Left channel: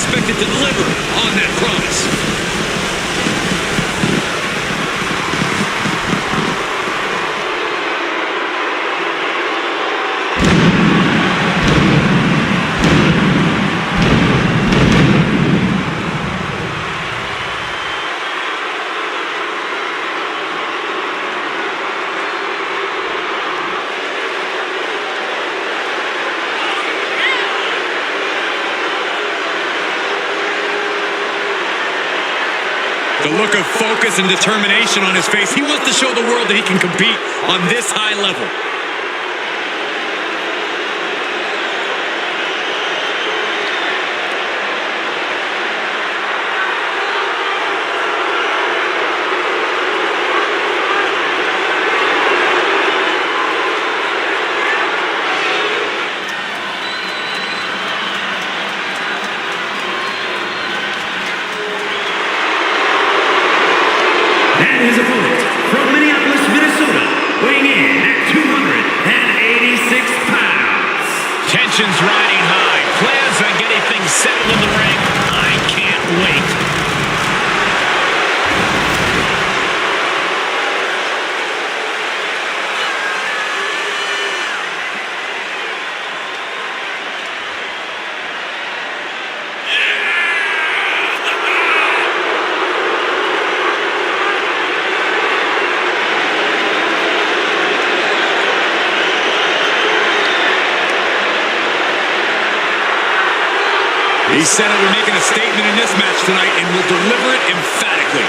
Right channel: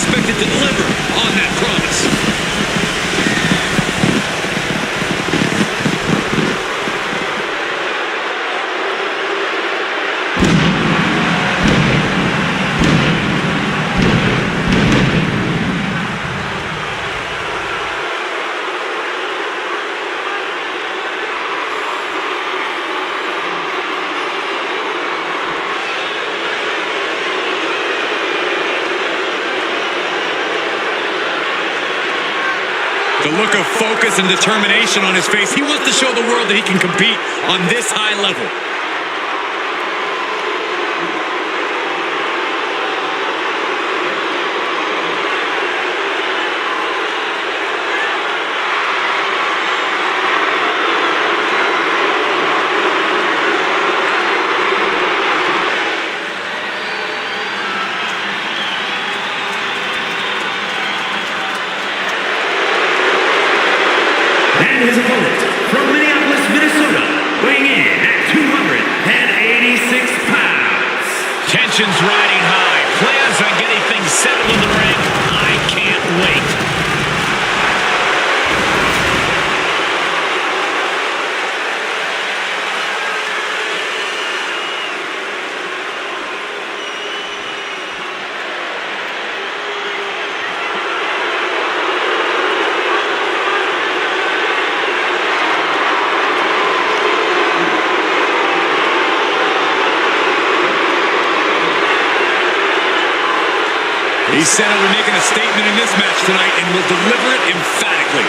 expected to deliver on that promise. The look of focus and determination on his face. He wants to show the world that he can compete on this high level. And his opponent, from Minneapolis, Minnesota, weighing in at 286 pounds. Tensions riding high. Plans on getting things settled in the ring. I can't wait. He said that we're making a statement in this match tonight and will deliver it emphatically.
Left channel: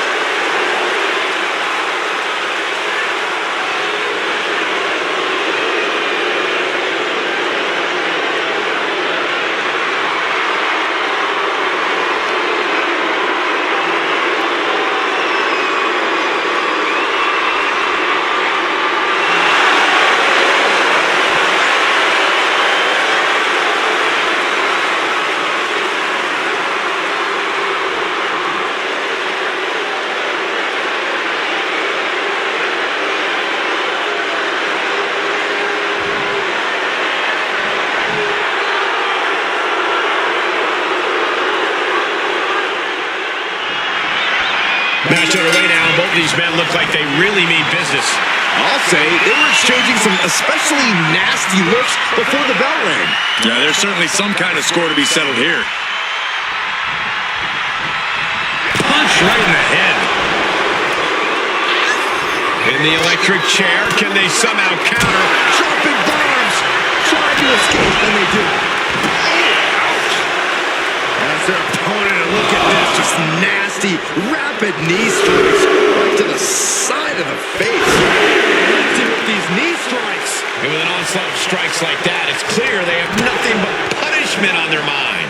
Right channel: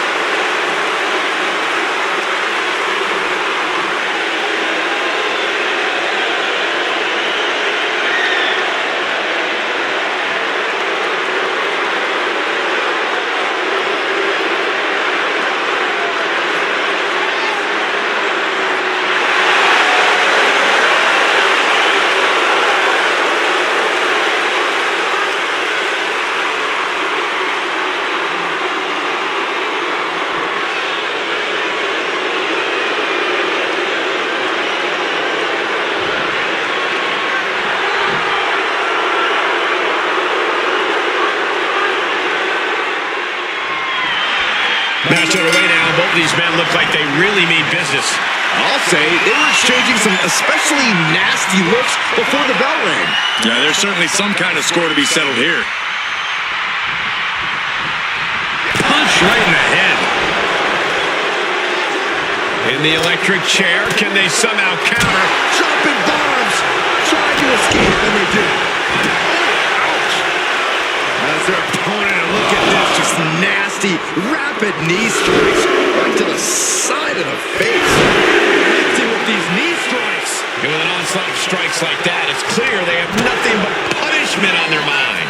Match underway now. Both of these men look like they really mean business. I'll say they were exchanging some especially nasty looks before the bell rang. Yeah, there's certainly some kind of score to be settled here. Punch right in the head. In the electric chair, can they somehow counter? Dropping bombs, trying to escape, and they do. As their opponent, and look at this, just nasty, rapid knee strikes right to the side of the face. Empty with these knee strikes. And with an onslaught of strikes like that, it's clear they have nothing but punishment on their mind.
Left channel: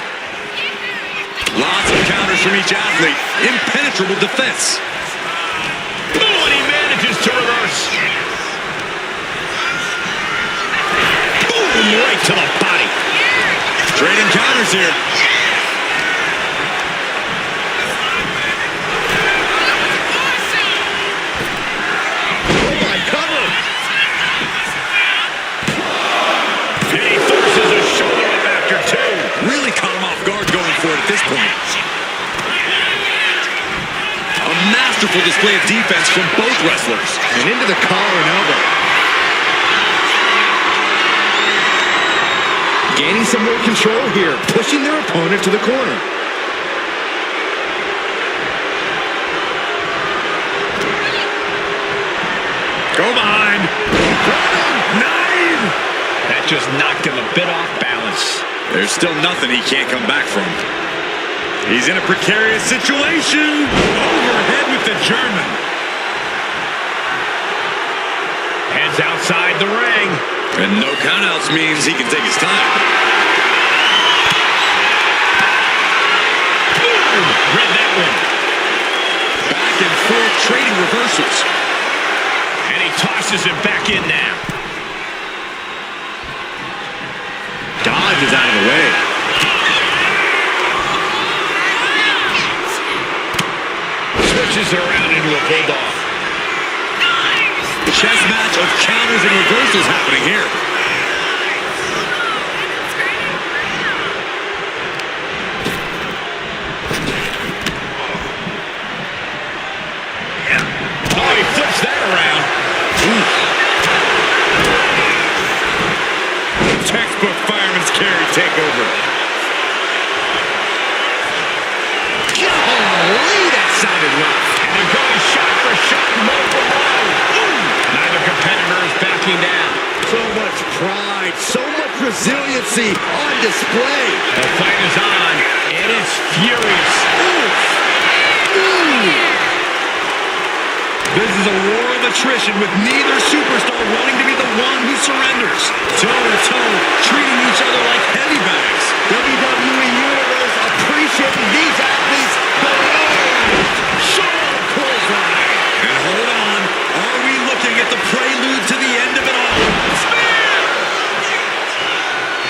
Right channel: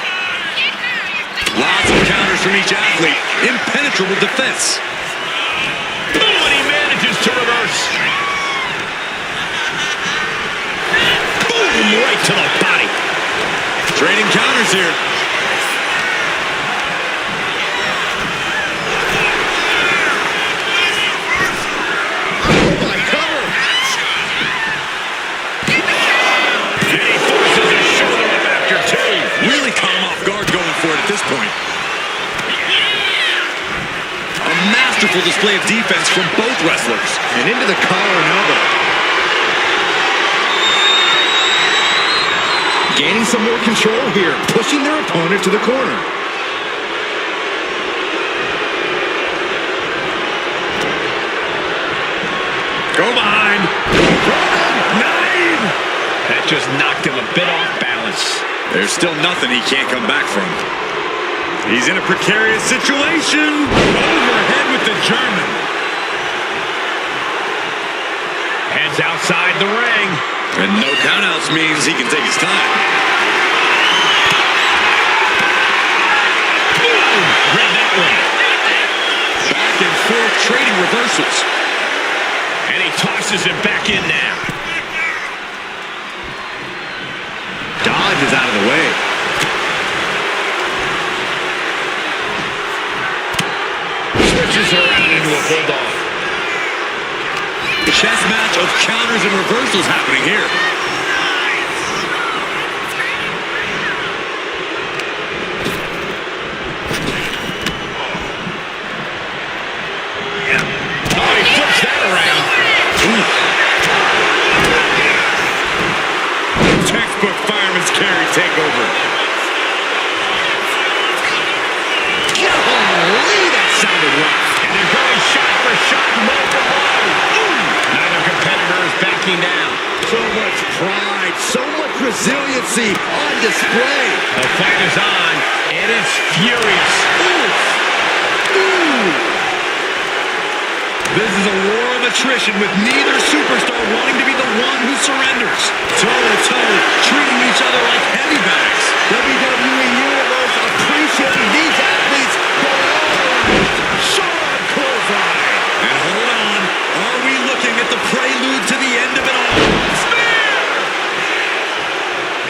Lots of counters from each athlete. Impenetrable defense. Boom, and he manages to reverse. Boom, right to the body. Trading counters here. Really caught him off guard going for it at this point. A masterful display of defense from both wrestlers. And into the collar and elbow. Gaining some more control here, pushing their opponent to the corner. Go behind. Nine! That just knocked him a bit off balance. There's still nothing he can't come back from. He's in a precarious situation. Overhead with the German. Heads outside the ring. And no countouts means he can take his time. Boom! Read that one. Back and forth trading reversals. And he tosses him back in now. Dodge is out of the way. Switches around into a bulldog. Chess match of counters and reversals happening here. takeover. Golly, that sounded rough. And they're going shot for shot, blow for blow. Neither competitor is backing down. So much pride, so much resiliency on display. The fight is on, and it's furious. Oof. Ooh. This is a war of attrition with neither superstar wanting to be the one who surrenders. Toe-to-toe, treating each other like heavy bags. WWE Universe appreciating these athletes going all out. Sharp clothesline. And hold on, are we looking at the prelude to the end of it all? Spear!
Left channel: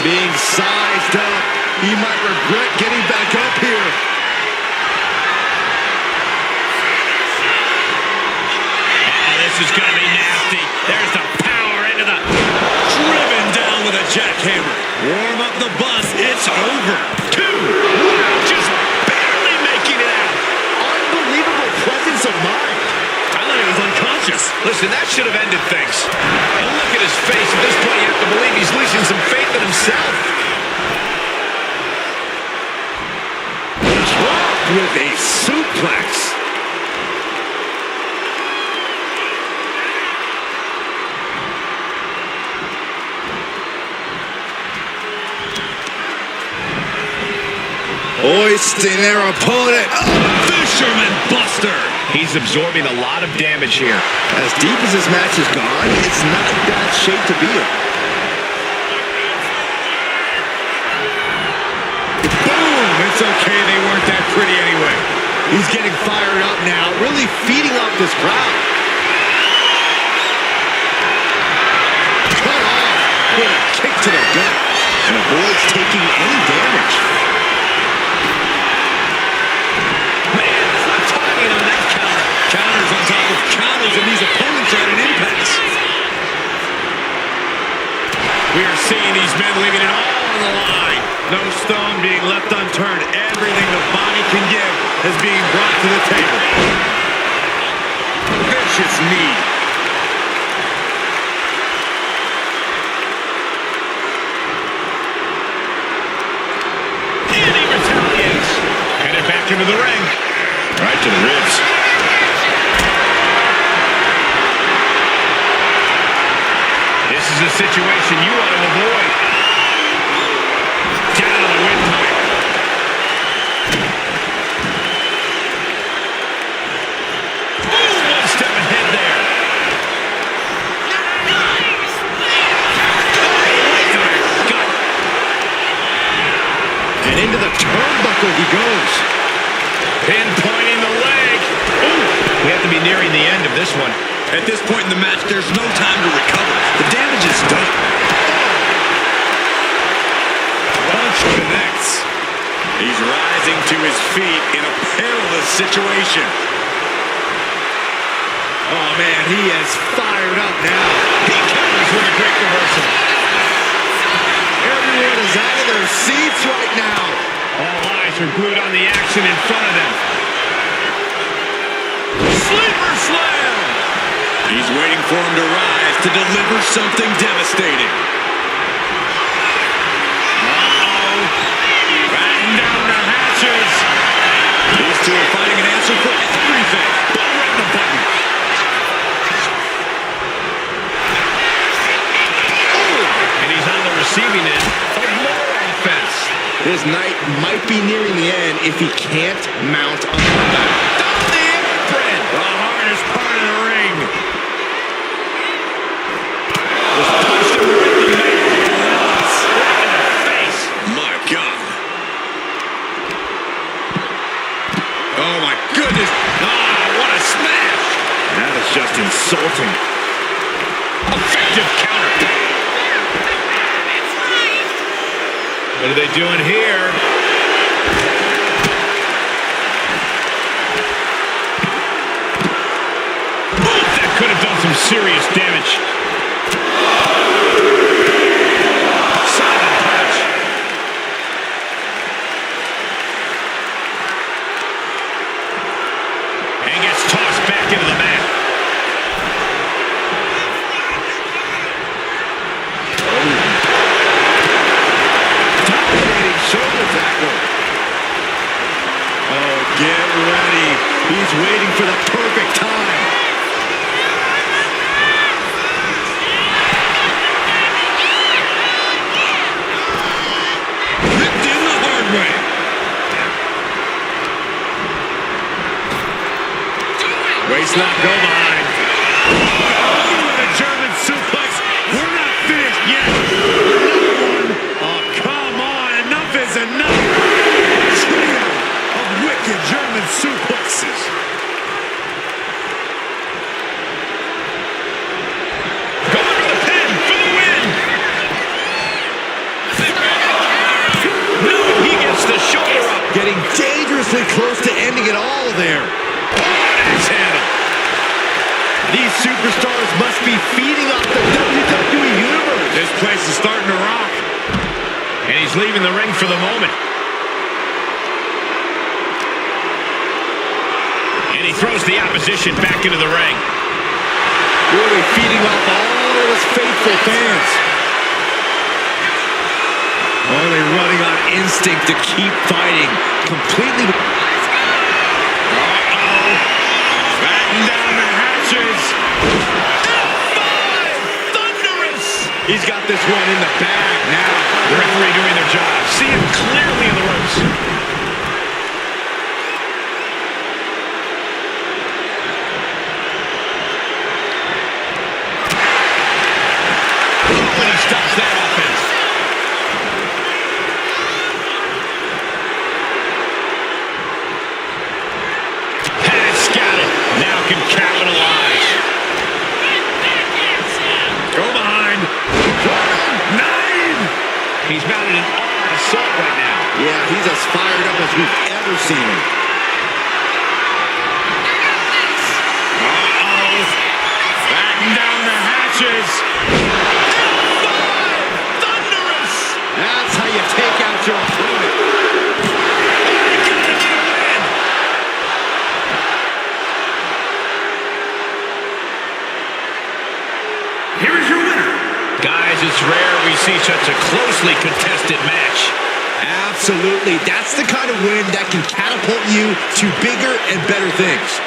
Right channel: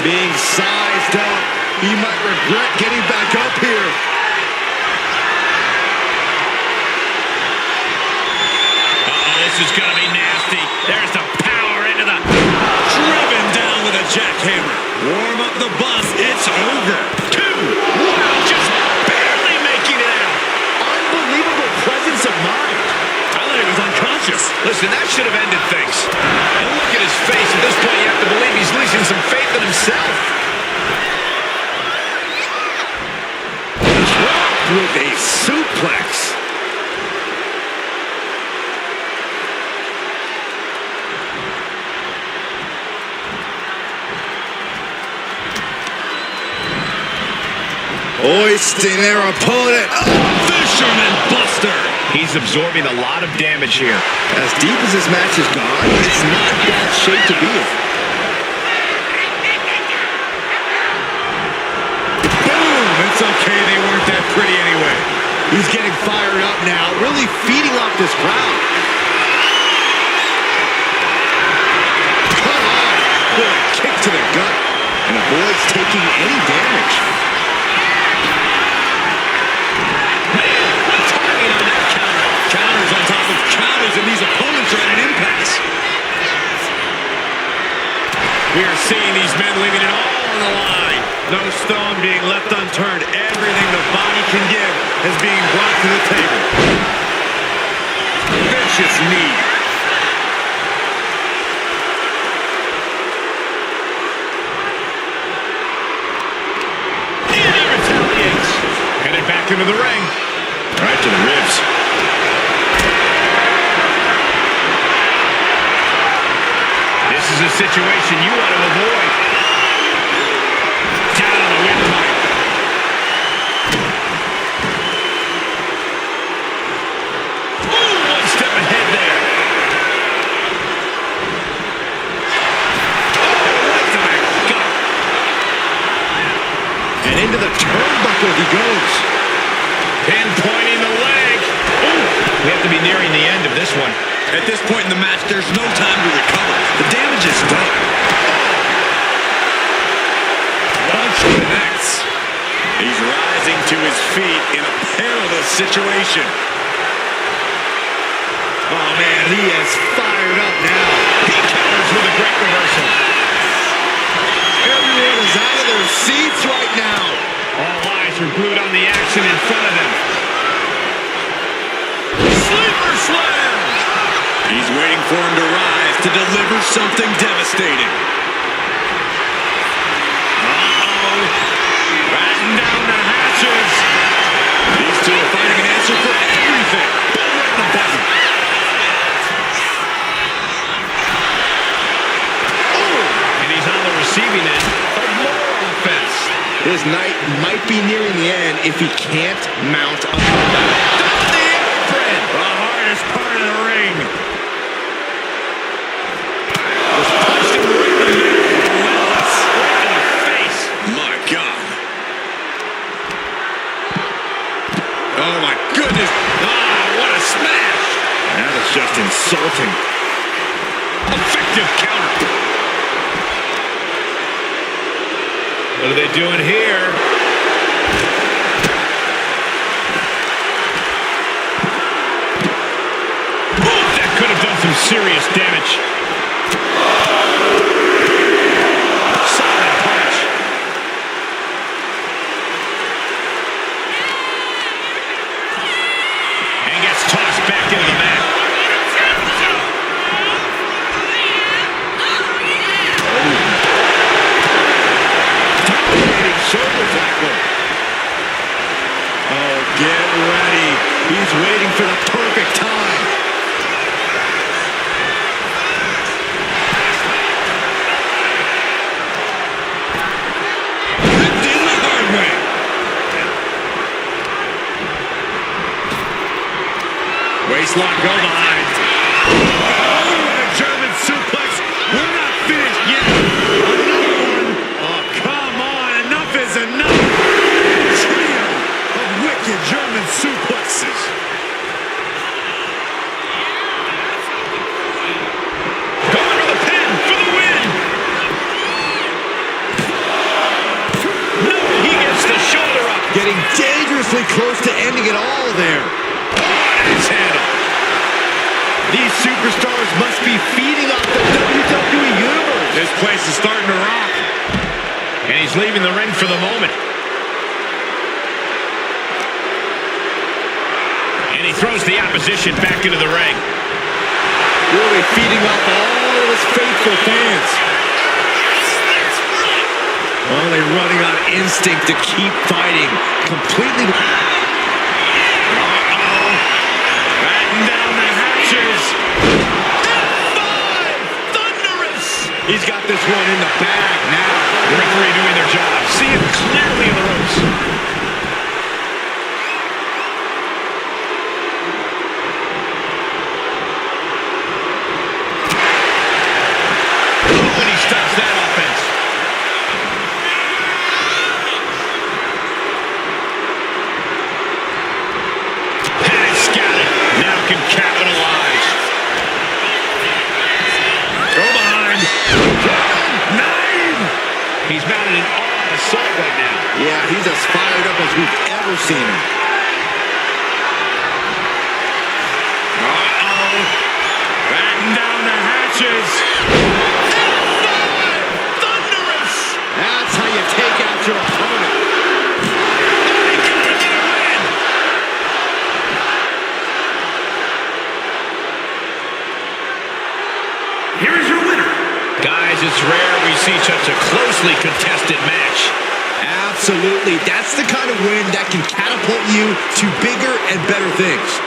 Being sized up, he might regret getting back up here. This is going to be nasty. There's the power into the... Driven down with a jackhammer. Warm up the bus, it's over. 2. Wow, just barely making it out. Unbelievable presence of mind. I thought he was unconscious. Listen, that should have ended things. And look at his face. At this point, you have to believe he's losing some faith in himself. Dropped with a suplex. Hoisting their opponent. Fisherman Buster. He's absorbing a lot of damage here. As deep as this match has gone, it's not bad shape to be in. Boom! It's okay, they weren't that pretty anyway. He's getting fired up now, really feeding off this crowd. Cut off with a kick to the gut and avoids taking any damage. Man, what timing on that counter. Counters on top of counters, and these opponents are at an impasse. We are seeing these men leaving it all on the line. No stone being left unturned. Everything the body can give is being brought to the table. Vicious knee. And he retaliates. Headed back into the ring. Right to the ribs. This is a situation you want to avoid. Down on the windpipe. Ooh, one step ahead there. Oh, right to the gut. And into the turnbuckle he goes. Pinpointing the leg. Ooh, we have to be nearing the end of this one. At this point in the match, there's no time to recover. The damage is done. Punch connects. He's rising to his feet in a perilous situation. Oh, man, he is fired up now. He counters with a great reversal. Everyone is out of their seats right now. All eyes are glued on the action in front of them. Sleeper slam! He's waiting for him to rise to deliver something devastating. Uh-oh. Batten down the hatches. These two are finding an answer for everything. Boom, right in the button. And he's on the receiving end of more offense. His night might be nearing the end if he can't mount a comeback. Down the apron. The hardest part of the ring. Just punched him right in the middle. Relentless. Right in the face. My God. Oh, my goodness. Ah, what a smash. That is just insulting. Effective counter. What are they doing here? Ooh, that could have done some serious damage. Solid punch. And gets tossed back into the mat. tackle. Oh, get ready. He's waiting for the perfect time. Ripped in the hard way. Waistlock, go behind. Oh, with a German suplex. We're not finished yet. Another one. Oh, come on. Enough is enough. Trio of wicked German suplexes. Going for the pin for the win. No, he gets the shoulder up. Getting dangerously close to ending it all there. Axe handle. These superstars must be feeding off the WWE Universe. This place is starting to rock. And he's leaving the ring for the moment. And he throws the opposition back into the ring. Really feeding off all of his faithful fans. Only running on instinct to keep fighting. Completely. Batten down the hatches. F5! Thunderous! He's got this one in the bag now. The referee doing their job. See him clearly in the ropes. Oh, and he stops that offense. Has got it. Now can capitalize. Go behind. 9. He's mounted an all-out assault right now. Yeah, he's as fired up as we've ever seen him. Uh-oh. Batten down the hatches. F5! Thunderous! That's how you take out your opponent. Oh, he got him in a win! Here is your winner. Guys, it's rare we see such a closely contested match. Absolutely. That's the kind of win that can catapult you to bigger and better things.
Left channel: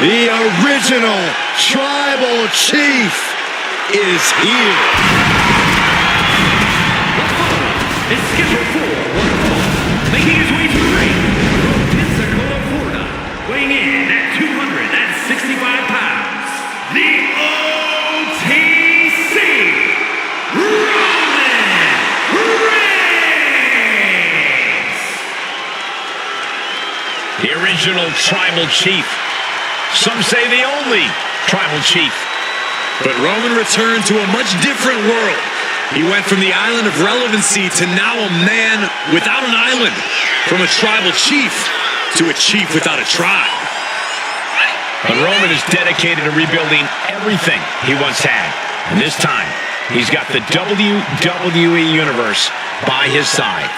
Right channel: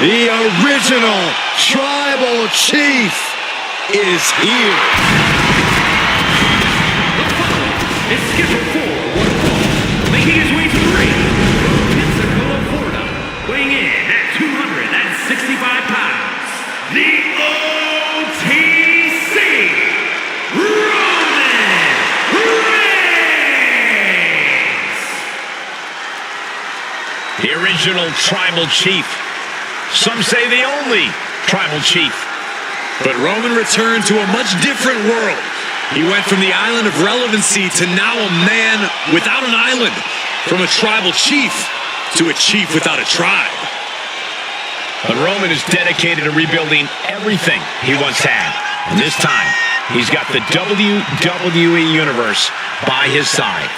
The original tribal chief is here. The following is scheduled for one fall, making his way to the ring from Pensacola, Florida, weighing in at 265 pounds, the OTC, Roman Reigns! The original tribal chief. Some say the only tribal chief. But Roman returned to a much different world. He went from the island of relevancy to now a man without an island. From a tribal chief to a chief without a tribe. But Roman is dedicated to rebuilding everything he once had. And this time, he's got the WWE Universe by his side.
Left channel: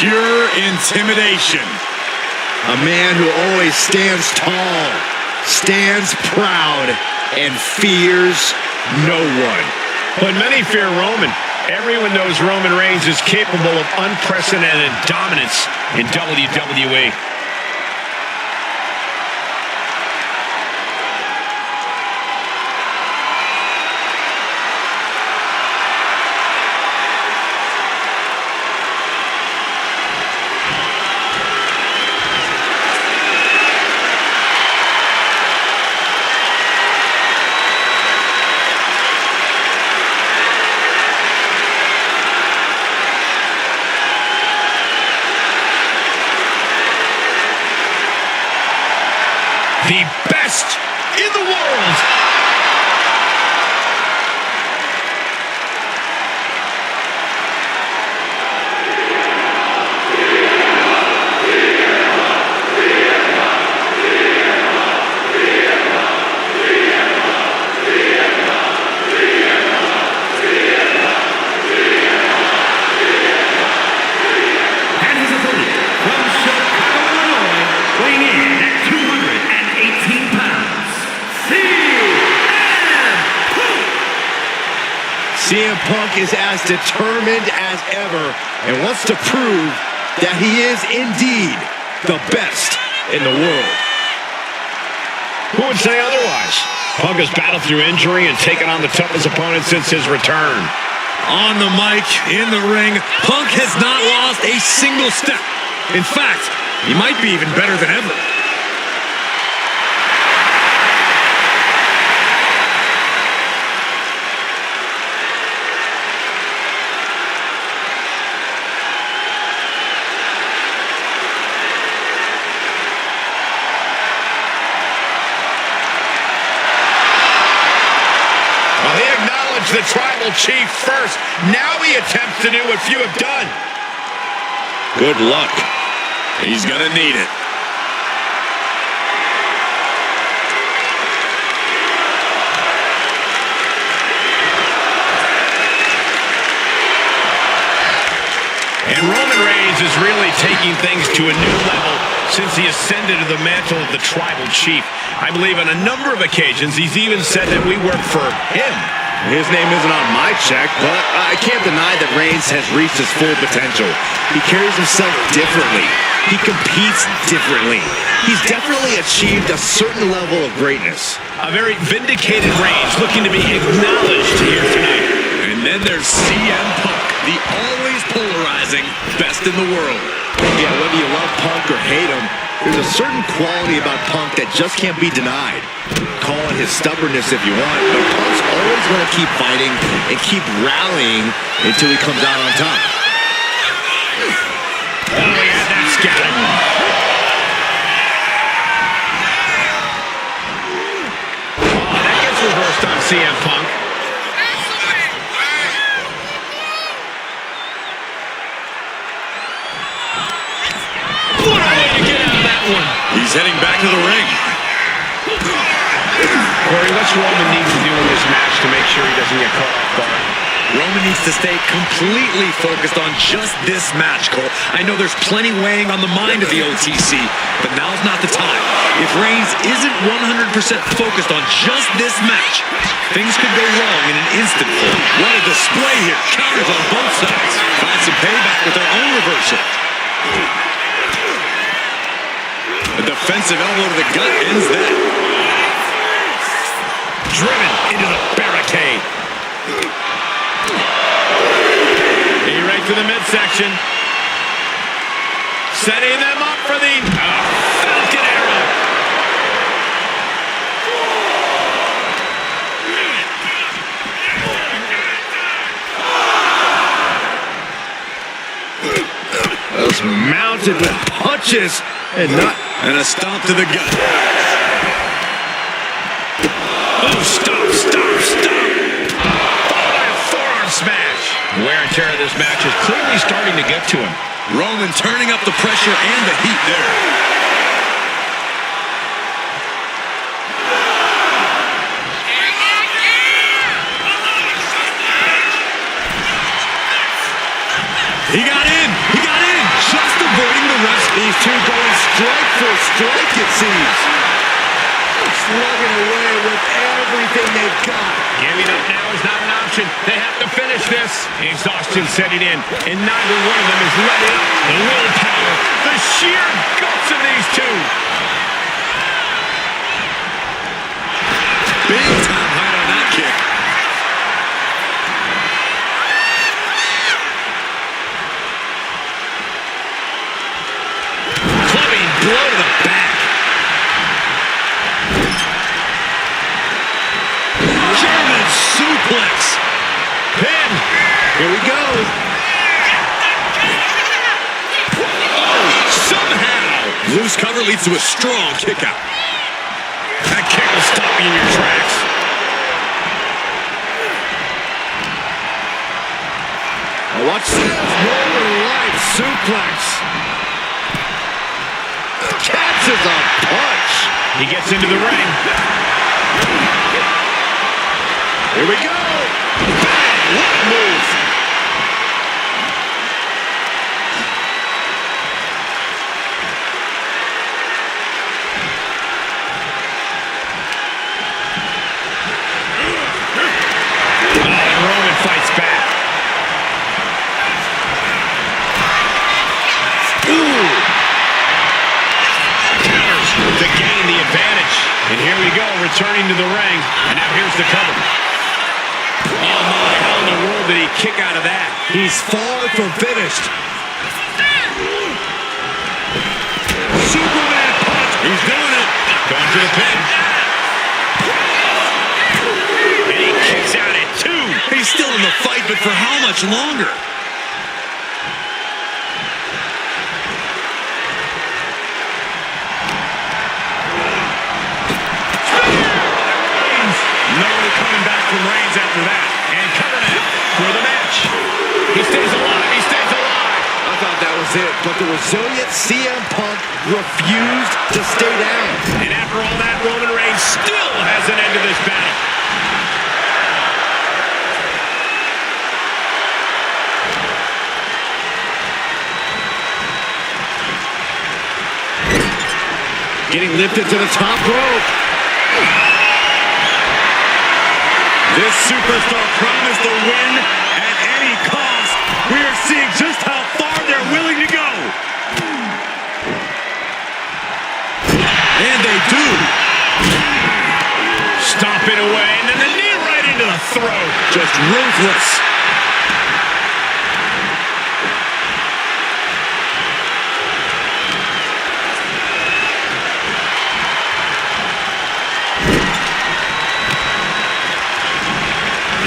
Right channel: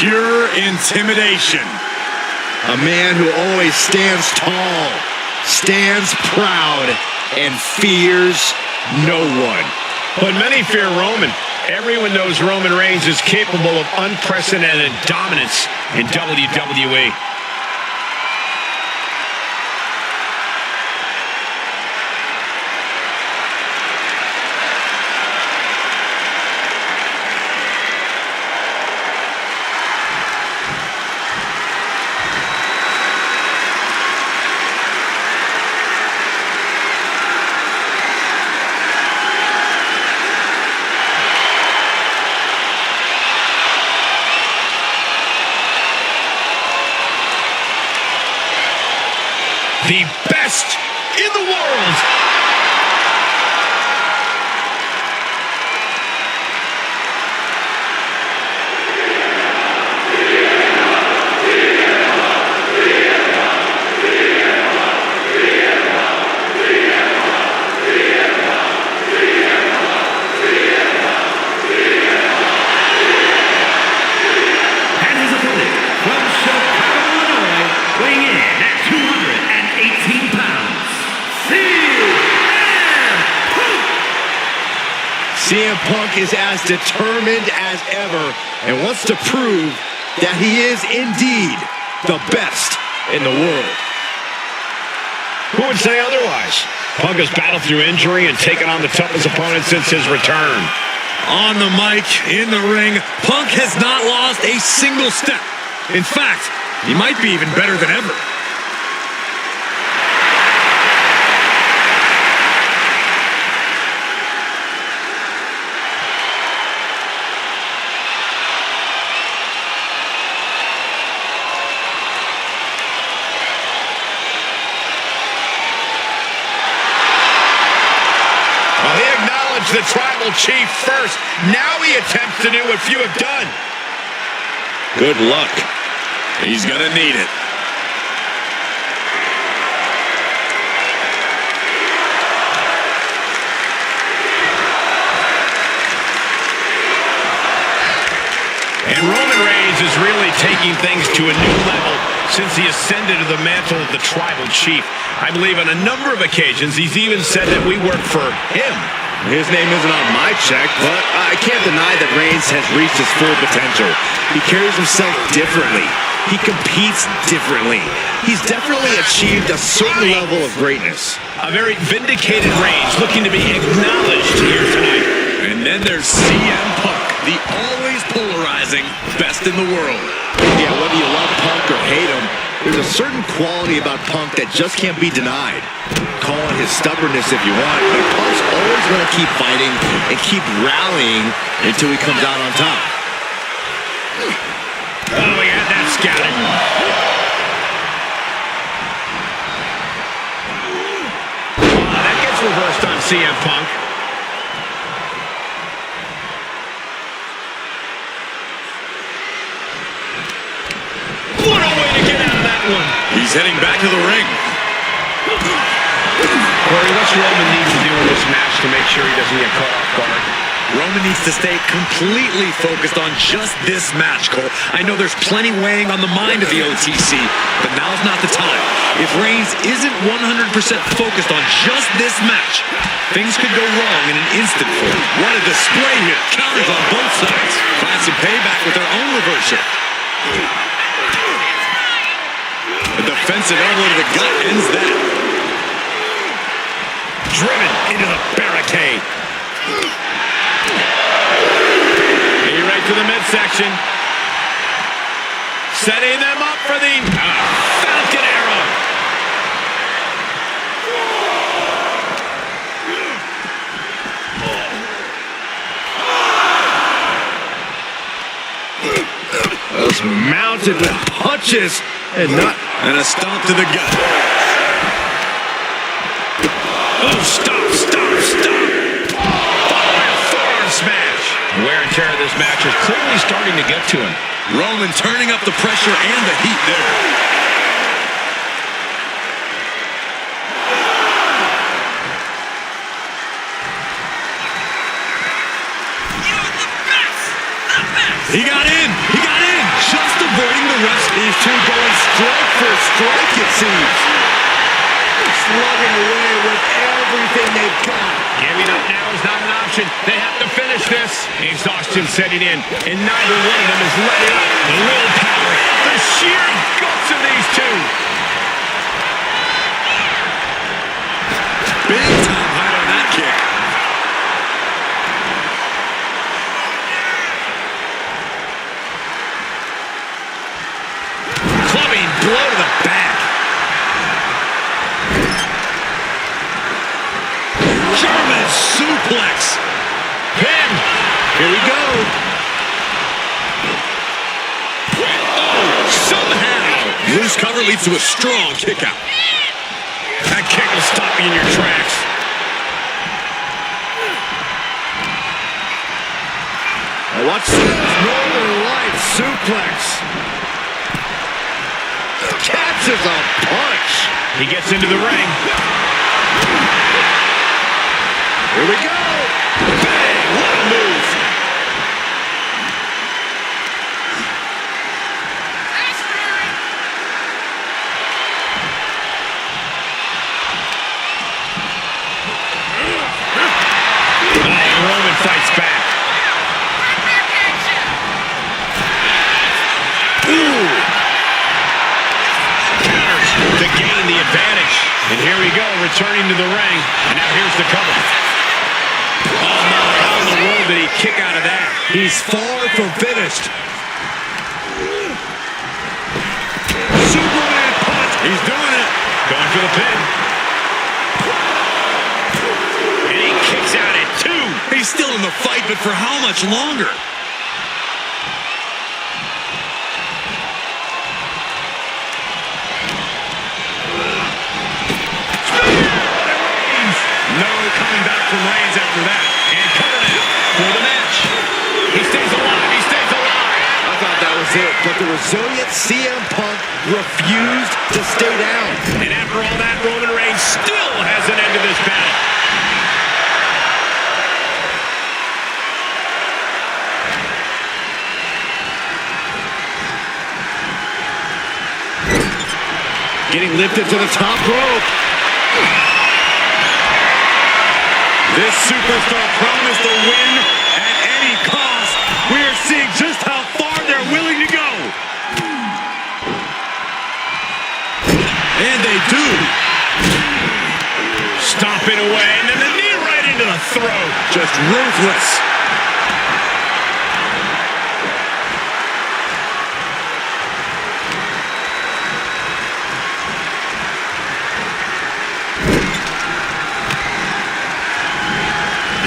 Pure intimidation. A man who always stands tall, stands proud, and fears no one. But many fear Roman. Everyone knows Roman Reigns is capable of unprecedented dominance in WWE. The best in the world. And his opponent from Chicago, Illinois, weighing in at 218 pounds, CM Punk is as determined as ever and wants to prove that he is indeed the best in the world. Who would say otherwise? Punk has battled through injury and taken on the toughest opponent since his return. On the mic, in the ring, Punk has not lost a single step. In fact, he might be even better than ever. acknowledge the tribal chief first. Now he attempts to do what few have done. Good luck. He's gonna need it. And Roman Reigns is really taking things to a new level since he ascended to the mantle of the tribal chief. I believe on a number of occasions he's even said that we work for him. His name isn't on my check, but I can't deny that Reigns has reached his full potential. He carries himself differently. He competes differently. He's definitely achieved a certain level of greatness. A very vindicated Reigns looking to be acknowledged here tonight. And then there's CM Punk, the always polarizing best in the world. Yeah, whether you love Punk or hate him, there's a certain quality about Punk that just can't be denied. Call it his stubbornness if you want, but Punk's always going to keep fighting and keep rallying until he comes out on top. Oh, he had that scouted. Oh, that gets reversed on CM Punk. What a way to get out of that one. He's heading back to the ring. Corey, what's Roman need to do in this match to make sure he doesn't get caught off guard? Roman needs to stay completely focused on just this match, Cole. I know there's plenty weighing on the mind of the OTC, but now's not the time. If Reigns isn't 100% focused on just this match, things could go wrong in an instant for him. What a display here. Counters on both sides. Find some payback with their own reversal. A defensive elbow to the gut ends that. Driven into the barricade. He right to the midsection. Setting them up for the Falcon Arrow. Those mounted with punches and not... And a stomp to the gut. Oh, stop. Followed by a forearm smash. The wear and tear of this match is clearly starting to get to him. Roman turning up the pressure and the heat there. He got in. Just avoiding the rest. These two going strike for strike, it seems. Slugging away with everything they've got. Giving up now is not an option. They have to finish this. Exhaustion setting in, and neither one of them is letting up. The willpower, the sheer guts of these two. Big time height on that kick. Clubbing blow to the back. German suplex. Pin. Here we go. Oh, somehow. Loose cover leads to a strong kick out. That kick will stop you in your tracks. Now watch this. Northern Lights suplex. Catches a punch. He gets into the ring. Here we go. Bang! What a move. And Roman fights back. Ooh. Counters to gain the advantage. And here we go, returning to the ring. And now here's the cover. Oh my, how in the world did he kick out of that? He's far from finished. Superman punch. He's doing it. Going for the pin. And he kicks out at 2. He's still in the fight, but for how much longer? No coming back from Reigns after that. And cover now for the match. He stays alive. He stays alive. I thought that was it, but the resilient CM Punk refused to stay down. And after all that, Roman Reigns still has an end to this battle. Getting lifted to the top rope. This superstar promised the win at any cost. We are seeing just how far they're willing to go. And they do. Stomping away, and then the knee right into the throat. Just ruthless.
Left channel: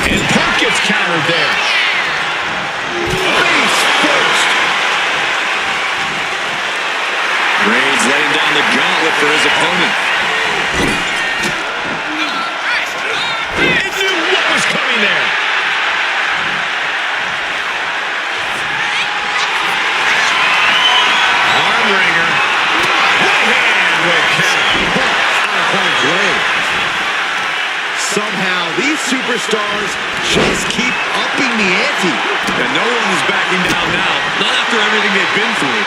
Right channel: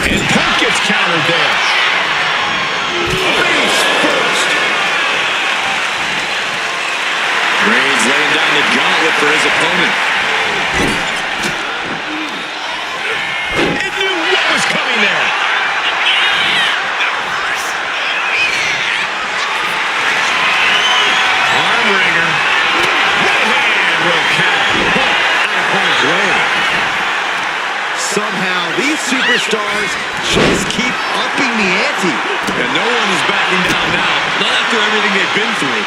And Punk gets countered there. Face first. Reigns laying down the gauntlet for his opponent. It knew what was coming there. Arm wringer. Right hand will count. Out of harm's way. Somehow, these superstars just keep upping the ante. And no one is backing down now. Not after everything they've been through.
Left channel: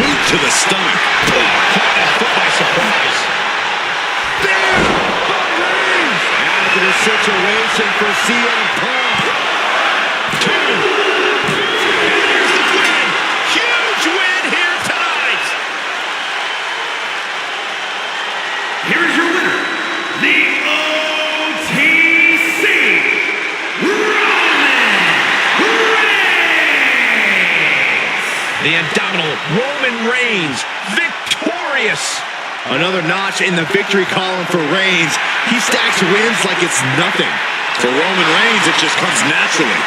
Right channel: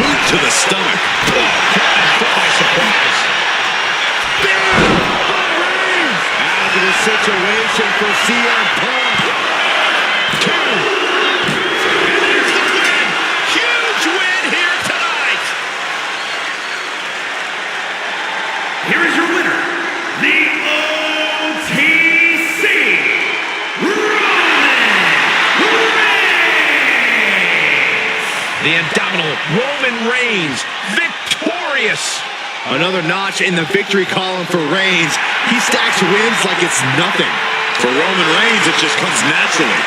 Boot to the stomach. Caught that foot by surprise. Out of the situation for CM Punk. 2. And there's the win. Huge win here tonight. Here is your winner, the OTC, Roman Reigns. The indomitable Roman Reigns, victorious. Another notch in the victory column for Reigns. He stacks wins like it's nothing. For Roman Reigns, it just comes naturally.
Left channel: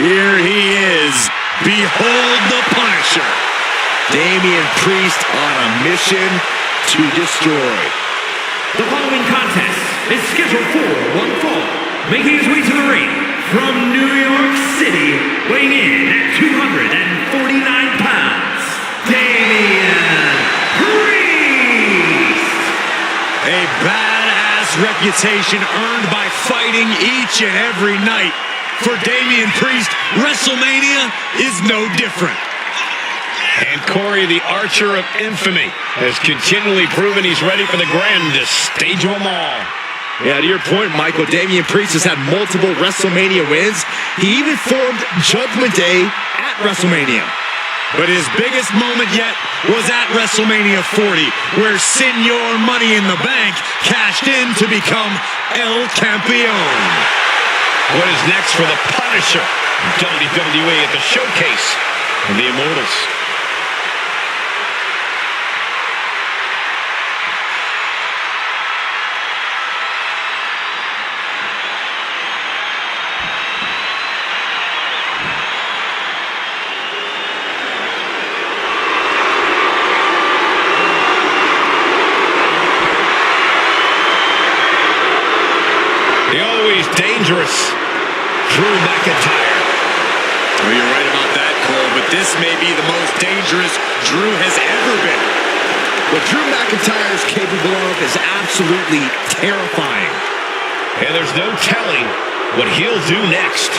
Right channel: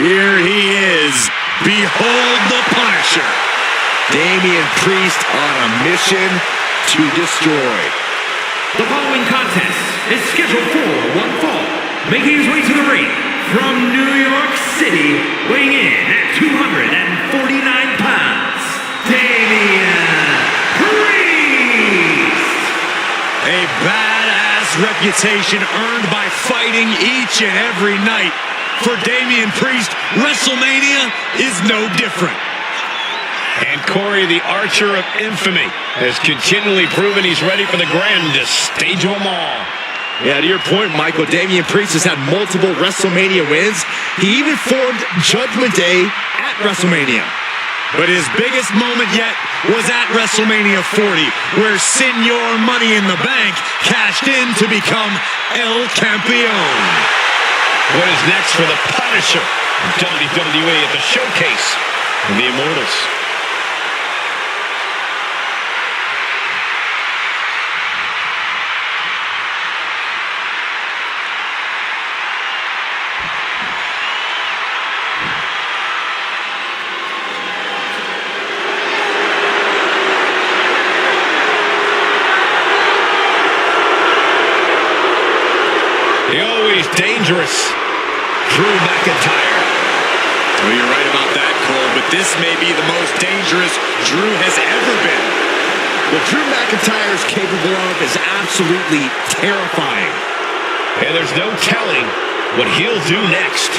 Here he is. Behold the Punisher. Damian Priest on a mission to destroy. The following contest is scheduled for one fall. Making his way to the ring from New York City, weighing in at 249 pounds, Damian Priest. A badass reputation earned by fighting each and every night. For Damian Priest, Wrestlemania is no different. And Corey, the Archer of Infamy, has continually proven he's ready for the grandest stage of them all. Yeah, to your point, Michael, Damian Priest has had multiple WrestleMania wins. He even formed Judgment Day at WrestleMania. But his biggest moment yet was at WrestleMania 40, where Senor Money in the Bank cashed in to become El Campeón. What is next for the Punisher? WWE at the Showcase of the Immortals. The always dangerous Drew McIntyre. Well, you're right about that, Cole, but this may be the most dangerous Drew has ever been. What Drew McIntyre is capable of is absolutely terrifying. And there's no telling what he'll do next.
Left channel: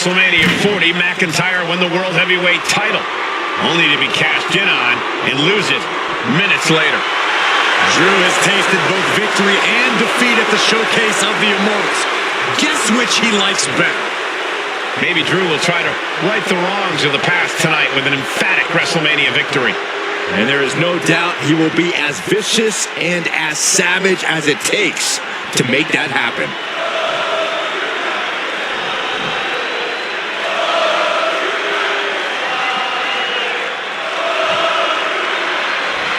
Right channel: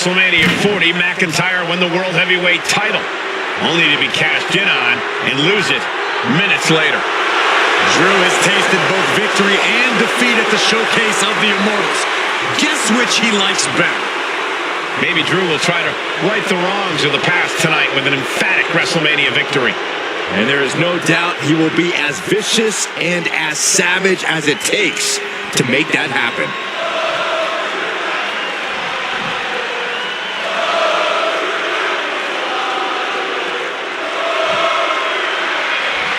WrestleMania 40, McIntyre won the World Heavyweight title, only to be cashed in on and lose it minutes later. Drew has tasted both victory and defeat at the Showcase of the Immortals. Guess which he likes better? Maybe Drew will try to right the wrongs of the past tonight with an emphatic WrestleMania victory. And there is no doubt he will be as vicious and as savage as it takes to make that happen.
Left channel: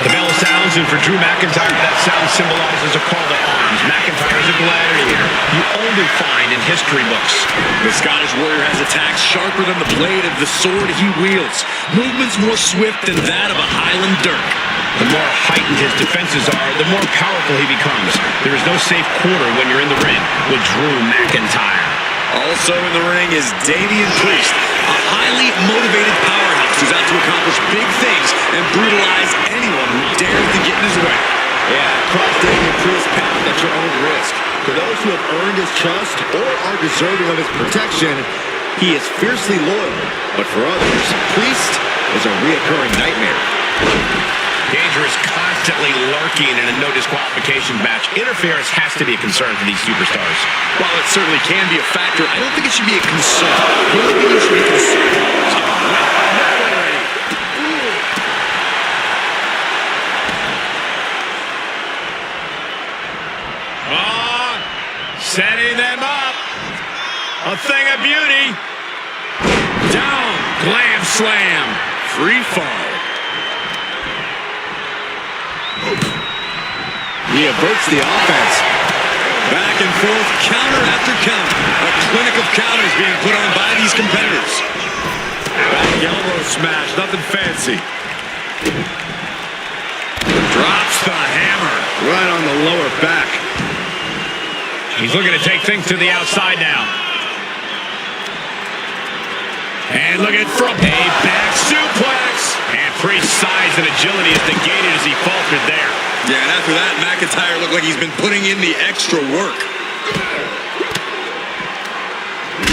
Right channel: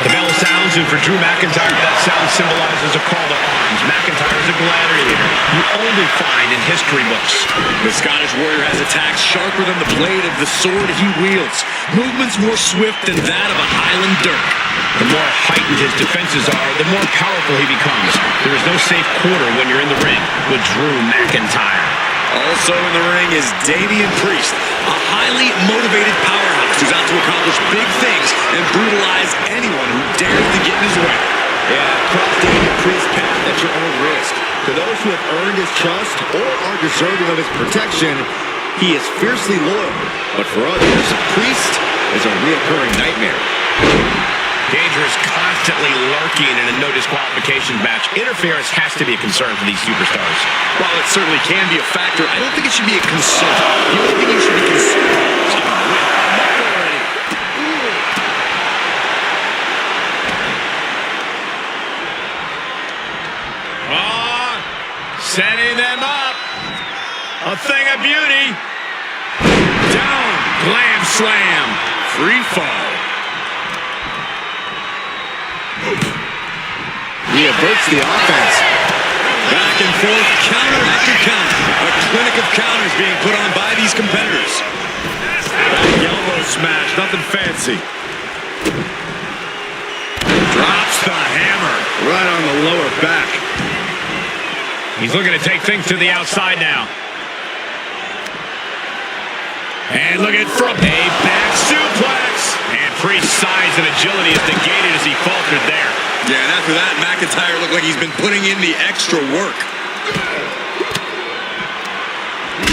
The bell sounds, and for Drew McIntyre, that sound symbolizes a call to arms. McIntyre's a gladiator you only find in history books. The Scottish Warrior has attacks sharper than the blade of the sword he wields. Movements more swift than that of a Highland dirk. The more heightened his defenses are, the more powerful he becomes. There is no safe quarter when you're in the ring with Drew McIntyre. Also in the ring is Damian Priest, a highly motivated powerhouse who's out to accomplish big things and brutalize anyone who dares to get in his way. Yeah, cross Damian Priest's path at your own risk. To those who have earned his trust or are deserving of his protection, he is fiercely loyal. But for others, Priest is a reoccurring nightmare. Danger is constantly lurking in a no disqualification match. Interference has to be a concern for these superstars. While it certainly can be a factor, I don't think it should be a concern. The only thing you should be concerned about is getting win. Enough already. Setting them up. A thing of beauty. Down. Glam slam. Free fall. He averts the offense. Back and forth, counter after counter. A clinic of counters being put on by these competitors. Back elbow smash, nothing fancy. Drops the hammer. Right on the lower back. He's looking to take things to the outside now. And look at from a back suplex. And Priest's size and agility is negated as he faltered there. Yeah, and after that, McIntyre looked like he's been putting in the extra work.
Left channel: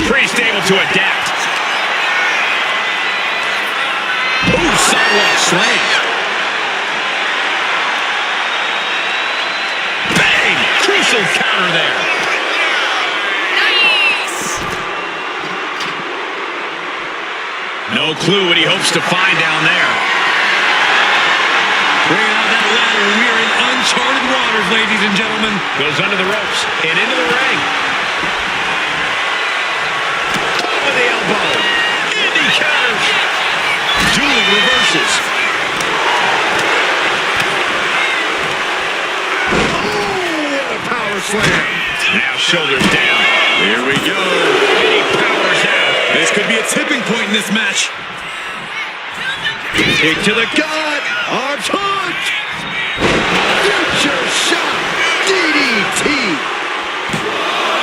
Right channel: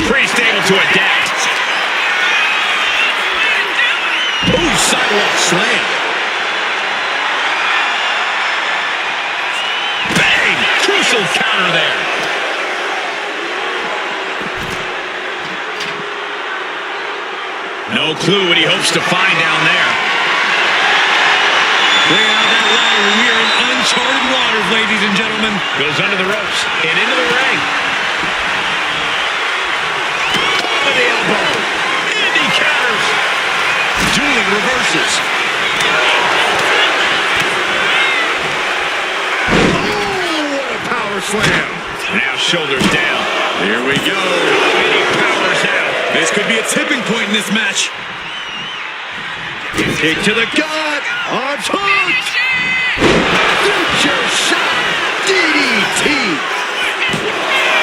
Priest able to adapt. Ooh, sidewalk slam. Bang! Crucial counter there. No clue what he hopes to find down there. Bringing out that ladder, we are in uncharted waters, ladies and gentlemen. Goes under the ropes and into the ring. Over the elbow. Indy counters. Dueling reverses. Oh, what a power slam. Now shoulders down. Here we go. And he powers out. This could be a tipping point in this match. Kick to the gut. Arms hooked. Future shot. DDT.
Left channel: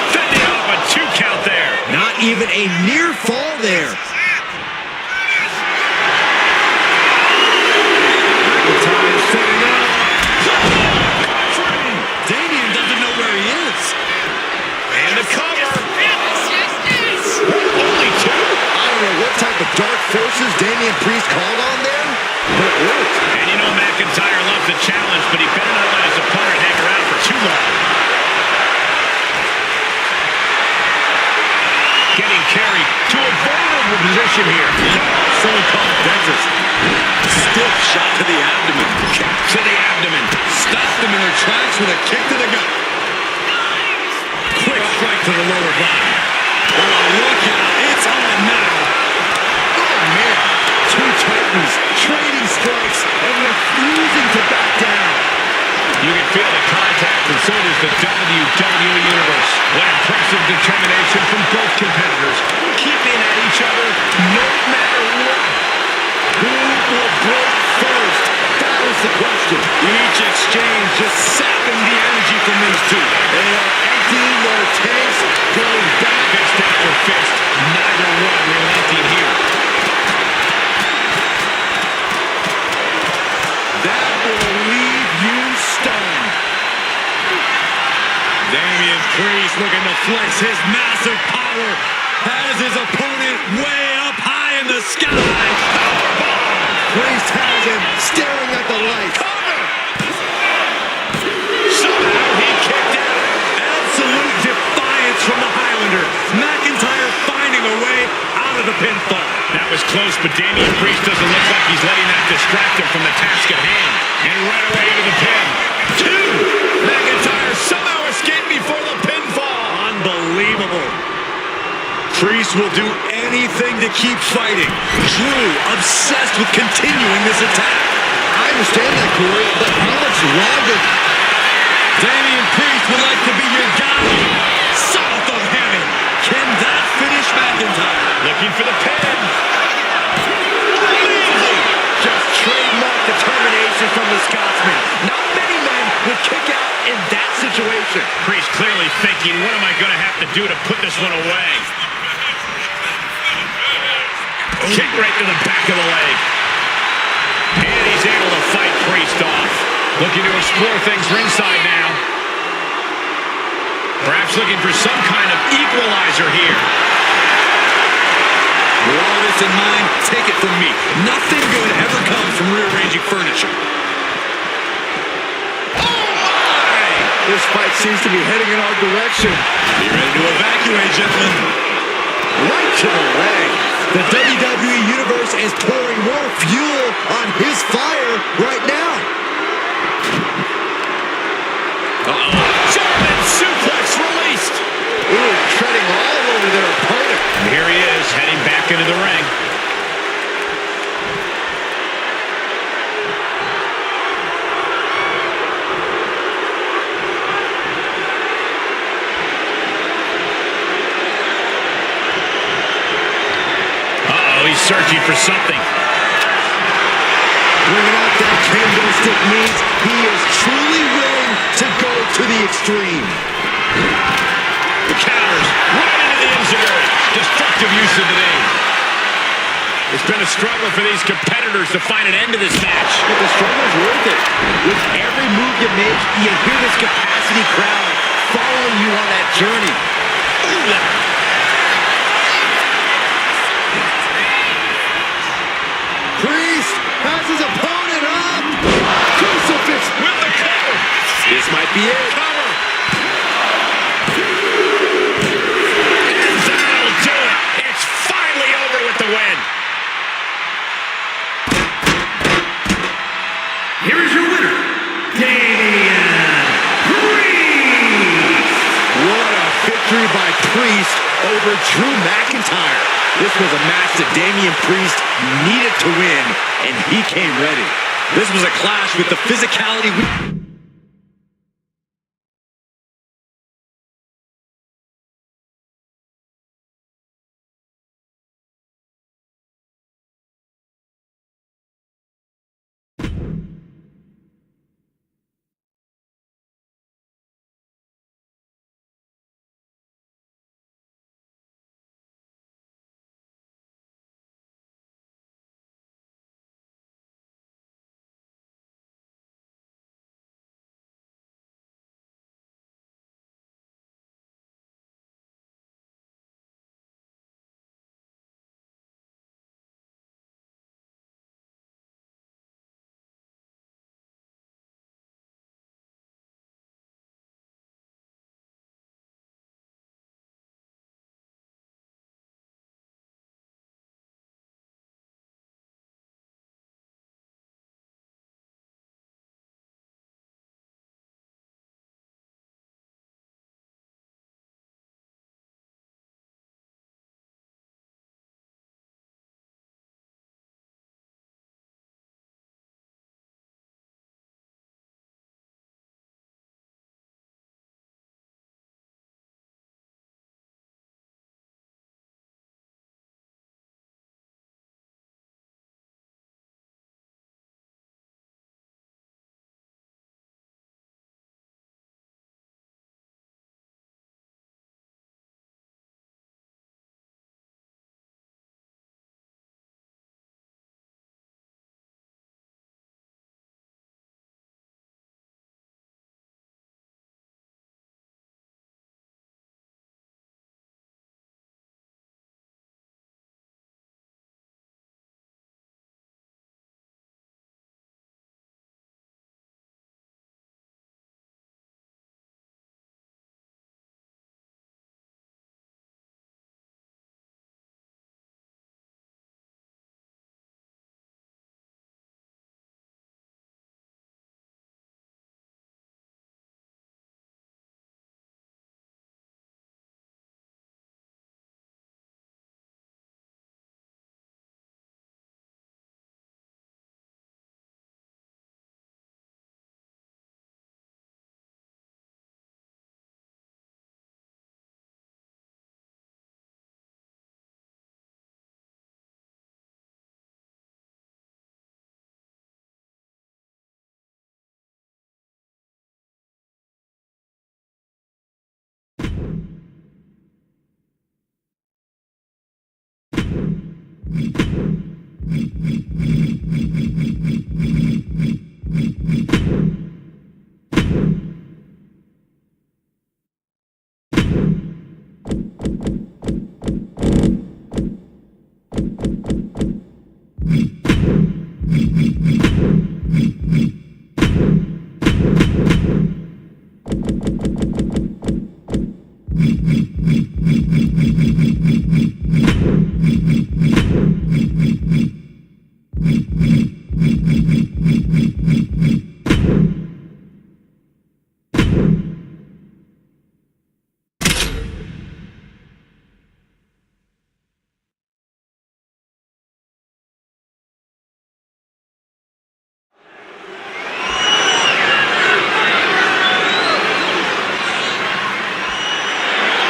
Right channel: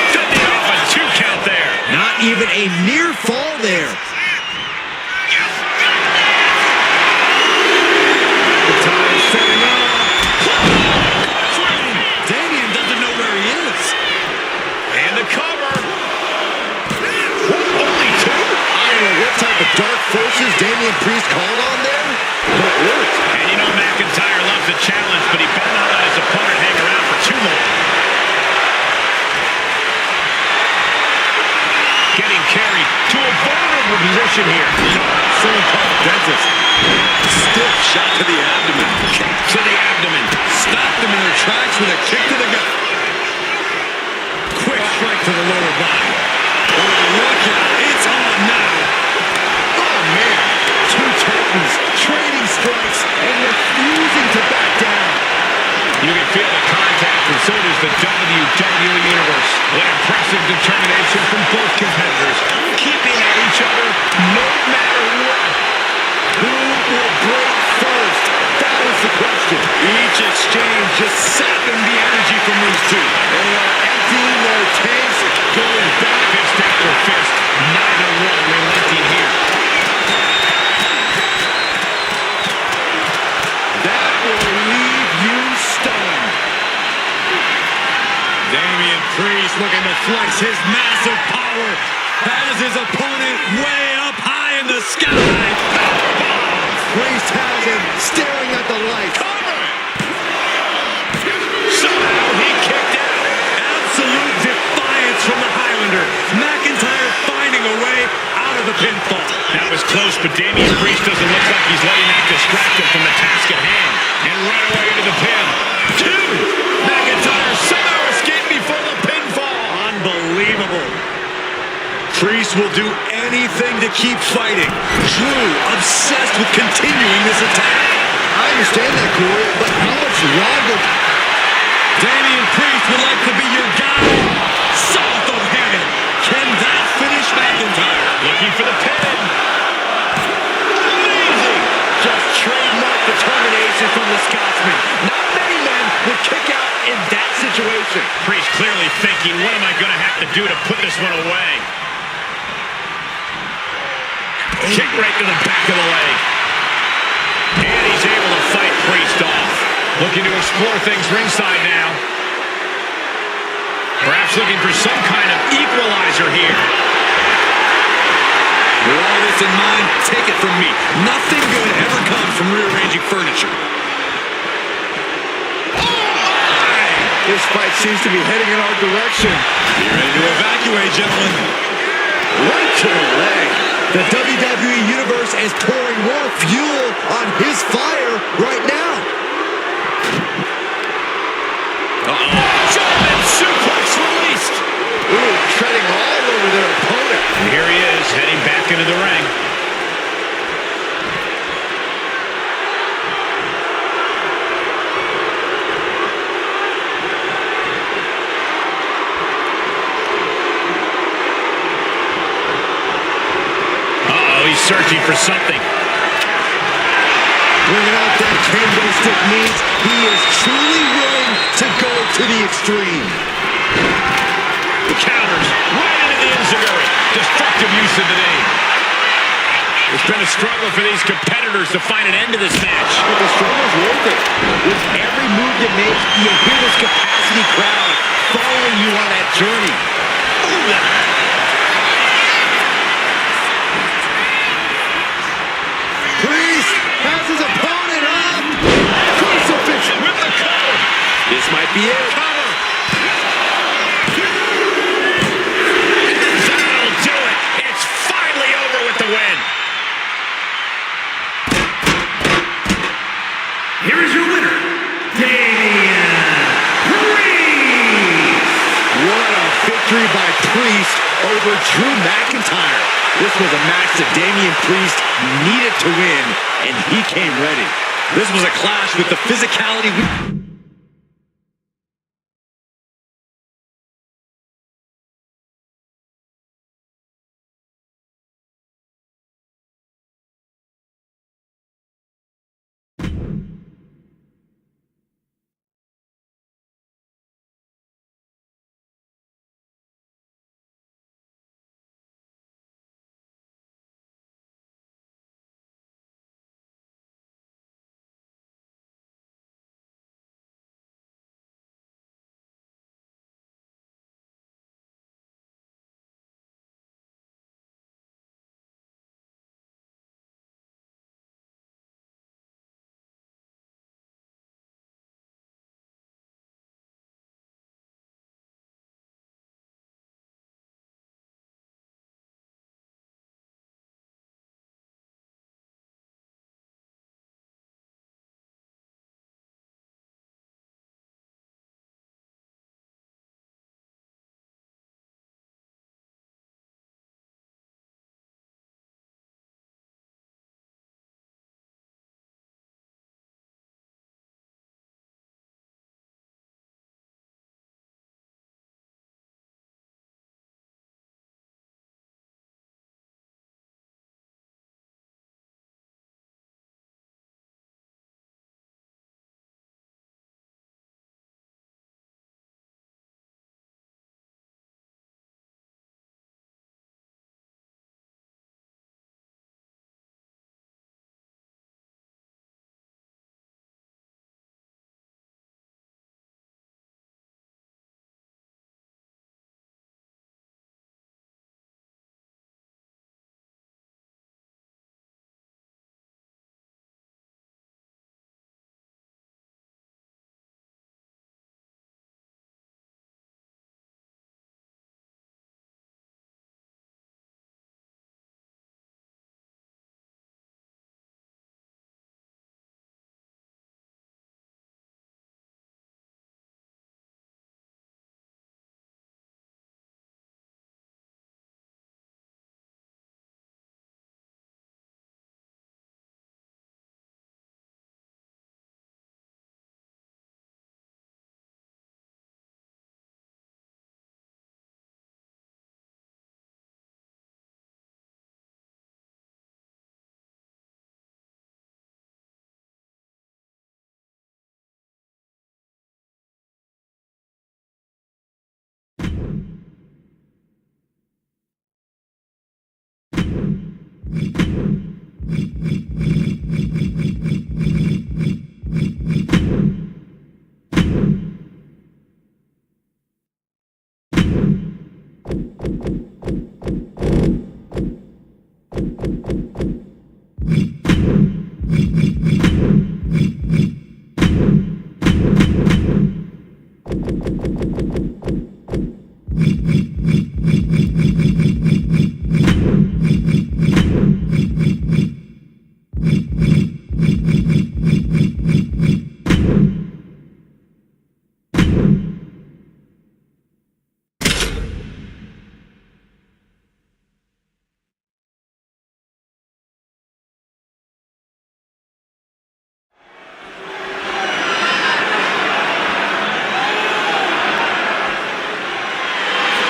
Fending off a 2 count there. Not even a near fall there. McIntyre setting up. Damian doesn't know where he is. And the cover. What, only 2? I don't know what type of dark forces Damian Priest called on there, but it worked. And you know McIntyre loves a challenge, but he better not let his opponent hang around for too long. Getting carried to a vulnerable position here. Someone called a dentist. Stiff shot to the abdomen. Kick to the abdomen. Stopped them in their tracks with a kick to the gut. Quick strike to the lower body. Oh, look out. It's on now. Oh, man. 2 Titans trading strikes and refusing to back down. You can feel the contact, and so does the WWE Universe. What impressive determination from both competitors, keeping at each other no matter what. Who will break first? That was the question. Each exchange just sapping the energy from these two. They are emptying their tanks, going back. Fist after fist, neither one relenting here. That will leave you stunned. Damian Priest looking to flex his massive power. Has his opponent way up high in the sky. Powerbomb. Priest has him staring at the light. Cover! Somehow he kicked out. Absolute defiance from the Highlander. McIntyre finding a way out of the pinfall. That was close, but Damian Priest doesn't look like he's letting that distract him from the task at hand. And right away into the pin. 2! McIntyre somehow escaped before the pinfall. Unbelievable. Priest will do anything to keep fighting. Drew obsessed with continuing this attack. I understand that, Corey, but how much longer? Damian Priest would like to be your guy. South of heaven. Can that finish McIntyre? Looking for the pin. Amazing! Just trademark determination from the Scotsman. Not many men would kick out in that situation. situation. Priest clearly thinking, what am I going to have to do to put this one away? Kick right to the back of the leg. And he's able to fight Priest off. Looking to explore things ringside now. Perhaps looking for some kind of equalizer here. With all this in mind, take it from me. Nothing good ever comes from rearranging furniture. This fight seems to be heading in our direction. Be ready to evacuate, gentlemen. Right to the leg. The WWE Universe is pouring more fuel on his fire right now. Uh-oh. German suplex released. Ooh, treading all over their opponent. And here he is, heading back into the ring. He's searching for something. Bringing out that candlestick means he is truly willing to go to the extreme. The counters right into the enziguri. Destructive use of the name. It's been a struggle for these competitors to find an end to this match. But the struggle's worth it. With every move you make, you hear this capacity crowd following you on that journey. Ooh, Priest has his opponent up. Crucifix with the cover. This might be it. Cover. And that'll do it. It's finally over with the win. Here is your winner, Damian Priest. What a victory by Priest over Drew McIntyre. This was a match that Damian Priest needed to win, and he came ready. This was a clash with the physicality.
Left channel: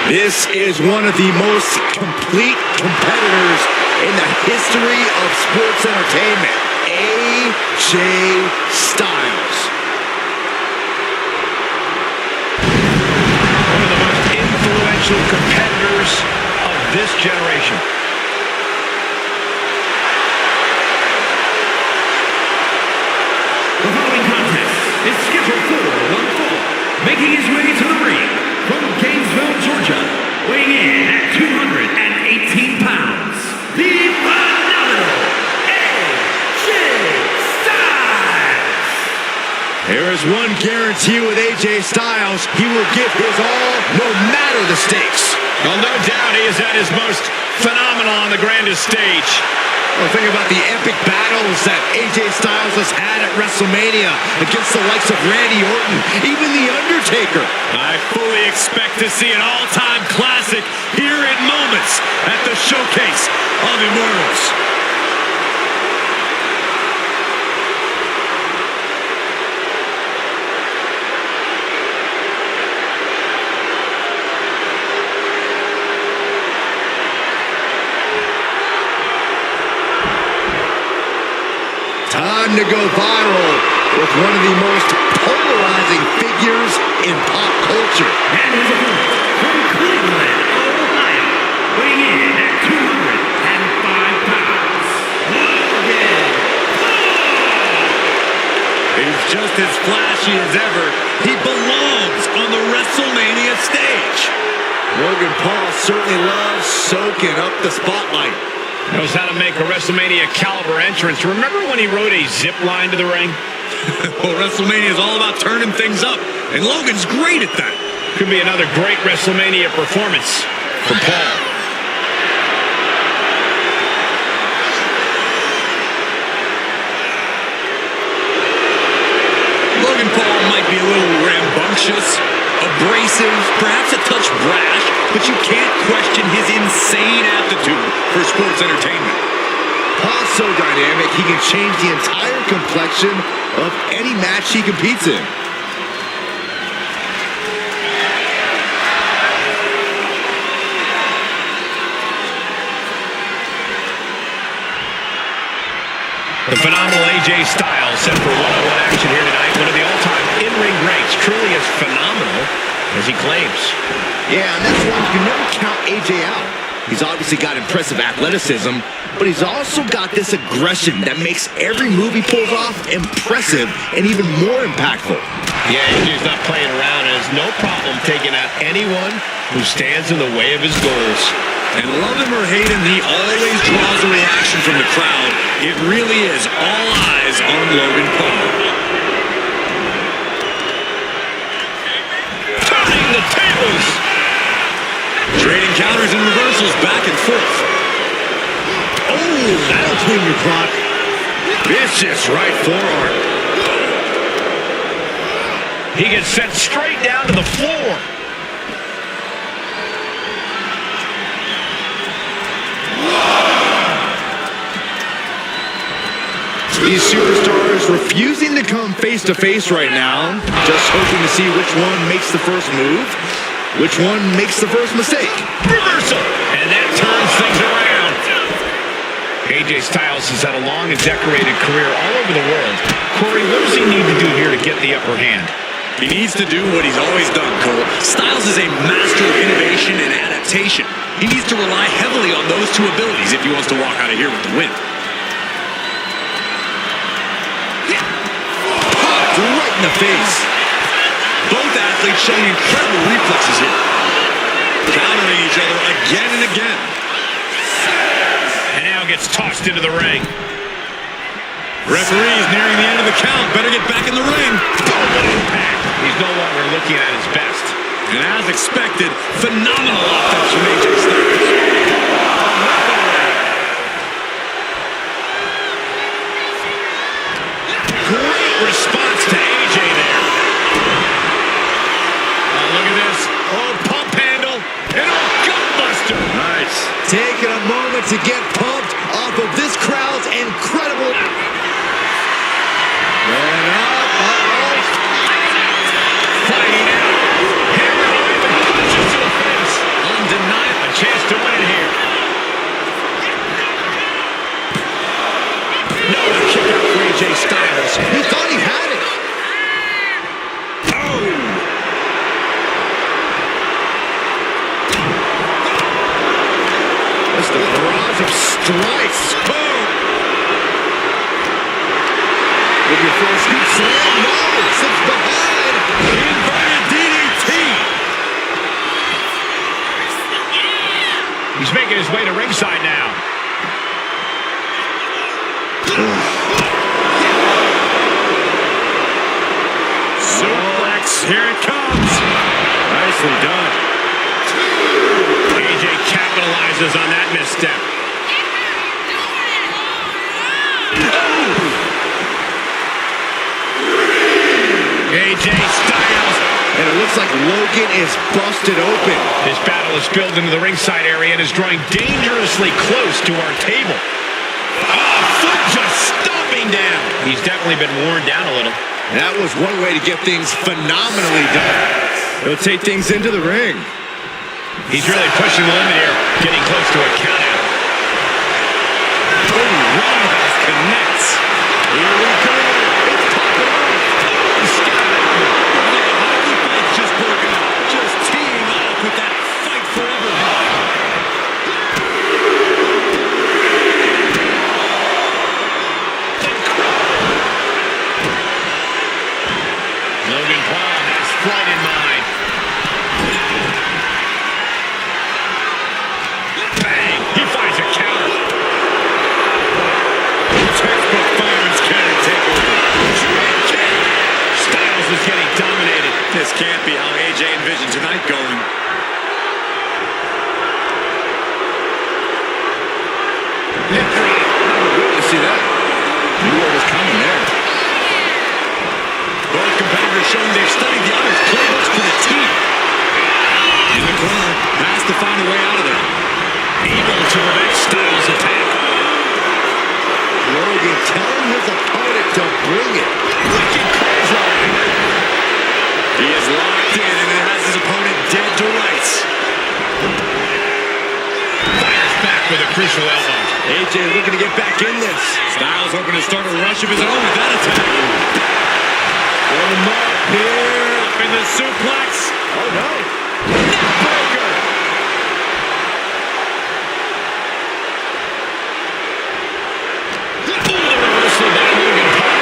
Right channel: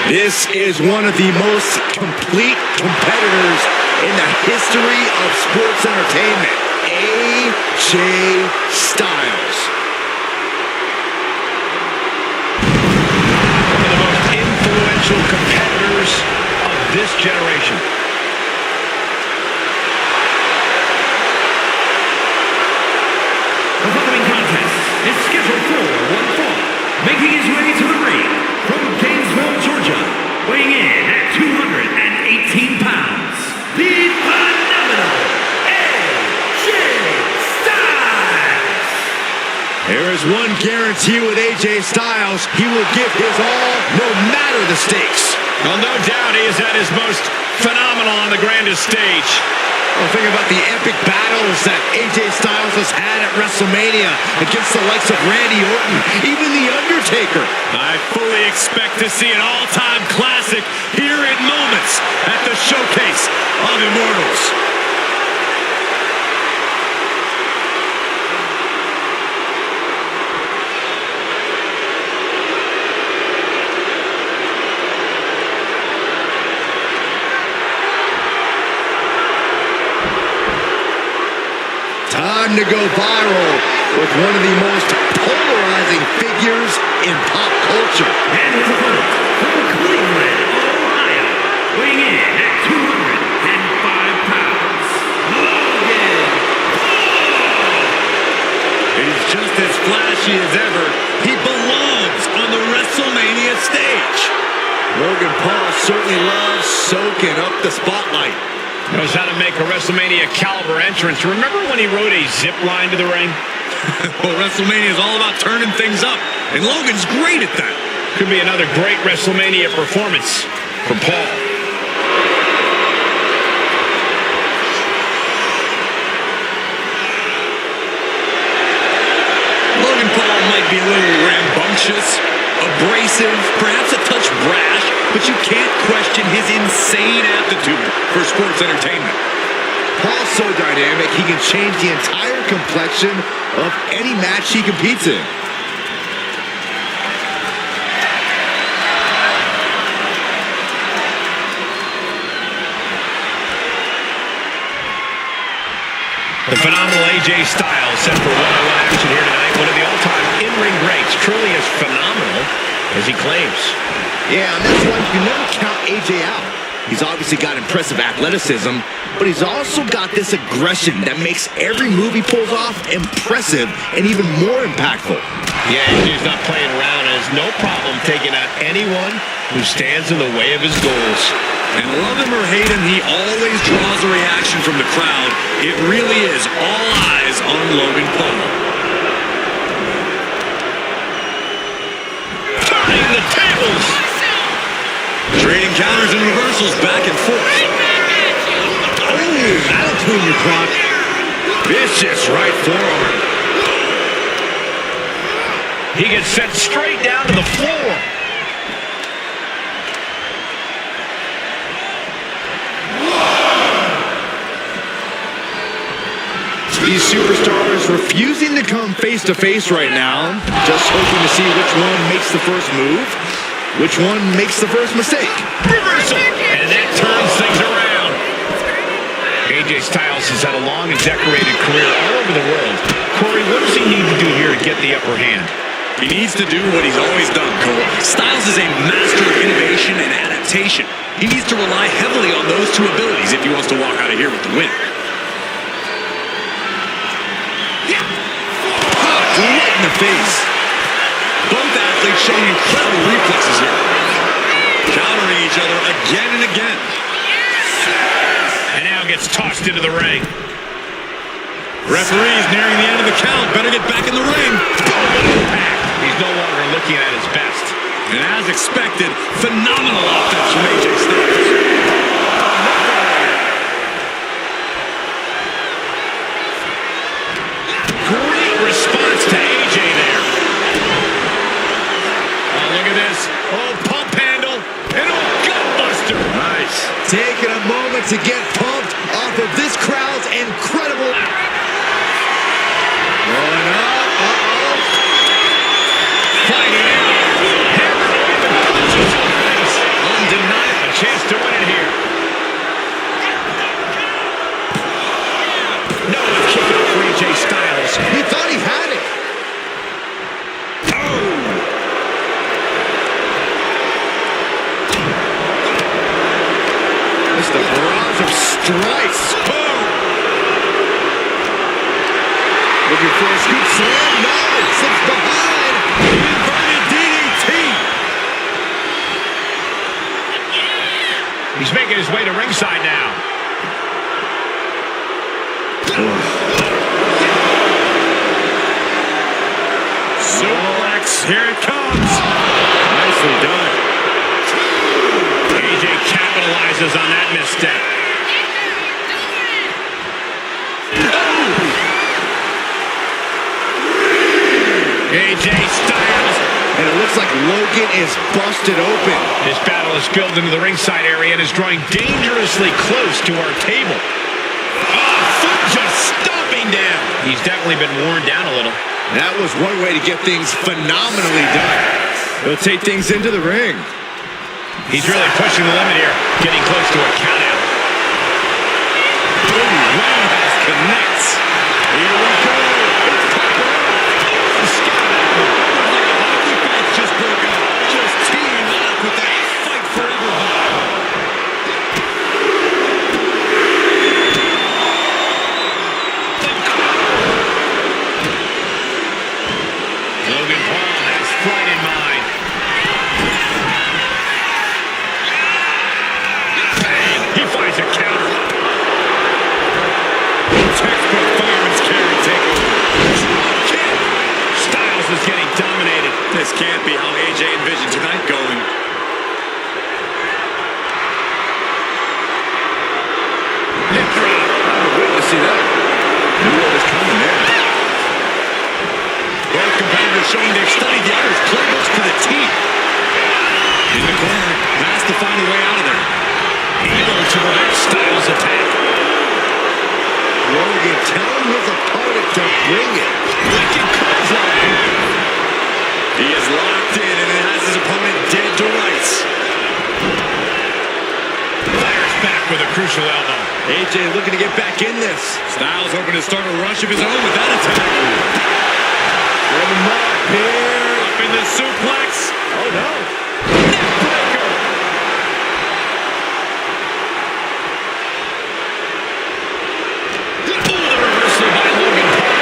This is one of the most complete competitors in the history of sports entertainment. AJ Styles. One of the most influential competitors of this generation. The following contest is scheduled for one fall. Making his way to the ring from Gainesville, Georgia, weighing in at 218 pounds, the phenomenal AJ Styles. There is one guarantee with AJ Styles. He will give his all, no matter the stakes. Well, no doubt he is at his most phenomenal on the grandest stage. Well, think about the epic battles that AJ Styles has had at Wrestlemania against the likes of Randy Orton, even The Undertaker. I fully expect to see an all-time classic here in moments at the Showcase of Immortals. Time to go viral with one of the most polarizing figures in pop culture. And his opponent from Cleveland, Ohio, weighing in at 205 pounds, Logan Paul. He's just as flashy as ever. He belongs on the WrestleMania stage. Logan Paul certainly loves soaking up the spotlight. Knows how to make a WrestleMania caliber entrance. Remember when he rode a zip line to the ring? Well, WrestleMania is all about turning things up, and Logan's great at that. Could be another great WrestleMania performance for Paul. Logan Paul might be a little rambunctious, abrasive, perhaps a touch brash, but you can't question his insane aptitude for sports entertainment. Paul's so dynamic, he can change the entire complexion of any match he competes in. The phenomenal AJ Styles set for one-on-one action here tonight. One of the all-time in-ring greats, truly as phenomenal as he claims. Yeah, and that's why you can never count AJ out. He's obviously got impressive athleticism, but he's also got this aggression that makes every move he pulls off impressive and even more impactful. Yeah, AJ's not playing around and has no problem taking out anyone who stands in the way of his goals. And love him or hate him, he always draws a reaction from the crowd. It really is all eyes on Logan Paul. Turning the tables! Trading counters and reversals back and forth. Oh, that'll clean your clock. Vicious right forearm. He gets sent straight down to the floor. These superstars refusing to come face-to-face right now, just hoping to see which one makes the first move, which one makes the first mistake. Reversal! And that turns things around. AJ Styles has had a long and decorated career all over the world. Corey, what does he need to do here to get the upper hand? He needs to do what he's always done, Cole. Styles is a master of innovation and adaptation. He needs to rely heavily on those two abilities if he wants to walk out of here with the win. Popped right in the face. Both athletes showing incredible reflexes here. Countering each other again and again. And now gets tossed into the ring. Referee's nearing the end of the count. Better get back in the ring. Oh, what impact. He's no longer looking at his best. And as expected, phenomenal offense from AJ Styles. Great response to AJ there. Oh, look at this. Oh, pump handle. And oh, gutbuster. Nice. Taking a moment to get pumped off of this crowd's incredible. Going up. Fighting out. Hammer even punches to the face. for a scoop slam. No, slips behind. Inverted DDT. He's making his way to ringside now. Suplex, here it comes. Nicely done. AJ capitalizes on that misstep. AJ Styles. And it looks like Logan is busted open. This battle has spilled into the ringside area and is drawing dangerously close to our table. Oh, foot just stomping down. He's definitely been worn down a little. That was one way to get things phenomenally done. He'll take things into the ring. He's really pushing the limit here, getting close to a countout. Roundhouse connects. Here we go. It's popping off. Looks like a hockey fight's just broken up. Just teeing off with that fight forever vibe. Logan Paul has flight in mind. Bang! He finds a counter. Textbook fireman's carry takeover. Drop kick. Styles is getting dominated. This can't be how AJ envisioned tonight going. Hip drop. I would wait to see that. Knew what was coming there. Both competitors showing they've studied the other's playbooks to the team. In the corner, has to find a way out of there. Able to prevent Styles' attack. Logan telling his opponent to bring it. Wicked clothesline. He is locked in and it has his opponent dead to rights. Fires back with a crucial elbow. AJ looking to get back in this. Styles hoping to start a rush of his own with that attack. From him up here. Up in the suplex. Oh no. Neckbreaker. Oh, the reversal by Logan Paul.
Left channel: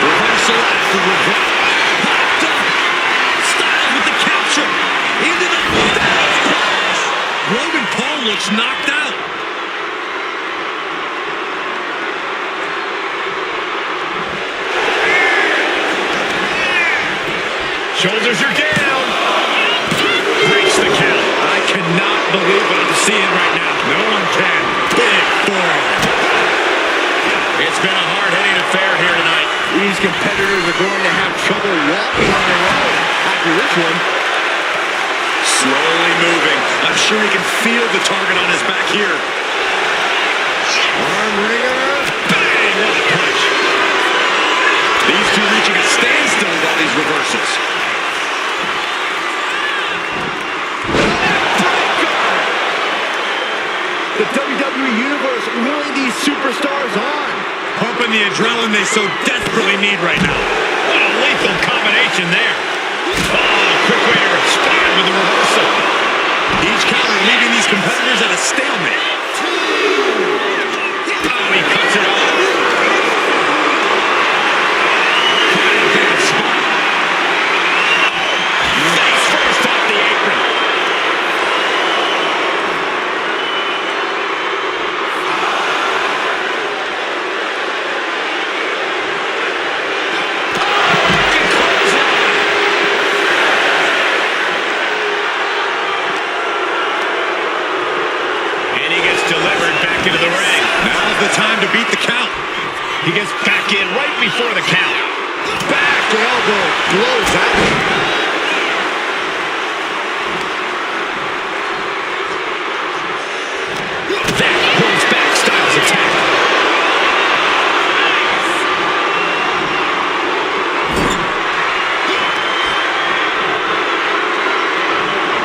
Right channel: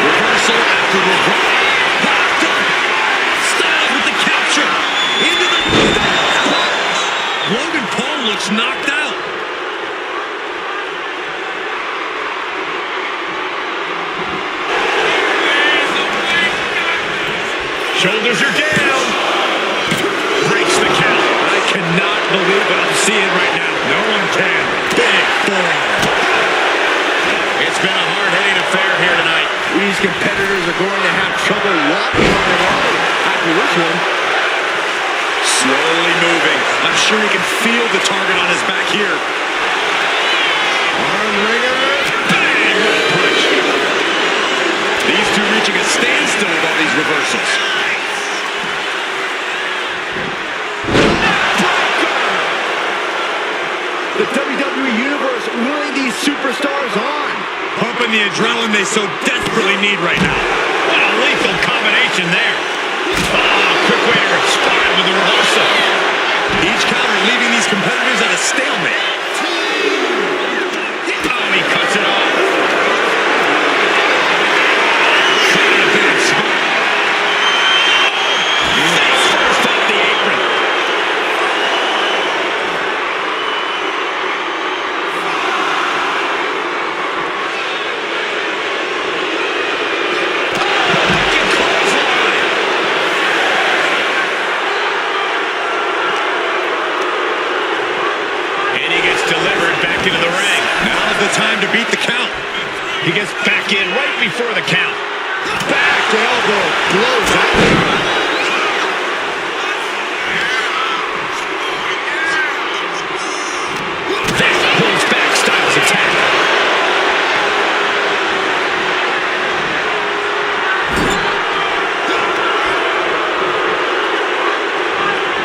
Reversal after reversal. Popped up. Styles with the capture. Into the Styles punch. Logan Paul looks knocked out. Shoulders are down. Breaks the count. I cannot believe what I'm seeing right now. No one can. Big forearm. It's been a hard-hitting affair here tonight. These competitors are going to have trouble walking on their own after this one. Slowly moving. I'm sure he can feel the target on his back here. Arm wringer. Bang! What a punch. These two reaching a standstill with all these reversals. The WWE Universe willing these superstars on. Pumping the adrenaline they so desperately need right now. What a lethal combination there. Oh, quick way to respond with the reversal. Each counter leaving these competitors at a stalemate. Oh, he cuts it off. Caught in a bad spot. Oh, face first off the apron. Delivered back into the ring. Now's the time to beat the count. He gets back in right before the count. Back elbow blows out. That pulls back Styles' attack.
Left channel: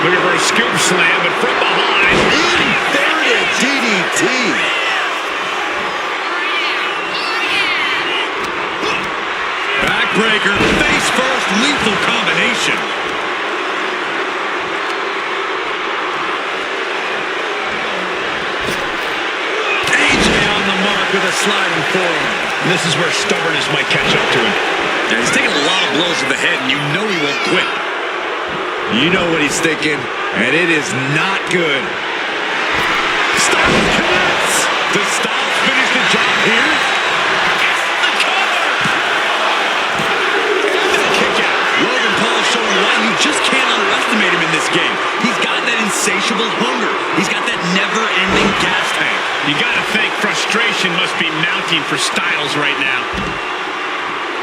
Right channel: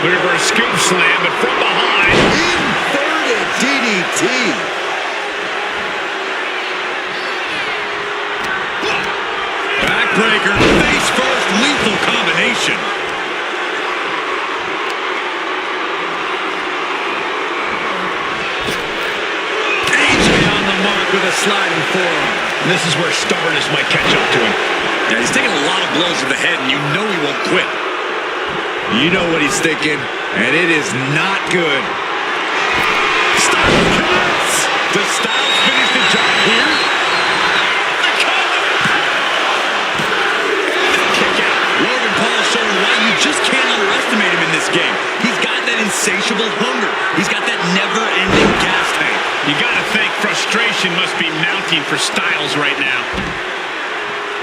Looking for a scoop slam, but from behind. Inverted DDT. Backbreaker, face first, lethal combination. AJ on the mark with a sliding forearm. And this is where stubbornness might catch up to him. Yeah, he's taking a lot of blows to the head, and you know he won't quit. You know what he's thinking, and it is not good. Styles connects! Does Styles finish the job here? The cover! And a kick out. Logan Paul showing why you just can't underestimate him in this game. He's got that insatiable hunger. He's got that never-ending gas tank. You gotta think frustration must be mounting for Styles right now.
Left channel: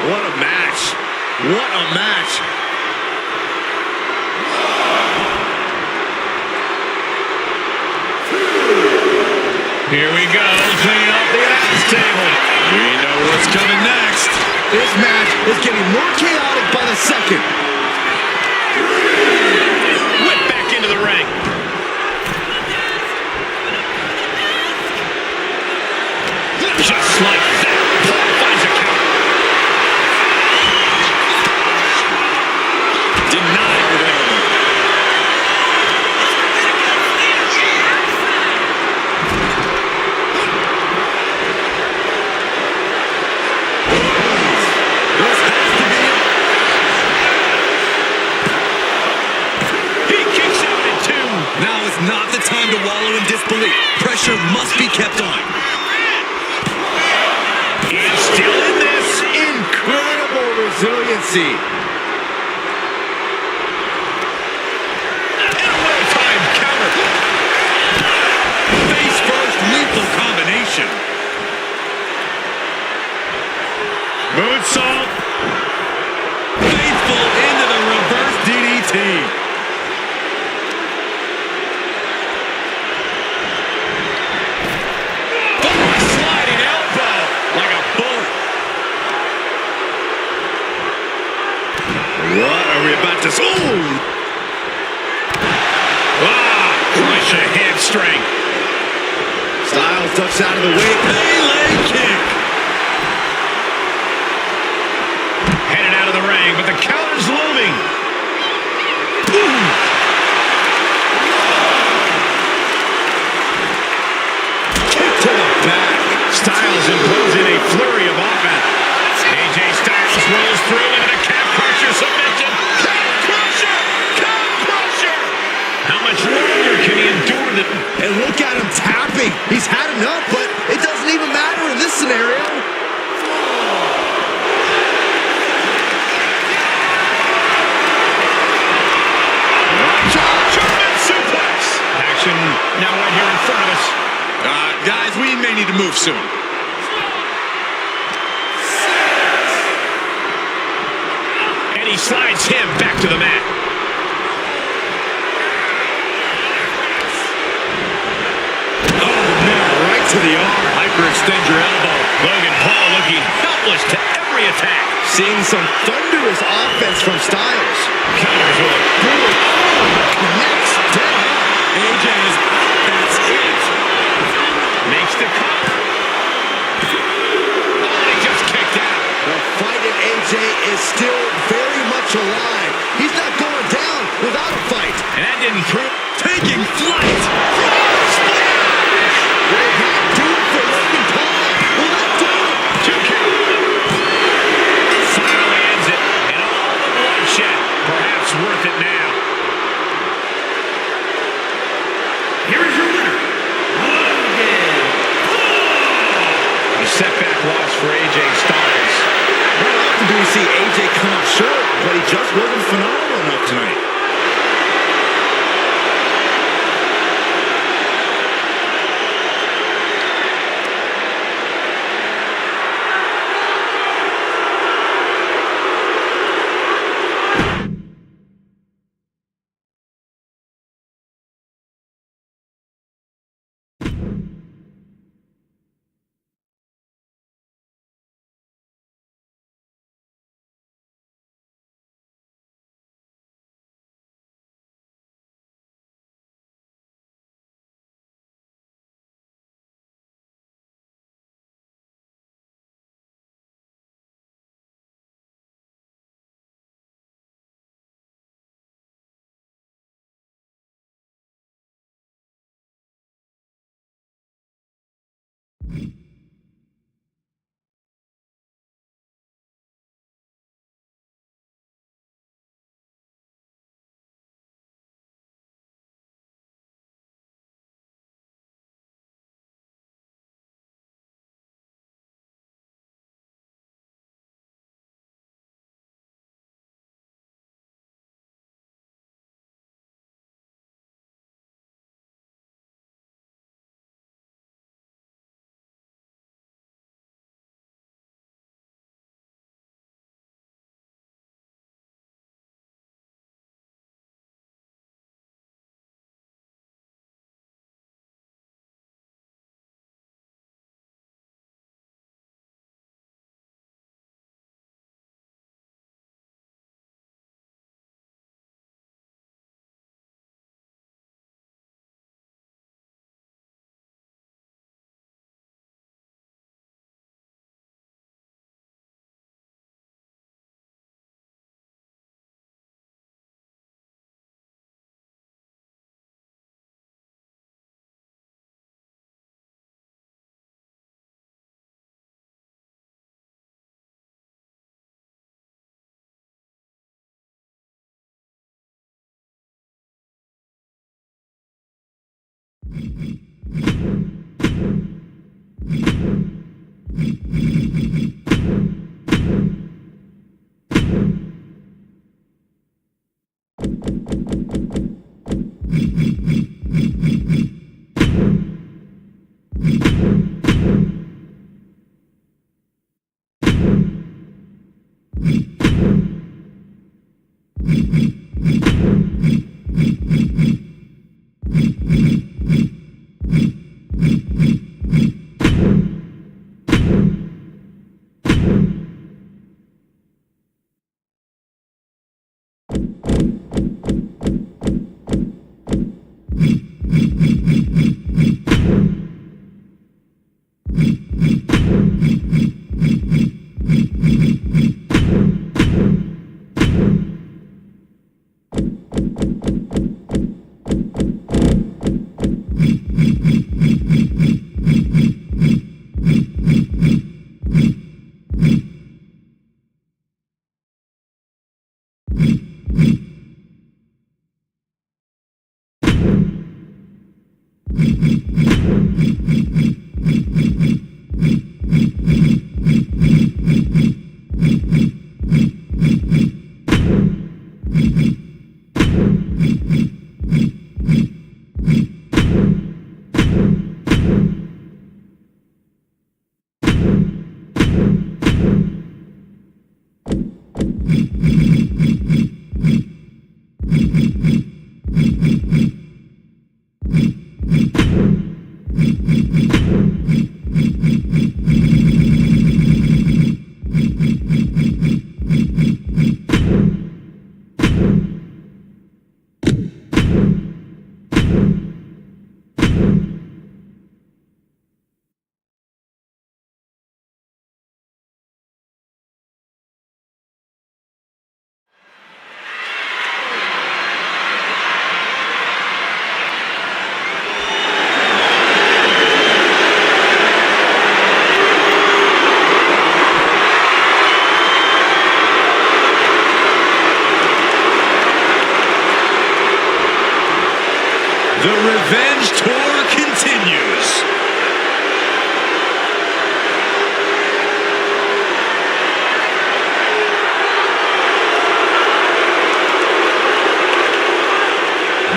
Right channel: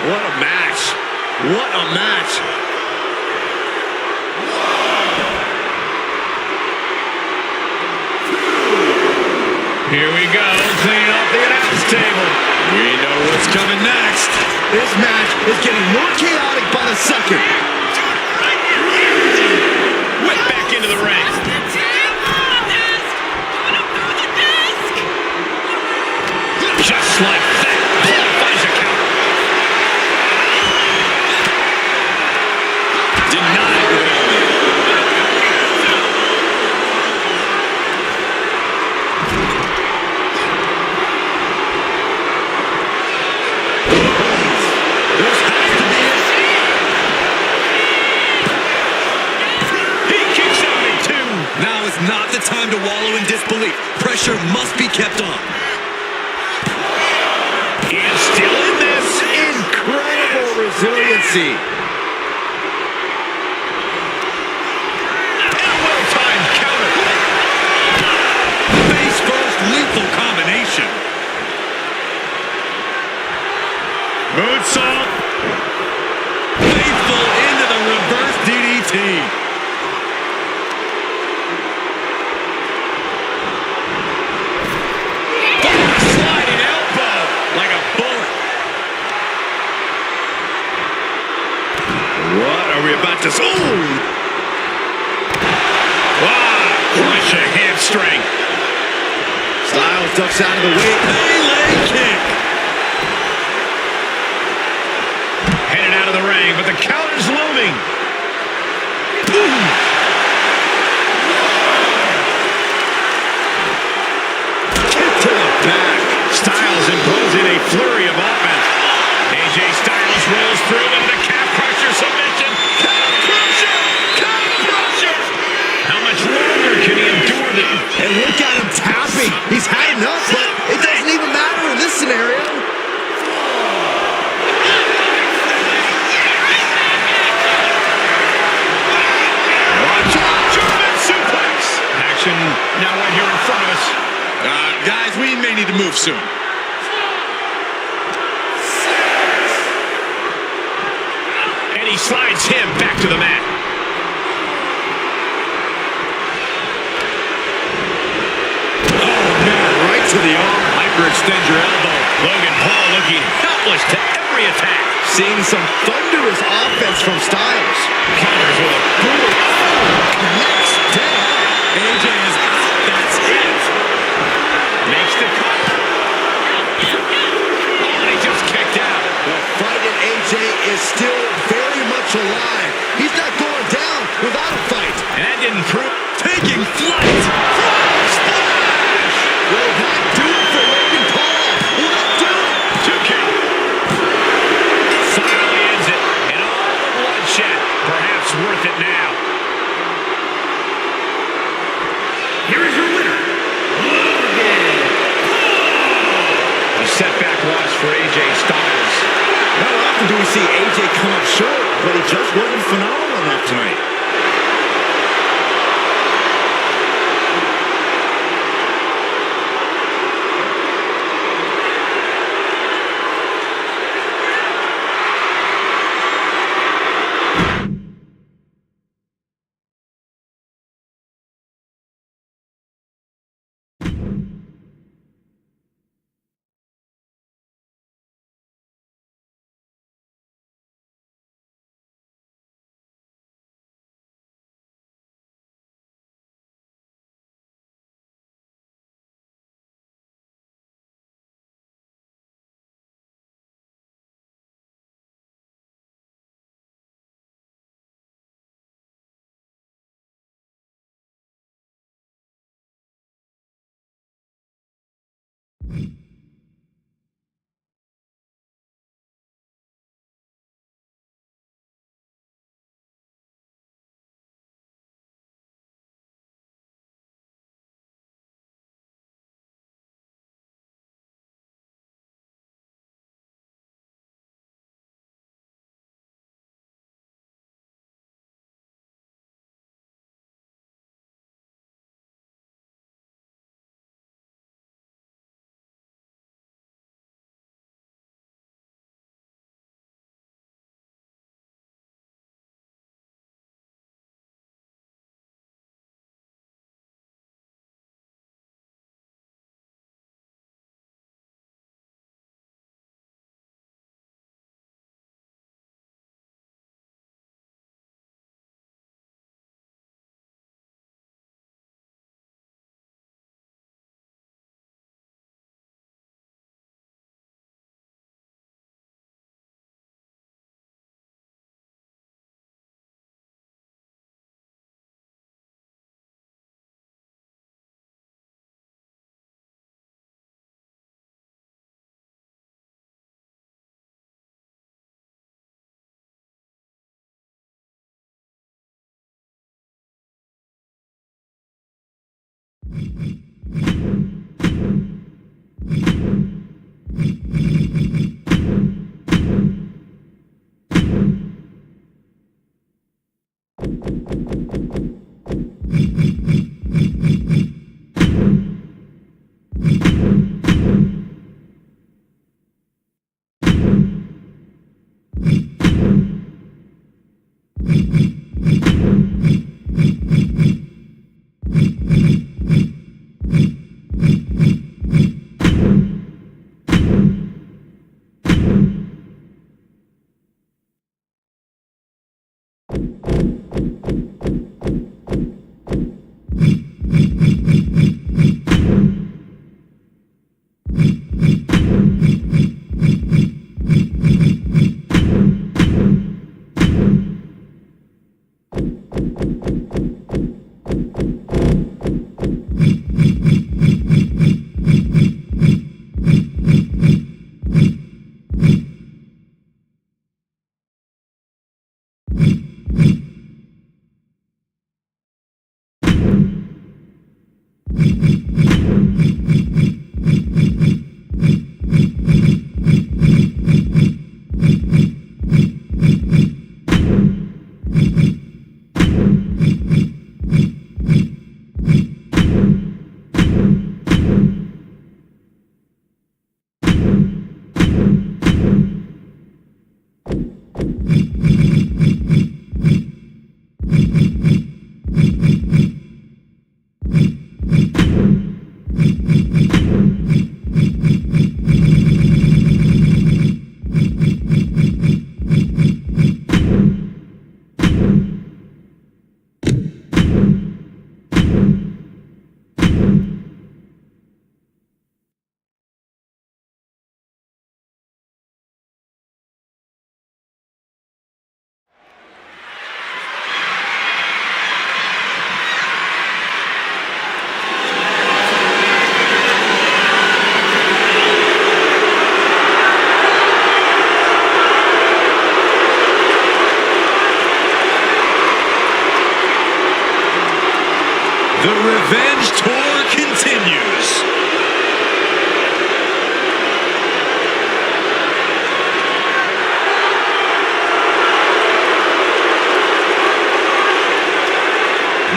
What a match. What a match. Here we go, cleaning off the announce table. We know what's coming next. This match is getting more chaotic by the second. Whip back into the ring. Just like that, Paul finds a counter. Denied with an elbow. This has to be it. He kicks out at 2. Now is not the time to wallow in disbelief. Pressure must be kept on. And still in this. Incredible resiliency. And a well-timed counter. Face first, lethal combination. Moonsault. Faithful into the reverse DDT. Sliding elbow like a bullet. What are we about to see? Crush a hamstring. Styles ducks out of the way. Melee kick. Headed out of the ring, but the counter's looming. Kick to the back. Styles imposing a flurry of offense. AJ Styles rolls through into the calf crusher submission. Calf crusher! Calf crusher! How much longer can he endure the... And look at him tapping. He's had enough, but it doesn't even matter in this scenario. Watch out! German suplex! Action now right here in front of us. Guys, we may need to move soon. And he slides him back to the mat. Oh, man, right to the arm. Hyperextend your elbow. Logan Paul looking helpless to every attack. Seeing some thunderous offense from Styles. Counters with a brutal... Connects dead on. AJ is out. That's it. Makes the cover. Oh, and he just kicked out. The fight in AJ is still very much alive. He's not going down without a fight. And that didn't prove... Taking flight. Splash! Will that do it for Logan Paul? Will that do it? 2 count. Finally ends it. And all the bloodshed. Perhaps worth it now. Here is your winner, Logan Paul. A setback loss for AJ Styles. Not often do we see AJ come up short, but he just wasn't phenomenal enough tonight. The Revenge Tour continues.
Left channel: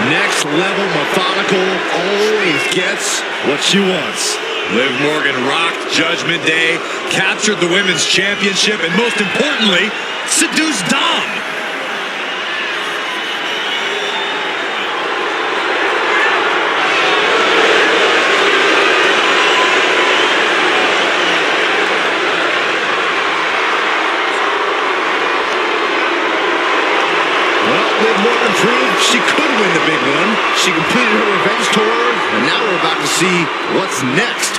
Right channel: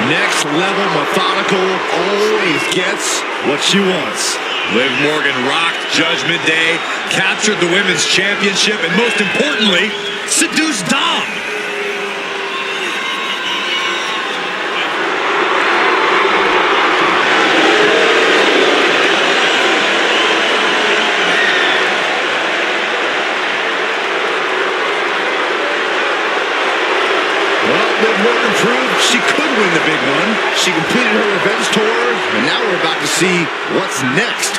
Next level methodical, always gets what she wants. Liv Morgan rocked Judgment Day, captured the Women's Championship, and most importantly, seduced Dom. Liv Morgan proved she could win the big one. She completed her revenge tour, and now we're about to see what's next.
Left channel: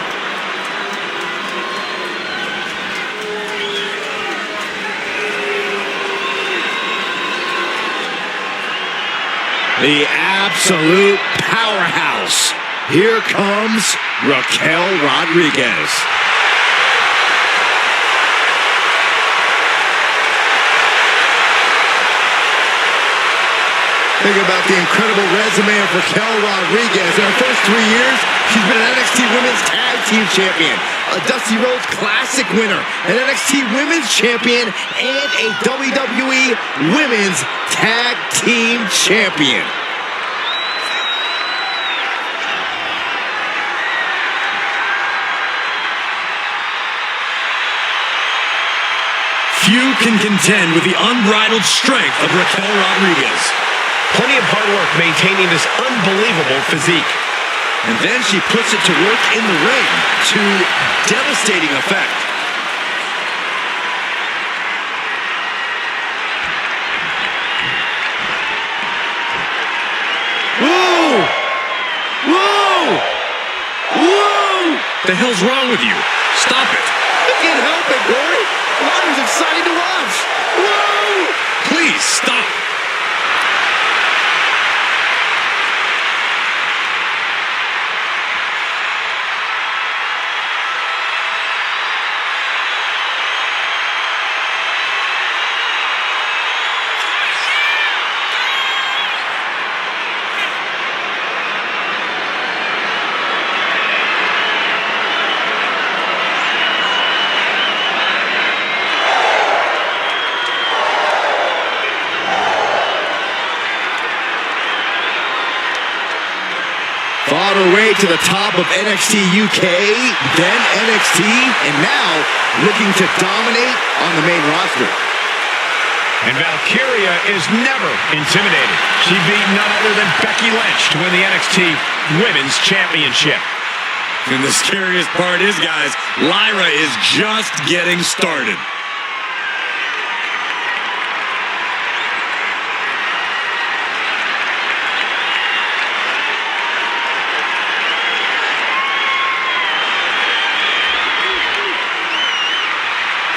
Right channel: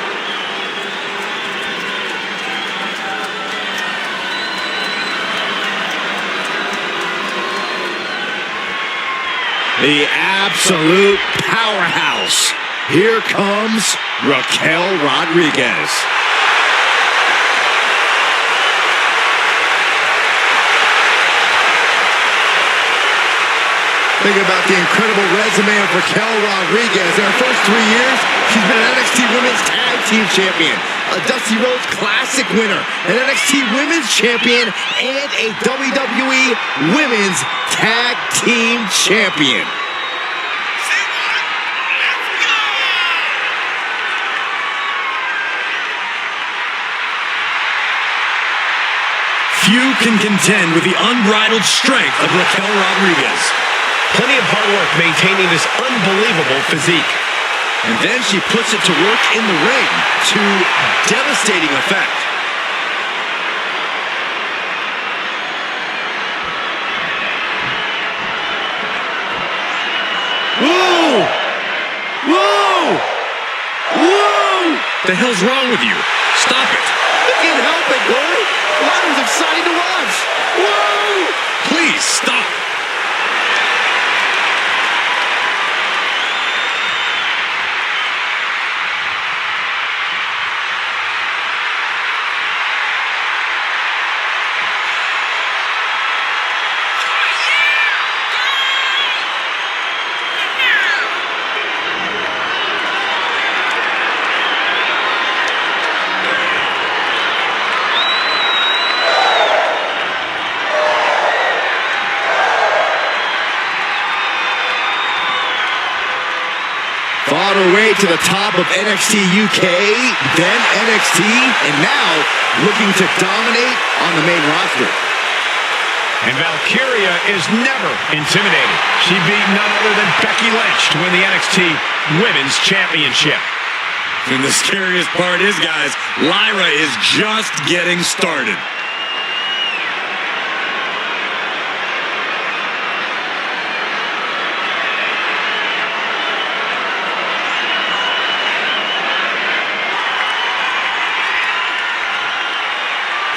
The absolute powerhouse. Here comes Raquel Rodriguez. Think about the incredible resume of Raquel Rodriguez. In her first 3 years, she's been an NXT Women's Tag Team Champion, a Dusty Rhodes Classic winner, an NXT Women's Champion, and a WWE Women's Tag Team Champion. Few can contend with the unbridled strength of Raquel Rodriguez. Plenty of hard work maintaining this unbelievable physique. And then she puts it to work in the ring to devastating effect. Whoa! Whoa! Whoa! The hell's wrong with you? Stop it. I can't help it, Corey. That was exciting to watch. Whoa! Please, stop. her way to the top of NXT UK, then NXT, and now looking to dominate on the main roster. And Valkyria is never intimidated. She beat none other than Becky Lynch to win the NXT Women's Championship. And the scariest part is, guys, Lyra is just getting started.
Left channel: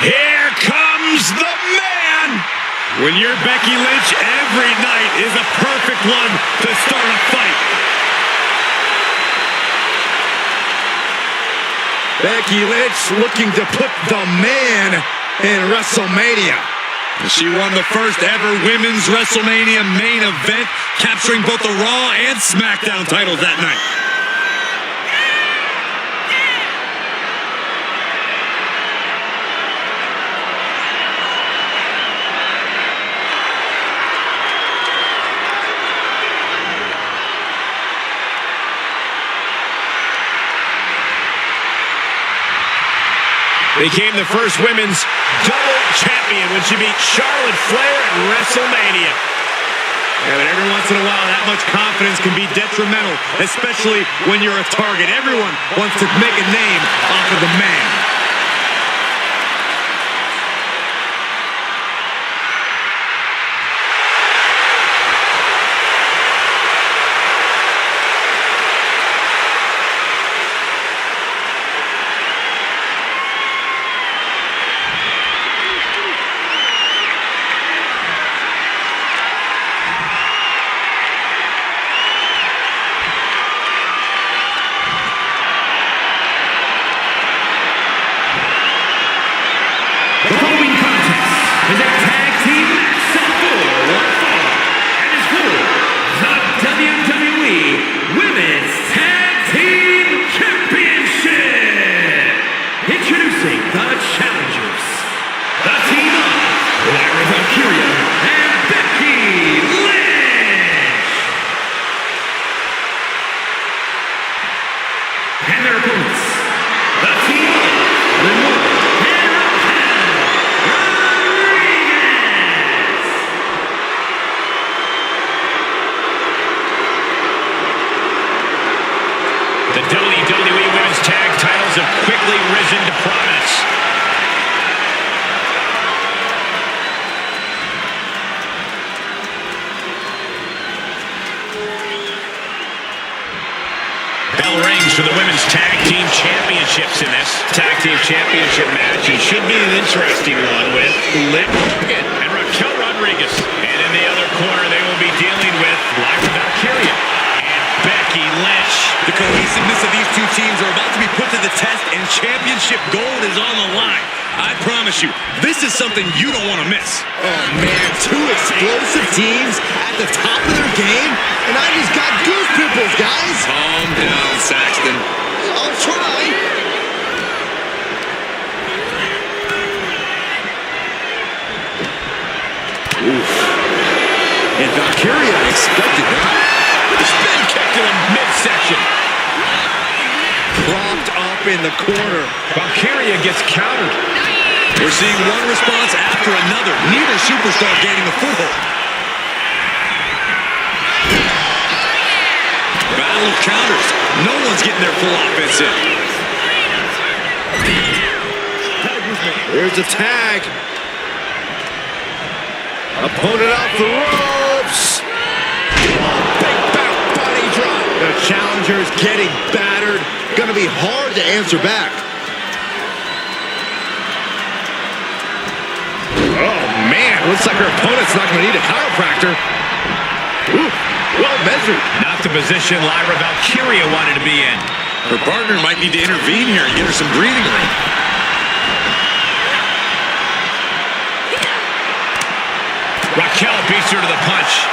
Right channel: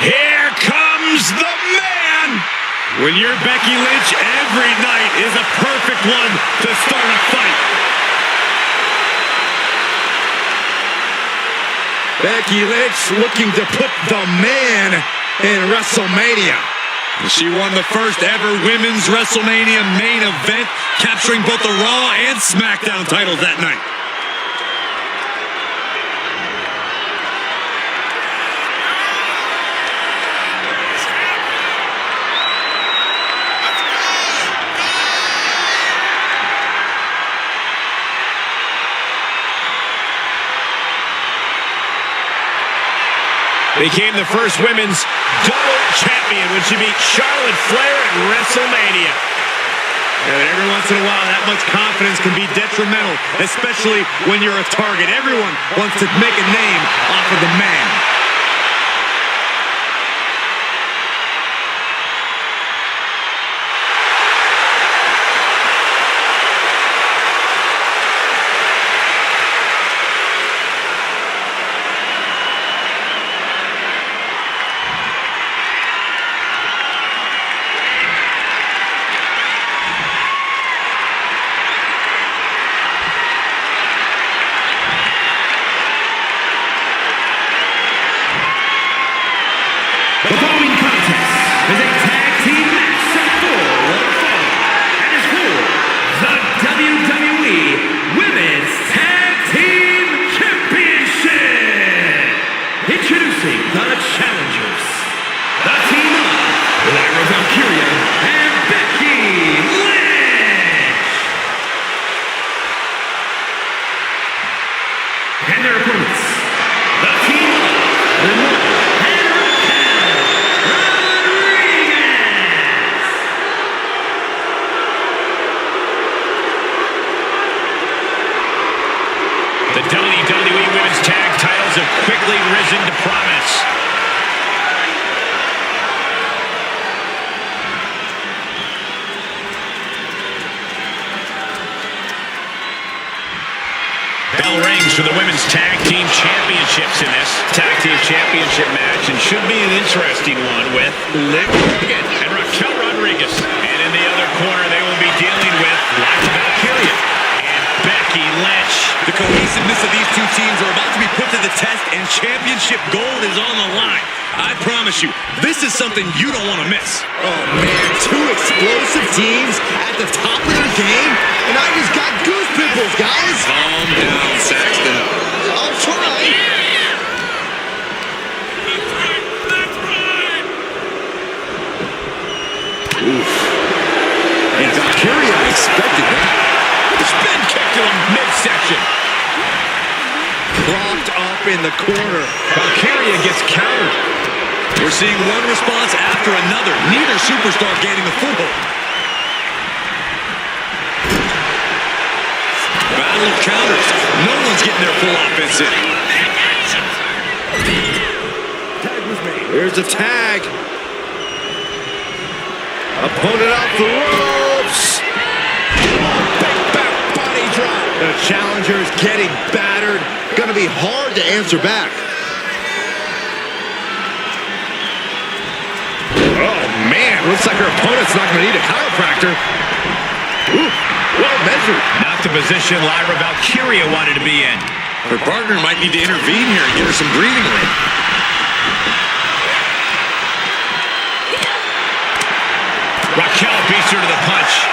Here comes the man! When you're Becky Lynch, every night is a perfect one to start a fight. Becky Lynch looking to put the man in Wrestlemania. She won the first ever Women's Wrestlemania main event, capturing both the Raw and SmackDown titles that night. Became the first women's double champion when she beat Charlotte Flair at WrestleMania. Yeah, but every once in a while, that much confidence can be detrimental, especially when you're a target. Everyone wants to make a name off of the man. The following contest is a tag team match set for one fall and is for the WWE Women's Tag Team Championship. Introducing the challengers, the team of Lyra Valkyria and Becky Lynch. And their opponents, the team of Newera and The WWE Women's Tag titles have quickly risen to prominence. Bell rings for the Women's Tag Team Championships in this Tag Team Championship match, and should be an interesting one with Liv Morgan and Raquel Rodriguez. And in the other corner, they will be dealing with Lyra Valkyria and Becky Lynch. The cohesiveness of these two teams are about to be put to the test, and championship gold is on the line. I promise you, this is something you don't want to miss. Oh man, two explosive teams at the top of their game, and I just got goose pimples, guys. Calm down, Saxton. I'll try. Oof. And Valkyria expected that. Spin kick to the midsection. Propped up in the corner. Valkyria gets countered. We're seeing one response after another. Neither superstar gaining a foothold. Battle of counters. No one's getting their full offense in. There's a tag. Opponent off the ropes. Big back body drop. The challenger's getting battered. Gonna be hard to answer back. Oh man, looks like her opponent's not gonna need a chiropractor. Ooh, well measured. Not the position Lyra Valkyria wanted to be in. Her partner might need to intervene here and give her some breathing room. Raquel beats her to the punch.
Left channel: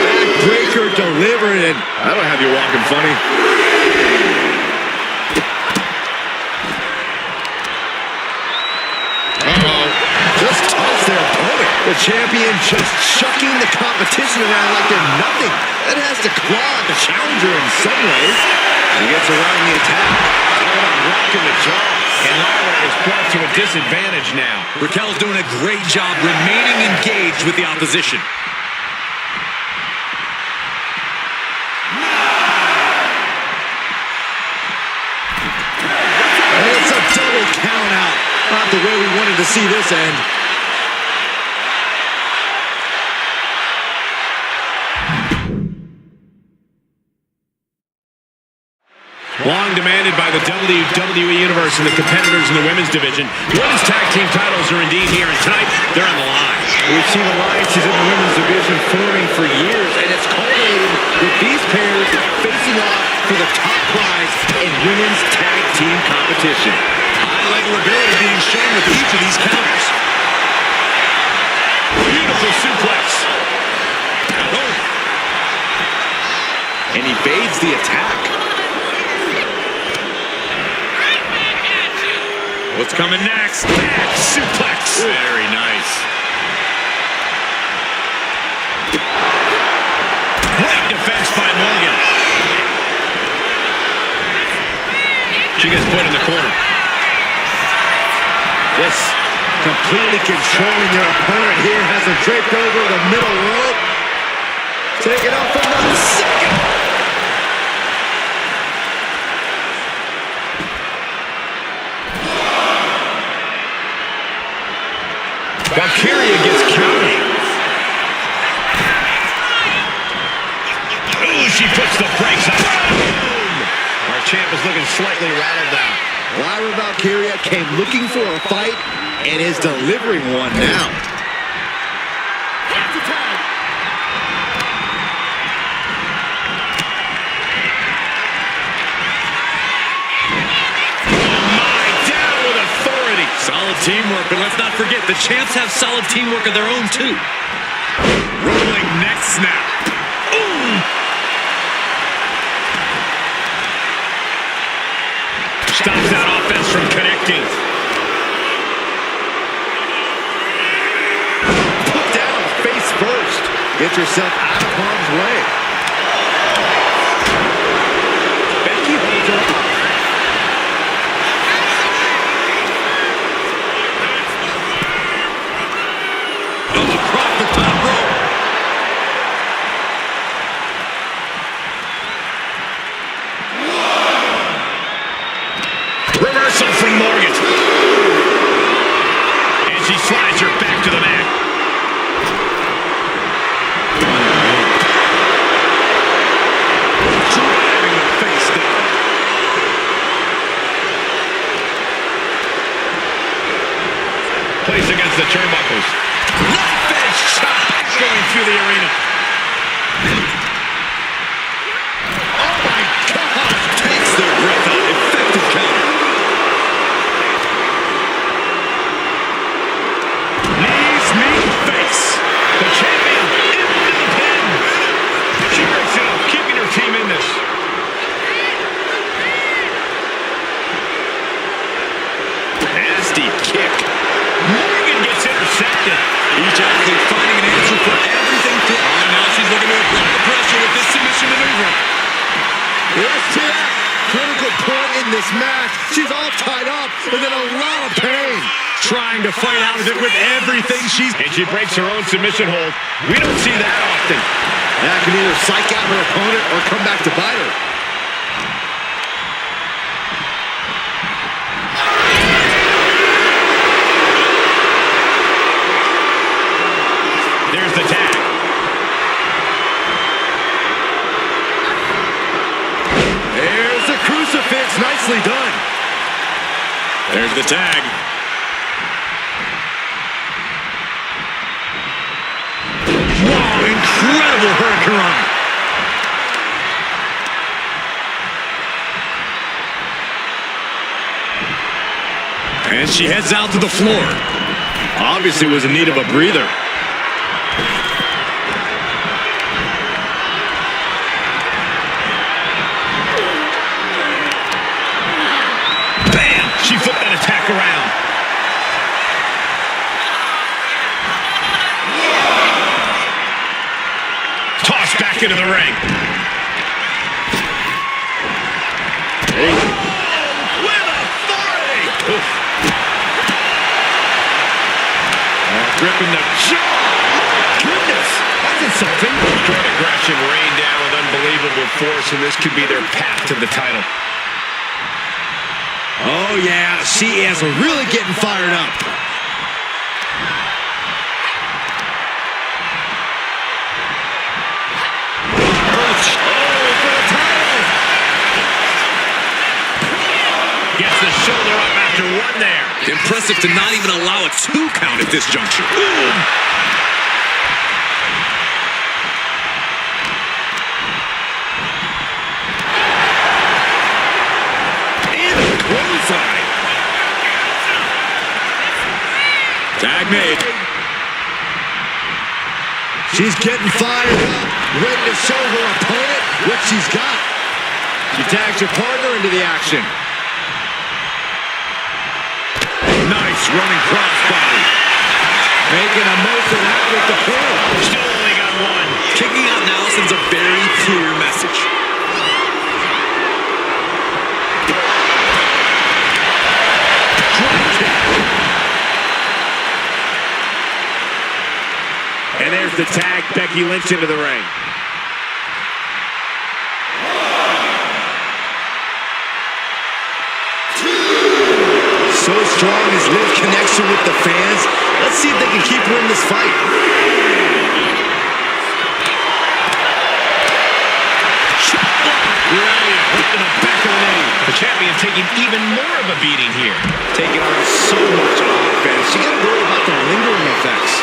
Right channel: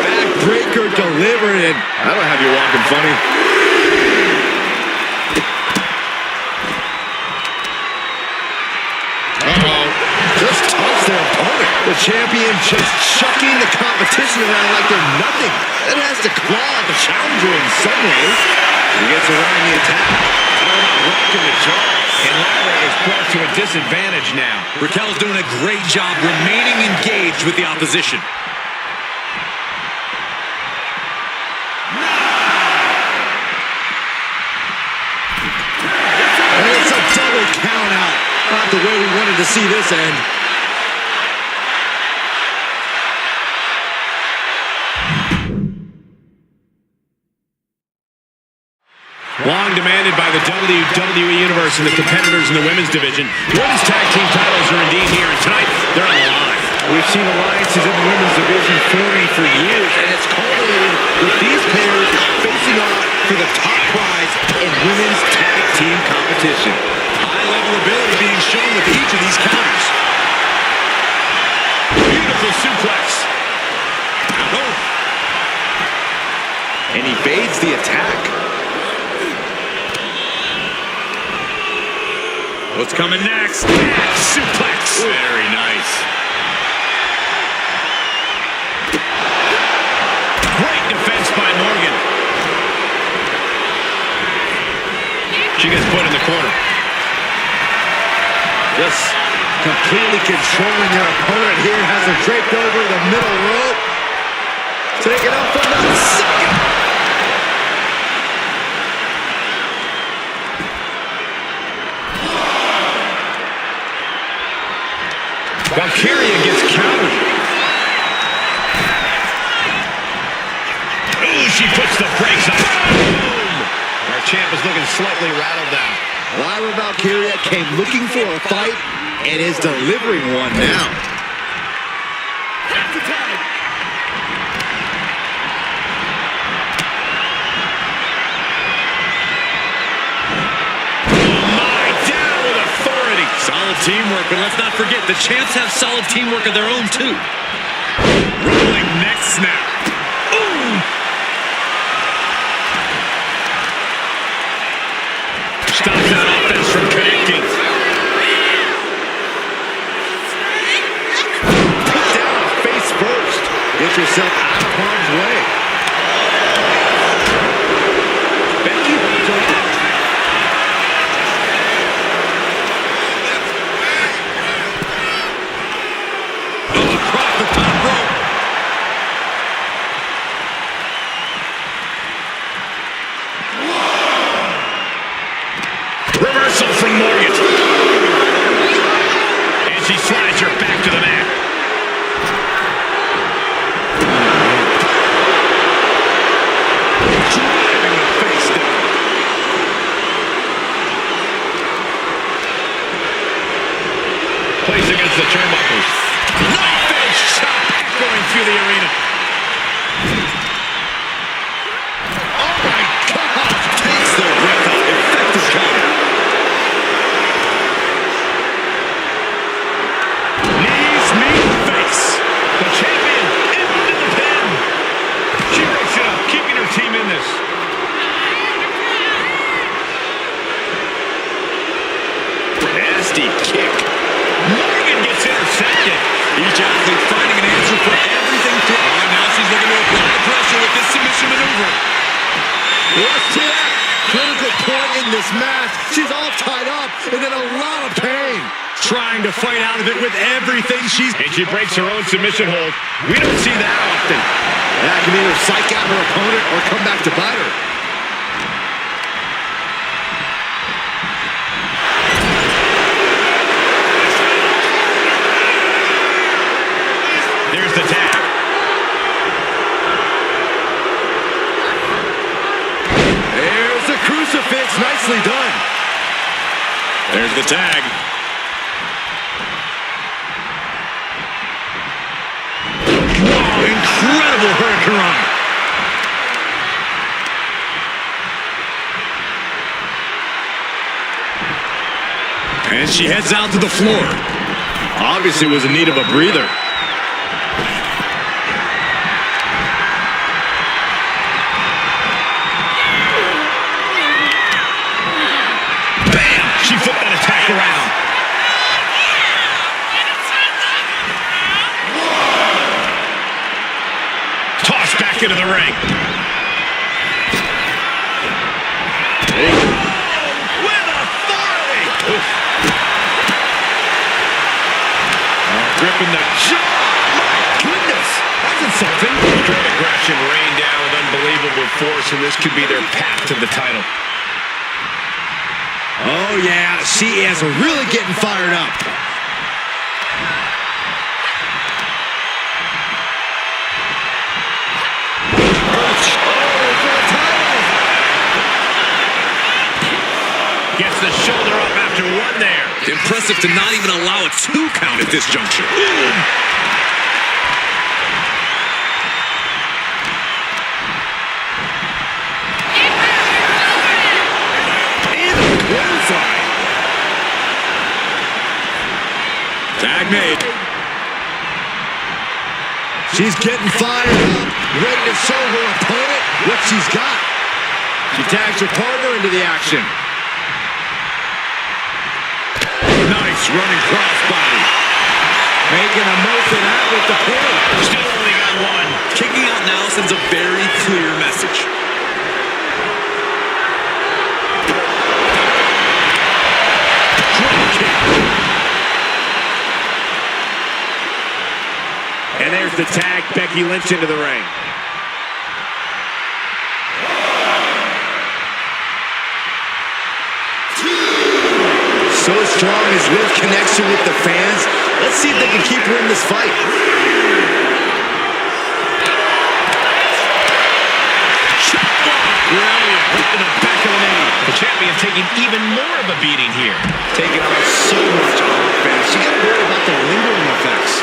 Backbreaker delivered, and that'll have you walking funny. Uh-oh. Just tossed their opponent. The champion just chucking the competition around like they're nothing. That has to claw at the challenger in some ways. He gets around the attack. Rocking the jaw. And Lyra is brought to a disadvantage now. Raquel's doing a great job remaining engaged with the opposition. It's a double count out. Not the way we wanted to see this end. Long demanded by the WWE Universe and the competitors in the women's division. The women's tag team titles are indeed here, and tonight they're on the line. We've seen alliances in the women's division forming for years, and it's culminated with these pairs facing off for the top prize in women's tag team competition. High-level ability being shown with each of these counters. Beautiful suplex. And he evades the attack. What's coming next? Back suplex. Very nice. Great defense by Morgan. She gets put in the corner. Just completely controlling their opponent here. Has them draped over the middle rope. Taking up from the second. Valkyria gets countered. Ooh, she puts the brakes on. Boom! Our champ is looking slightly rattled now. Lyra Valkyria came looking for a fight and is delivering one now. Solid teamwork, but let's not forget, the champs have solid teamwork of their own, too. Rolling neck snap. Ooh! Stops that offense from connecting. Put down face first. Get yourself out of harm's way. Becky holds her up. Reversal from Morgan. And she slides her back to the mat. Driving the face down. Placed against the turnbuckles. Knife edge chop going through the arena. Oh my God! Takes their breath out. Effective counter. Knees meet face. The champion into the pin. She breaks it up, keeping her team in this. Nasty kick. Morgan gets intercepted. Each athlete finding an answer for everything. Oh, now she's looking to apply the pressure with this submission maneuver. Yes, Tia. Critical point in this match. She's all tied up and in a lot of pain. Trying to fight out of it with everything she's... And she breaks her own submission hold. We don't see that often. That can either psych out her opponent or come back to bite her. There's the tag. There's the crucifix. Nicely done. There's the tag. Wow, incredible hurricanrana. And she heads out to the floor. Obviously was in need of a breather. Bam! She flipped that attack around. back into the ring. With authority. Gripping the jaw. My goodness. That's insulting. Straight aggression rained down with unbelievable force, and this could be their path to the title. Oh, yeah. She is really getting fired up. Gets the shoulder up after one there. Impressive to not even allow a 2 count at this juncture. Boom. Into the clothesline. Tag made. She's getting fired up, ready to show her opponent what she's got. She tags her partner into the action. Nice running crossbody. Making a most of that with the pin. Still only got one. Kicking out now sends a very clear message. Drop kick. And there's the tag. Becky Lynch into the ring. So strong is Liv's connection with the fans. Let's see if they can keep her in this fight. Brilliant. Right in the back of the knee. The champion taking even more of a beating here. Taking on so much offense. She got to worry about the lingering effects.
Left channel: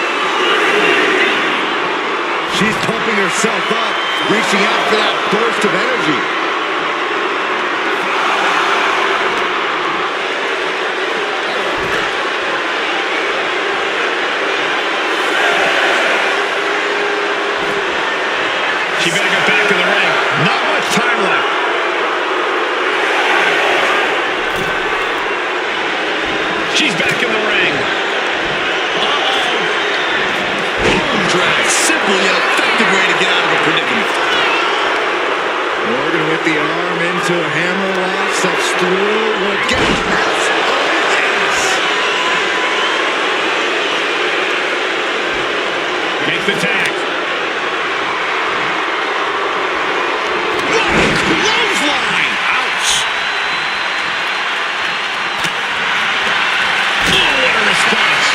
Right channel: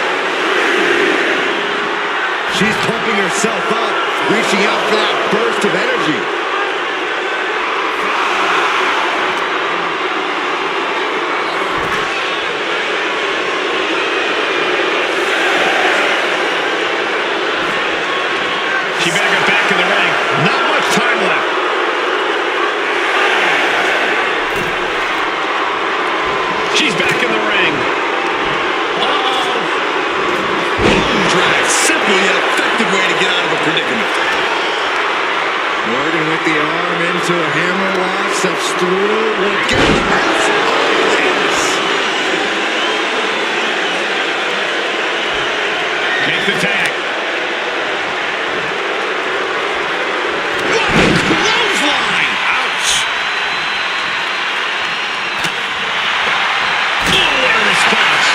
She's pumping herself up, reaching out for that burst of energy. She better get back in the ring. Not much time left. She's back in the ring. Uh-oh. Arm drag. Simple yet effective way to get out of a predicament. Morgan with the arm into a hammer lock. Steps through. Will get past. Oh, yes. Makes the tag. Clothesline. Ouch. Oh, what a response.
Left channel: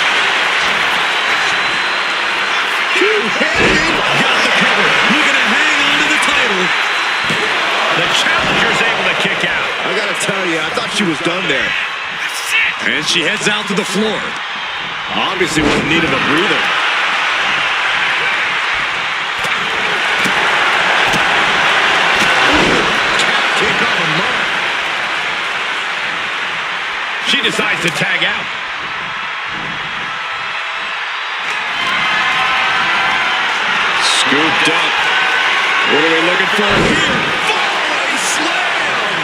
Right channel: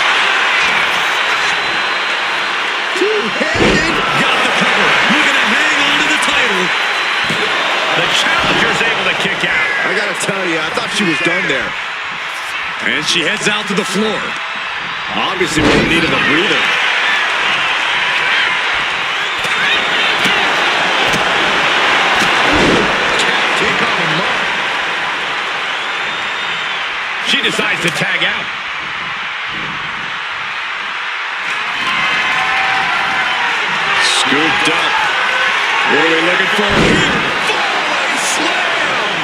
Two-handed. Got the cover. Looking to hang on to the title. The challenger's able to kick out. I got to tell you, I thought she was done there. And she heads out to the floor. Obviously was in need of a breather. Kick on the mark. She decides to tag out. Scooped up. What are we looking for here? Follow slam.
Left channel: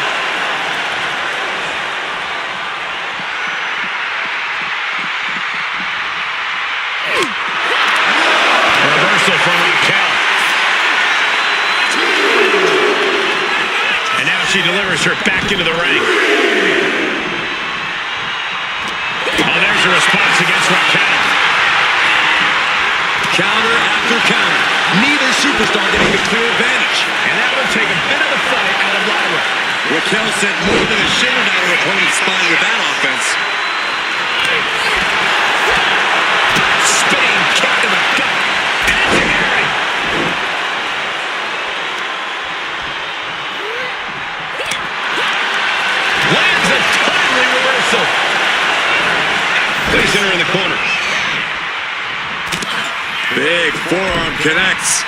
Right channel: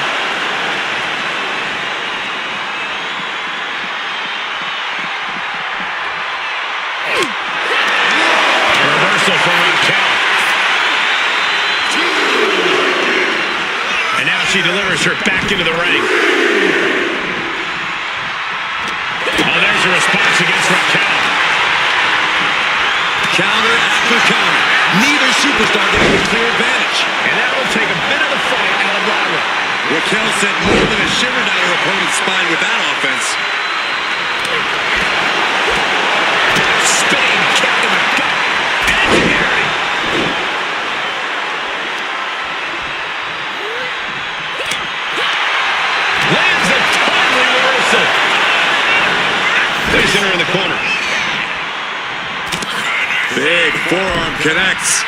Reversal from Raquel. And now she delivers her back into the ring. Oh, there's a response against Raquel. Counter after counter. Neither superstar getting the clear advantage. And that will take a bit of the fight out of Lyra. Raquel sent more than a shiver down her opponent's spine with that offense. Spinning kick to the gut. Engineering. Lands a timely reversal. Placing her in the corner. Big forearm connects.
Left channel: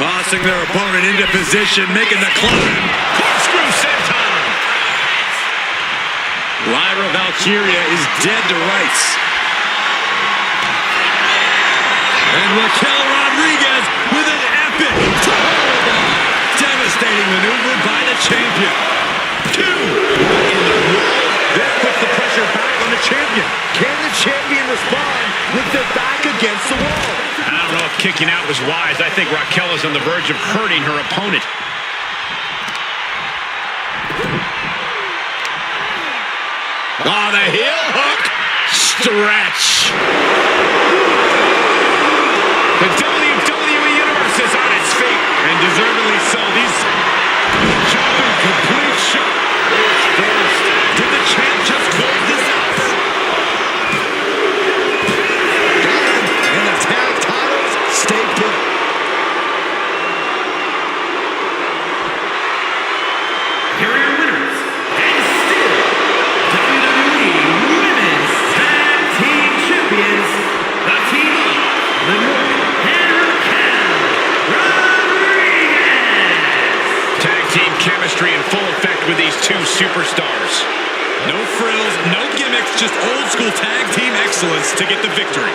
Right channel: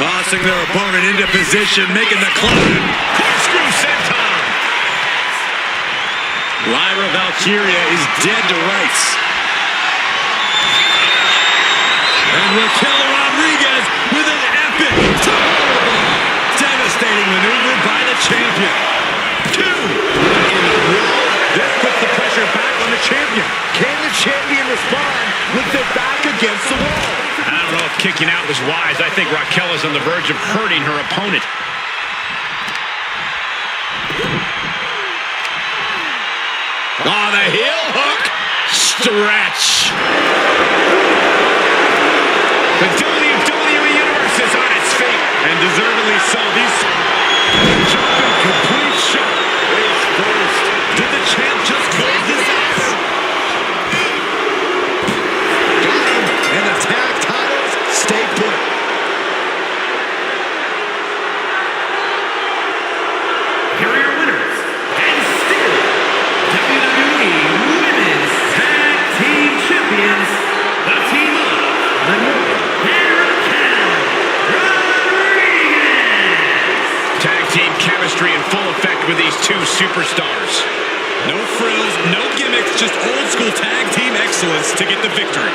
Tossing their opponent into position, making the climb. Corkscrew senton. Lyra Valkyria is dead to rights. And Raquel Rodriguez with an epic powerbomb. Devastating maneuver by the champion. 2. What in the world? This puts the pressure back on the champion. Can the champion respond with their back against the wall? I don't don't know if kicking out was wise. I think Raquel is on the verge of hurting her opponent. Oh, the heel hook. Stretch. The WWE Universe is on its feet. And deservedly so. These jumping complete shot is first. Did the champ just close this out? Got him. And the tag titles stay put. Here are your winners, and still WWE Women's Tag Team Champions, the team of the Morgan and Raquel Rodriguez. Tag team chemistry in full effect with these two superstars. No frills, no gimmicks, just old school tag team excellence to get the victory.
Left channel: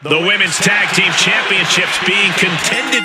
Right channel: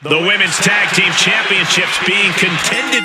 The Women's Tag Team Championships being contended.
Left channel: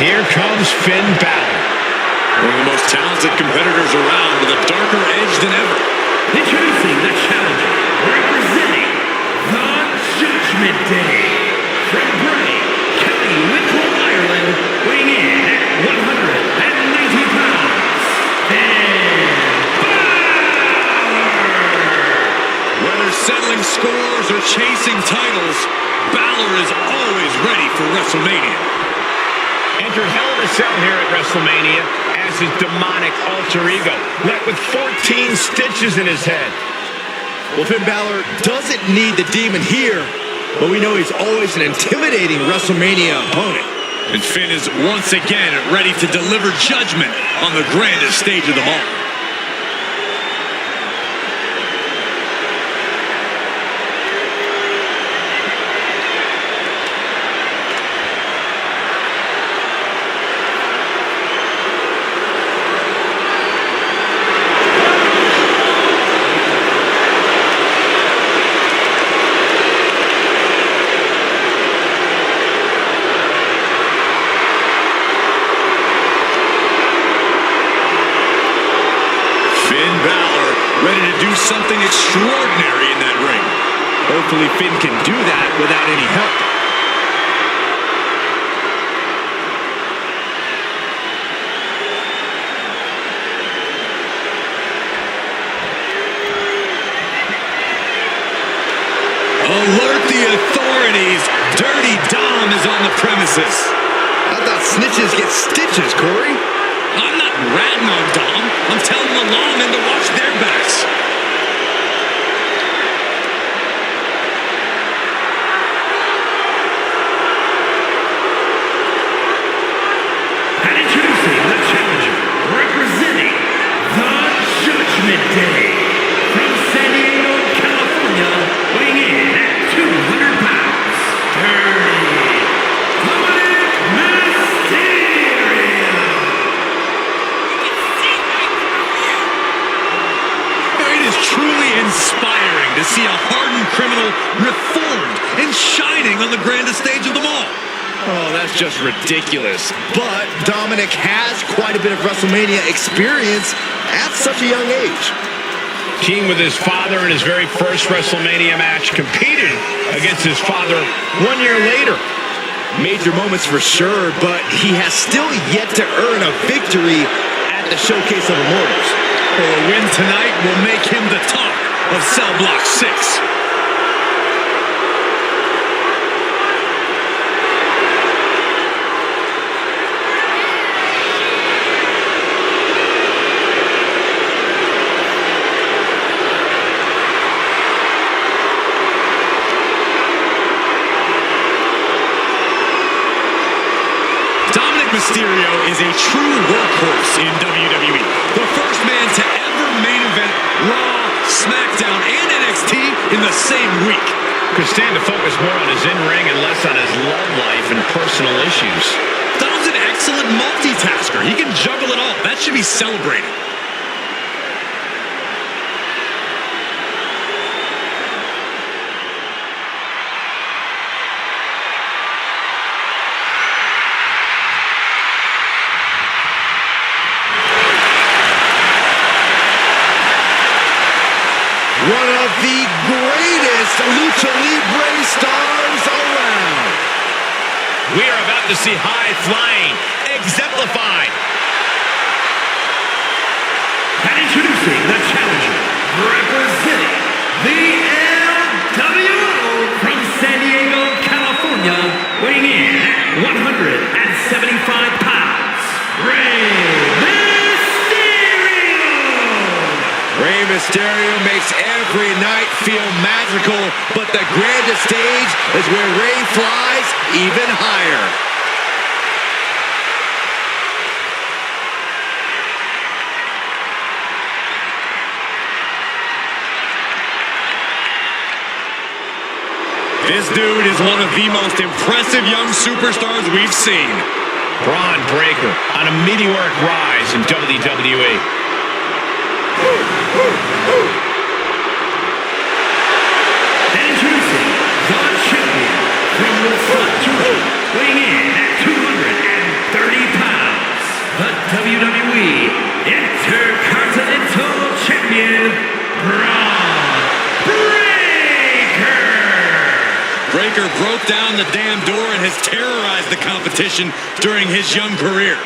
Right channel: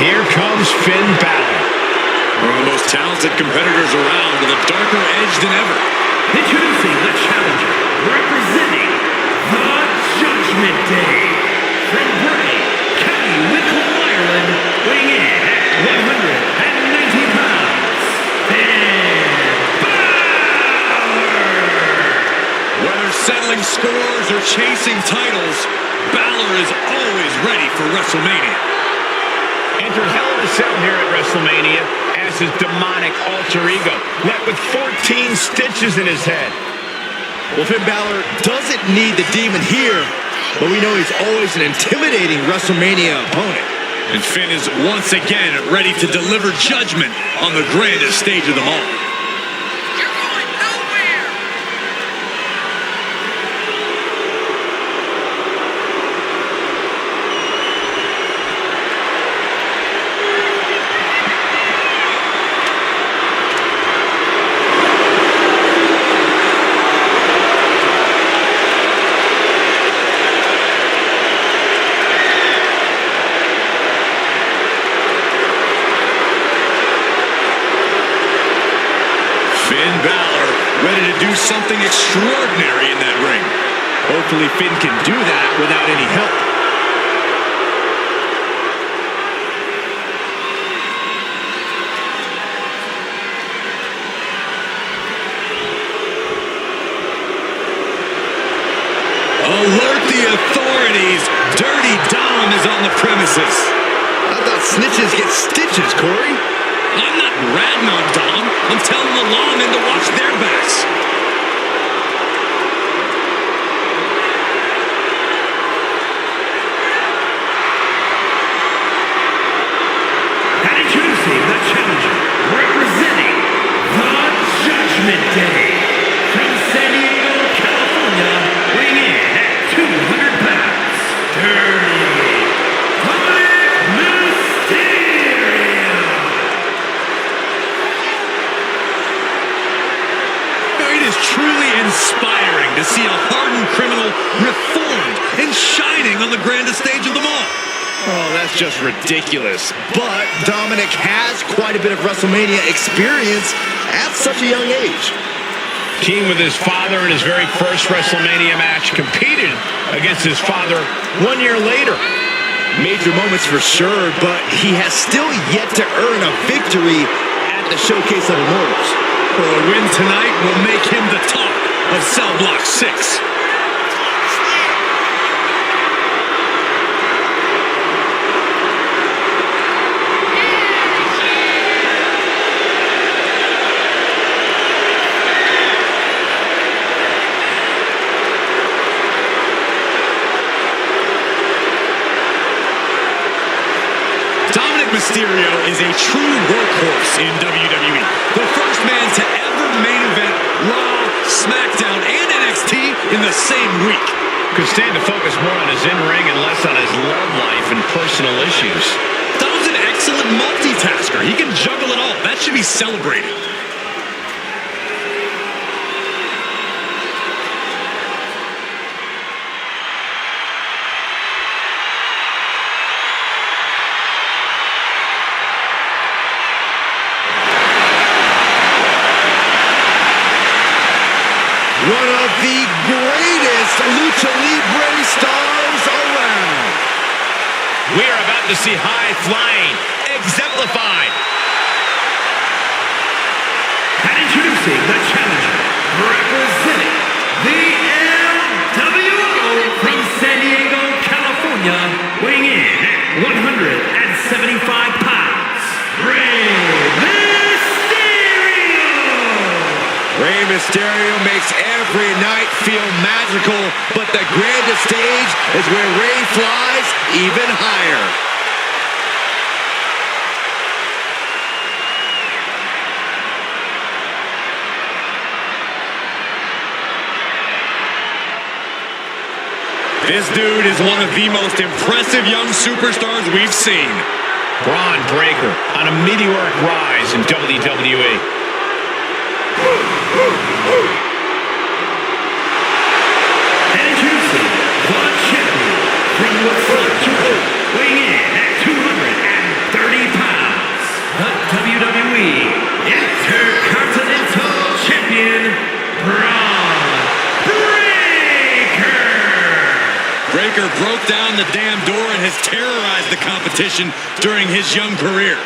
Here comes Finn Balor. One of the most talented competitors around with a darker edge than ever. Introducing the challenger, representing the Judgment Day, from Bray, County Wicklow, Ireland, weighing in at 190 pounds, Finn Balor! Whether settling scores or chasing titles, Balor is always ready for WrestleMania. Entered Hell in a Cell here at WrestleMania as his demonic alter ego, left with 14 stitches in his head. Well, Finn Balor doesn't need the demon here, but we know he's always an intimidating WrestleMania opponent. And Finn is once again ready to deliver judgment on the grandest stage of them all. Finn Balor ready to do something extraordinary in that ring. Hopefully Finn can do that without any help. Alert the authorities! Dirty Dom is on the premises. I thought snitches get stitches, Corey. I'm not ratting on Dom. I'm telling the lawmen to watch their backs. And introducing the challenger, representing the Judgment Day, from San Diego, California, weighing in at 200 pounds, Dirty Mysterio. It is truly inspiring to see a hardened criminal reformed and shining on the grandest stage of them all. Oh, that's just ridiculous. But Dominic has quite a bit of WrestleMania experience at such a young age. Teamed with his father in his very first WrestleMania match, competed against his father 1 year later. Major moments for sure, but he has still yet to earn a victory at the Showcase of Immortals. Well, a win tonight will make him the talk of Cell Block 6. Mysterio is a true workhorse in WWE. The first man to ever main event Raw, SmackDown, and NXT in the same week. Could stand to focus more on his in-ring and less on his love life and personal issues. Dom's an excellent multitasker. He can juggle it all. That should be celebrated. One of the greatest Lucha Libre stars around. We are about to see high flying exemplified. And introducing the challenger, representing the LWO, from San Diego, California, weighing in at 175 pounds, Rey Mysterio makes every night feel magical, but the grandest stage is where Rey flies even higher. This dude is one of the most impressive young superstars we've seen. Braun Breaker on a meteoric rise in WWE. And introducing the champion from Woodstock, Georgia, weighing in at 230 in, Braun Breaker! Breaker broke down the damn door and has terrorized the competition during his young career.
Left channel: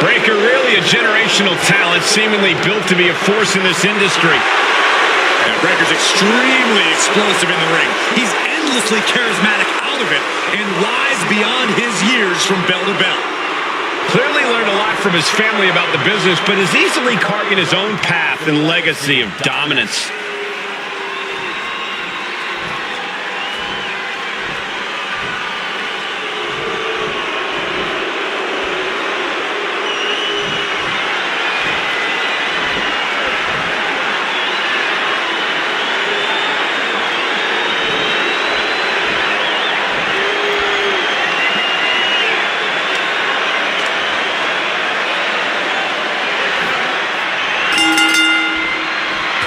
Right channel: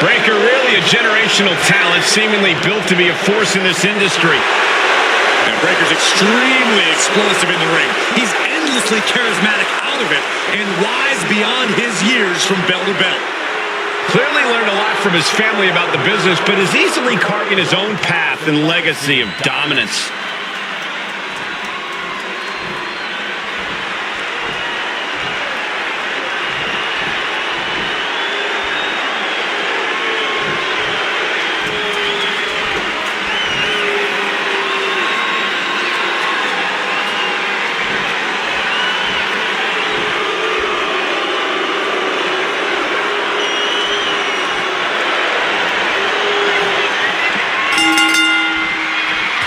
Breaker really a generational talent, seemingly built to be a force in this industry. And Breaker's extremely explosive in the ring. He's endlessly charismatic out of it and wise beyond his years from bell to bell. Clearly learned a lot from his family about the business, but is easily carving his own path and legacy of dominance.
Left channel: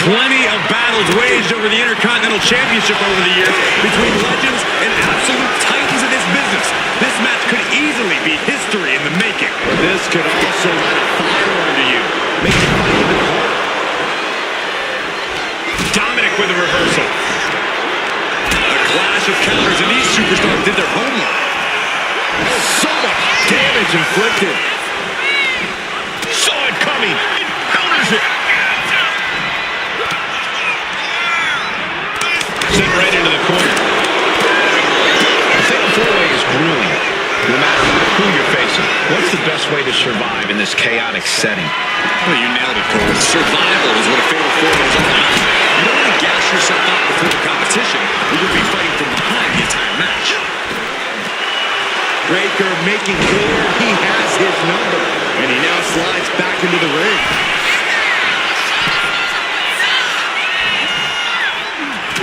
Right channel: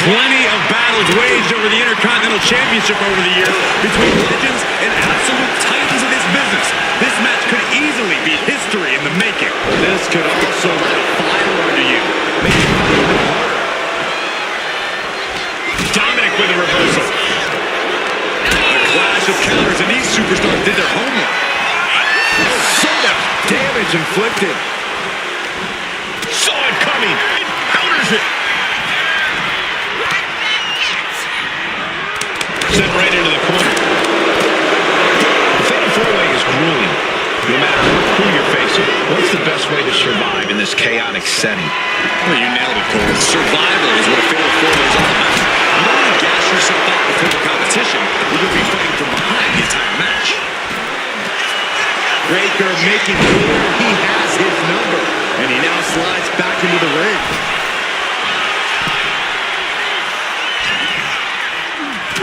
Plenty of battles waged over the Intercontinental Championship over the years between legends and absolute titans of this business. This match could easily be history in the making. This could also light a fire under you, make it fight even harder. Dominic with a reversal. A clash of counters, and these superstars did their homework. Oh, so much damage inflicted. Saw it coming. It counters it. Sent right into the corner. The Fatal 4-Way is grueling. No matter who you're facing, what's the best way to survive in this chaotic setting? Well, you nailed it, Cole. Survival is what a Fatal 4-Way is all about. You don't want to gas yourself out before the competition, or you'll be fighting from behind the entire match. Breaker making clear he has his number, and he now slides back into the ring.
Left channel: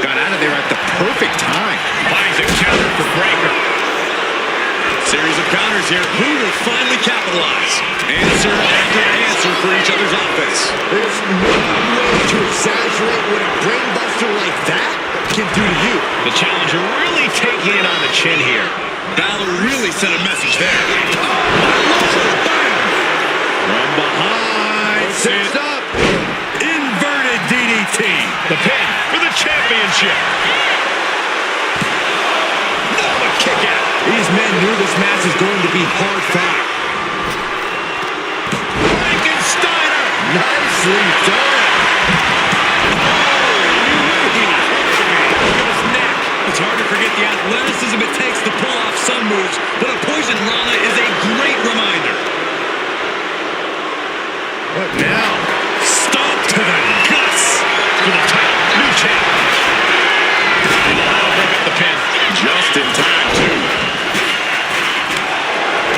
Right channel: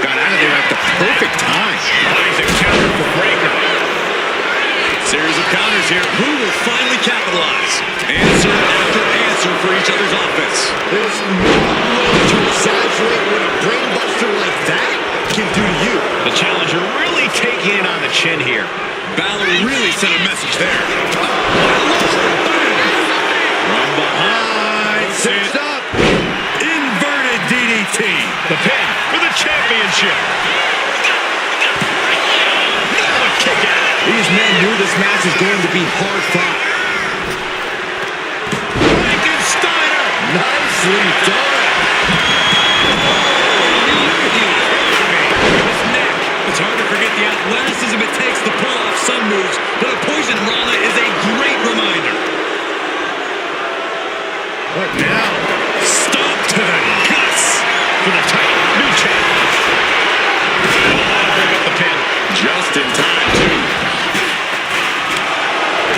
Got out of there at the perfect time. Finds a counter for Breaker. Series of counters here. Who will finally capitalize? Answer after answer for each other's offense. There's no way to exaggerate what a brainbuster like that can do to you. The challenger really taking it on the chin here. Balor really sent a message there. Bam! From behind, sits up. Inverted DDT. The pin for the championship. Now a kick out. These men knew this match was going to be hard fought. Frankensteiner. Nicely done. His neck. It's hard to forget the athleticism it takes to pull off some moves, but a poison Rana is a great reminder. What now? Stomp to the guts For the title. New champ. Oh, that'll break up the pin. just in time, too.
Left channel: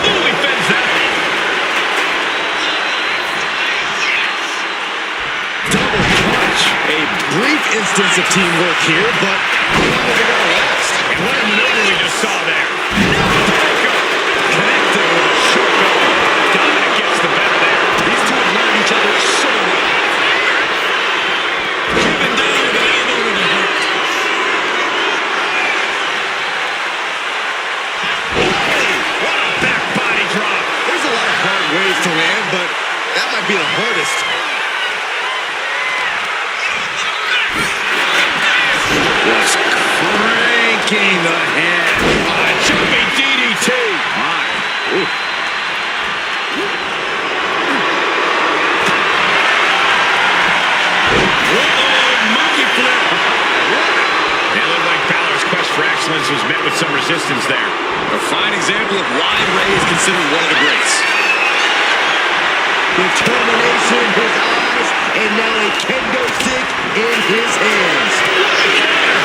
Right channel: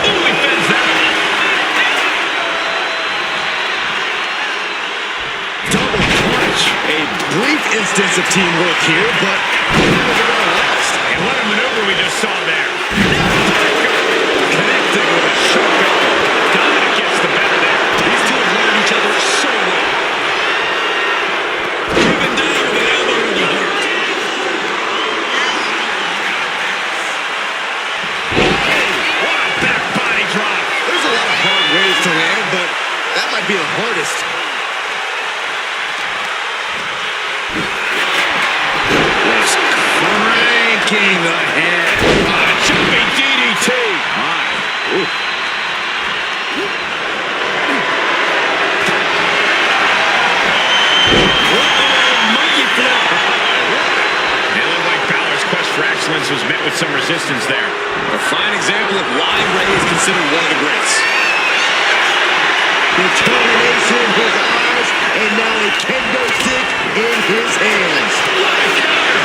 Ooh, he fends that. Double punch. A brief instance of teamwork here, but how long is it going to last? And what a maneuver we just saw there. Connecting with a short elbow. Dominic gets the better there. These two have learned each other so well. Driven down with an elbow to the heart. What a back body drop. There's a lot of hard ways to land, but that might be the hardest. Just cranking the head. Jumping DDT. My. Ooh. Monkey flip. It looked like Balor's quest for excellence was met with some resistance there. A fine example of why Ray is considered one of the greats. Determination in his eyes, and now a kendo stick in his hands. What a counter.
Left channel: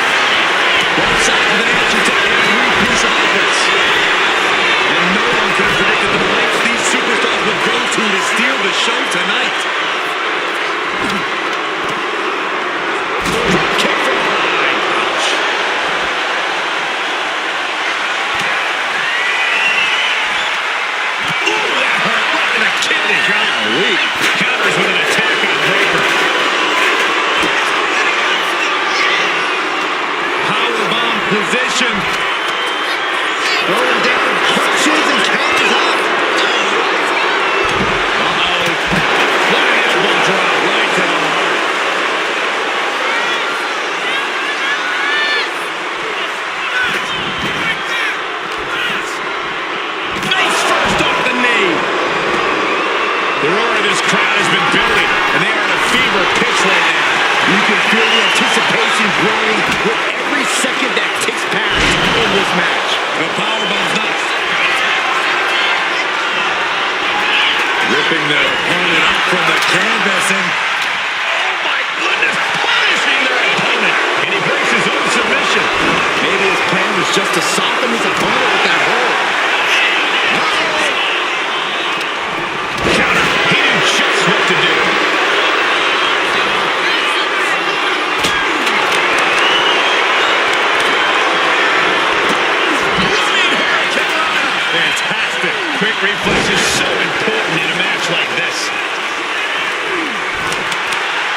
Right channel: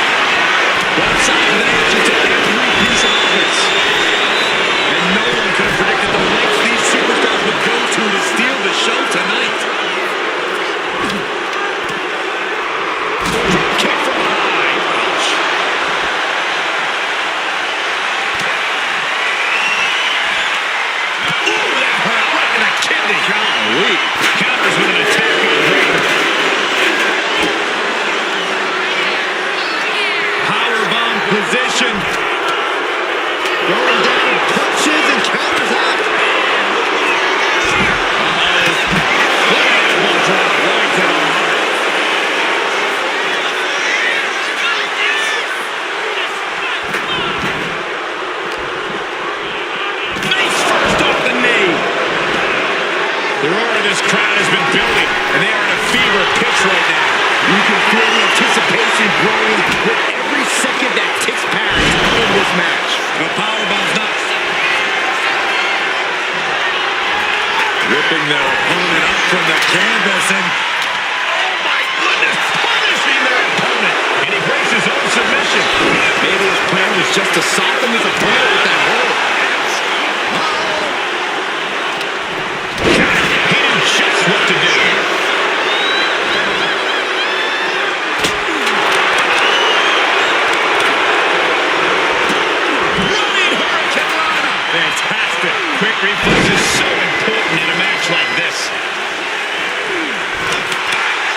Both sides with an answer to every piece of offense. And no one could have predicted the lengths these superstars would go to steal the show tonight. Drop kick from behind. Ouch. Ooh, that hurt right in the kidney. Golly. Counters with an attack on Breaker. Powerbomb position. submission. Throwing down punches and counters out. What an elbow drop right to the heart. Face first off the knee. The roar of this crowd has been building, and they are in a fever pitch right now. You can feel the anticipation growing with every second that ticks past in this match. The powerbomb's nuts. Ripping the opponent up from the canvas and... Oh my goodness, punishing their opponent. And he breaks his own submission. Maybe his plan was just to soften his opponent with that hold. Counter. He knew just what to do. Running Hurricane Rana. Fantastic. Quick reflex is so important in a match like this.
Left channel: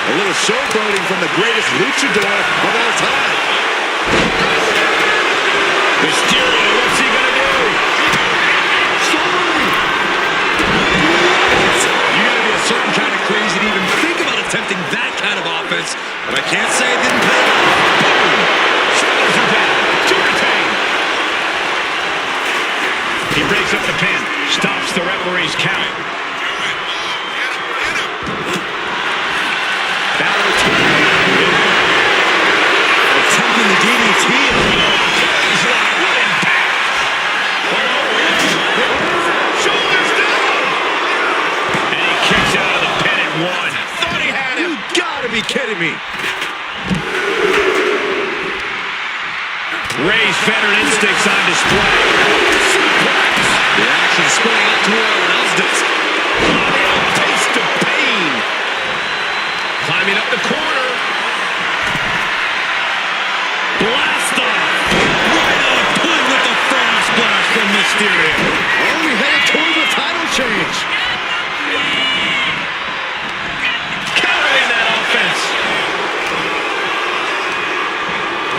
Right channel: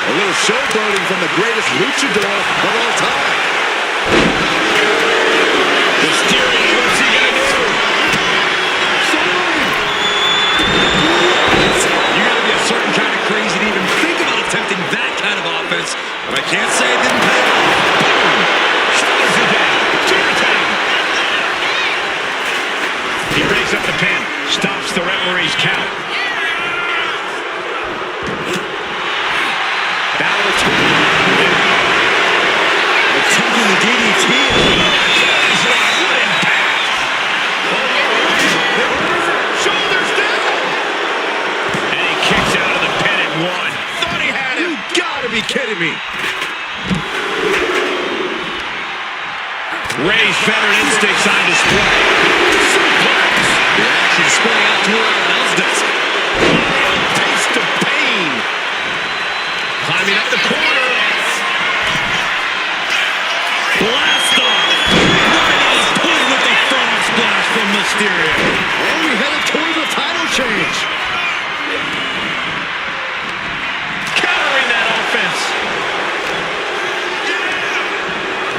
A little showboating from the greatest luchador of all time. Mysterio, what's he gonna do? Soaring! You gotta be a certain kind of crazy to even think about attempting that kind of offense. But I can't say it didn't pay off. Boom! Shoulders are down. To retain. He breaks up the pin. Stops the referee's count. Balor attempting the DDT. What impact! Shoulders down! And he kicks out of the pin at one. Thought he had him. You gotta be kidding me. Ray's veteran instincts on display. Suplex. The action spilling out to our announce desk. Mario taste of pain. Climbing up the corner. Blast off! Right on point with the frog splash from Mysterio. Oh, we headed towards a title change. Countering that offense.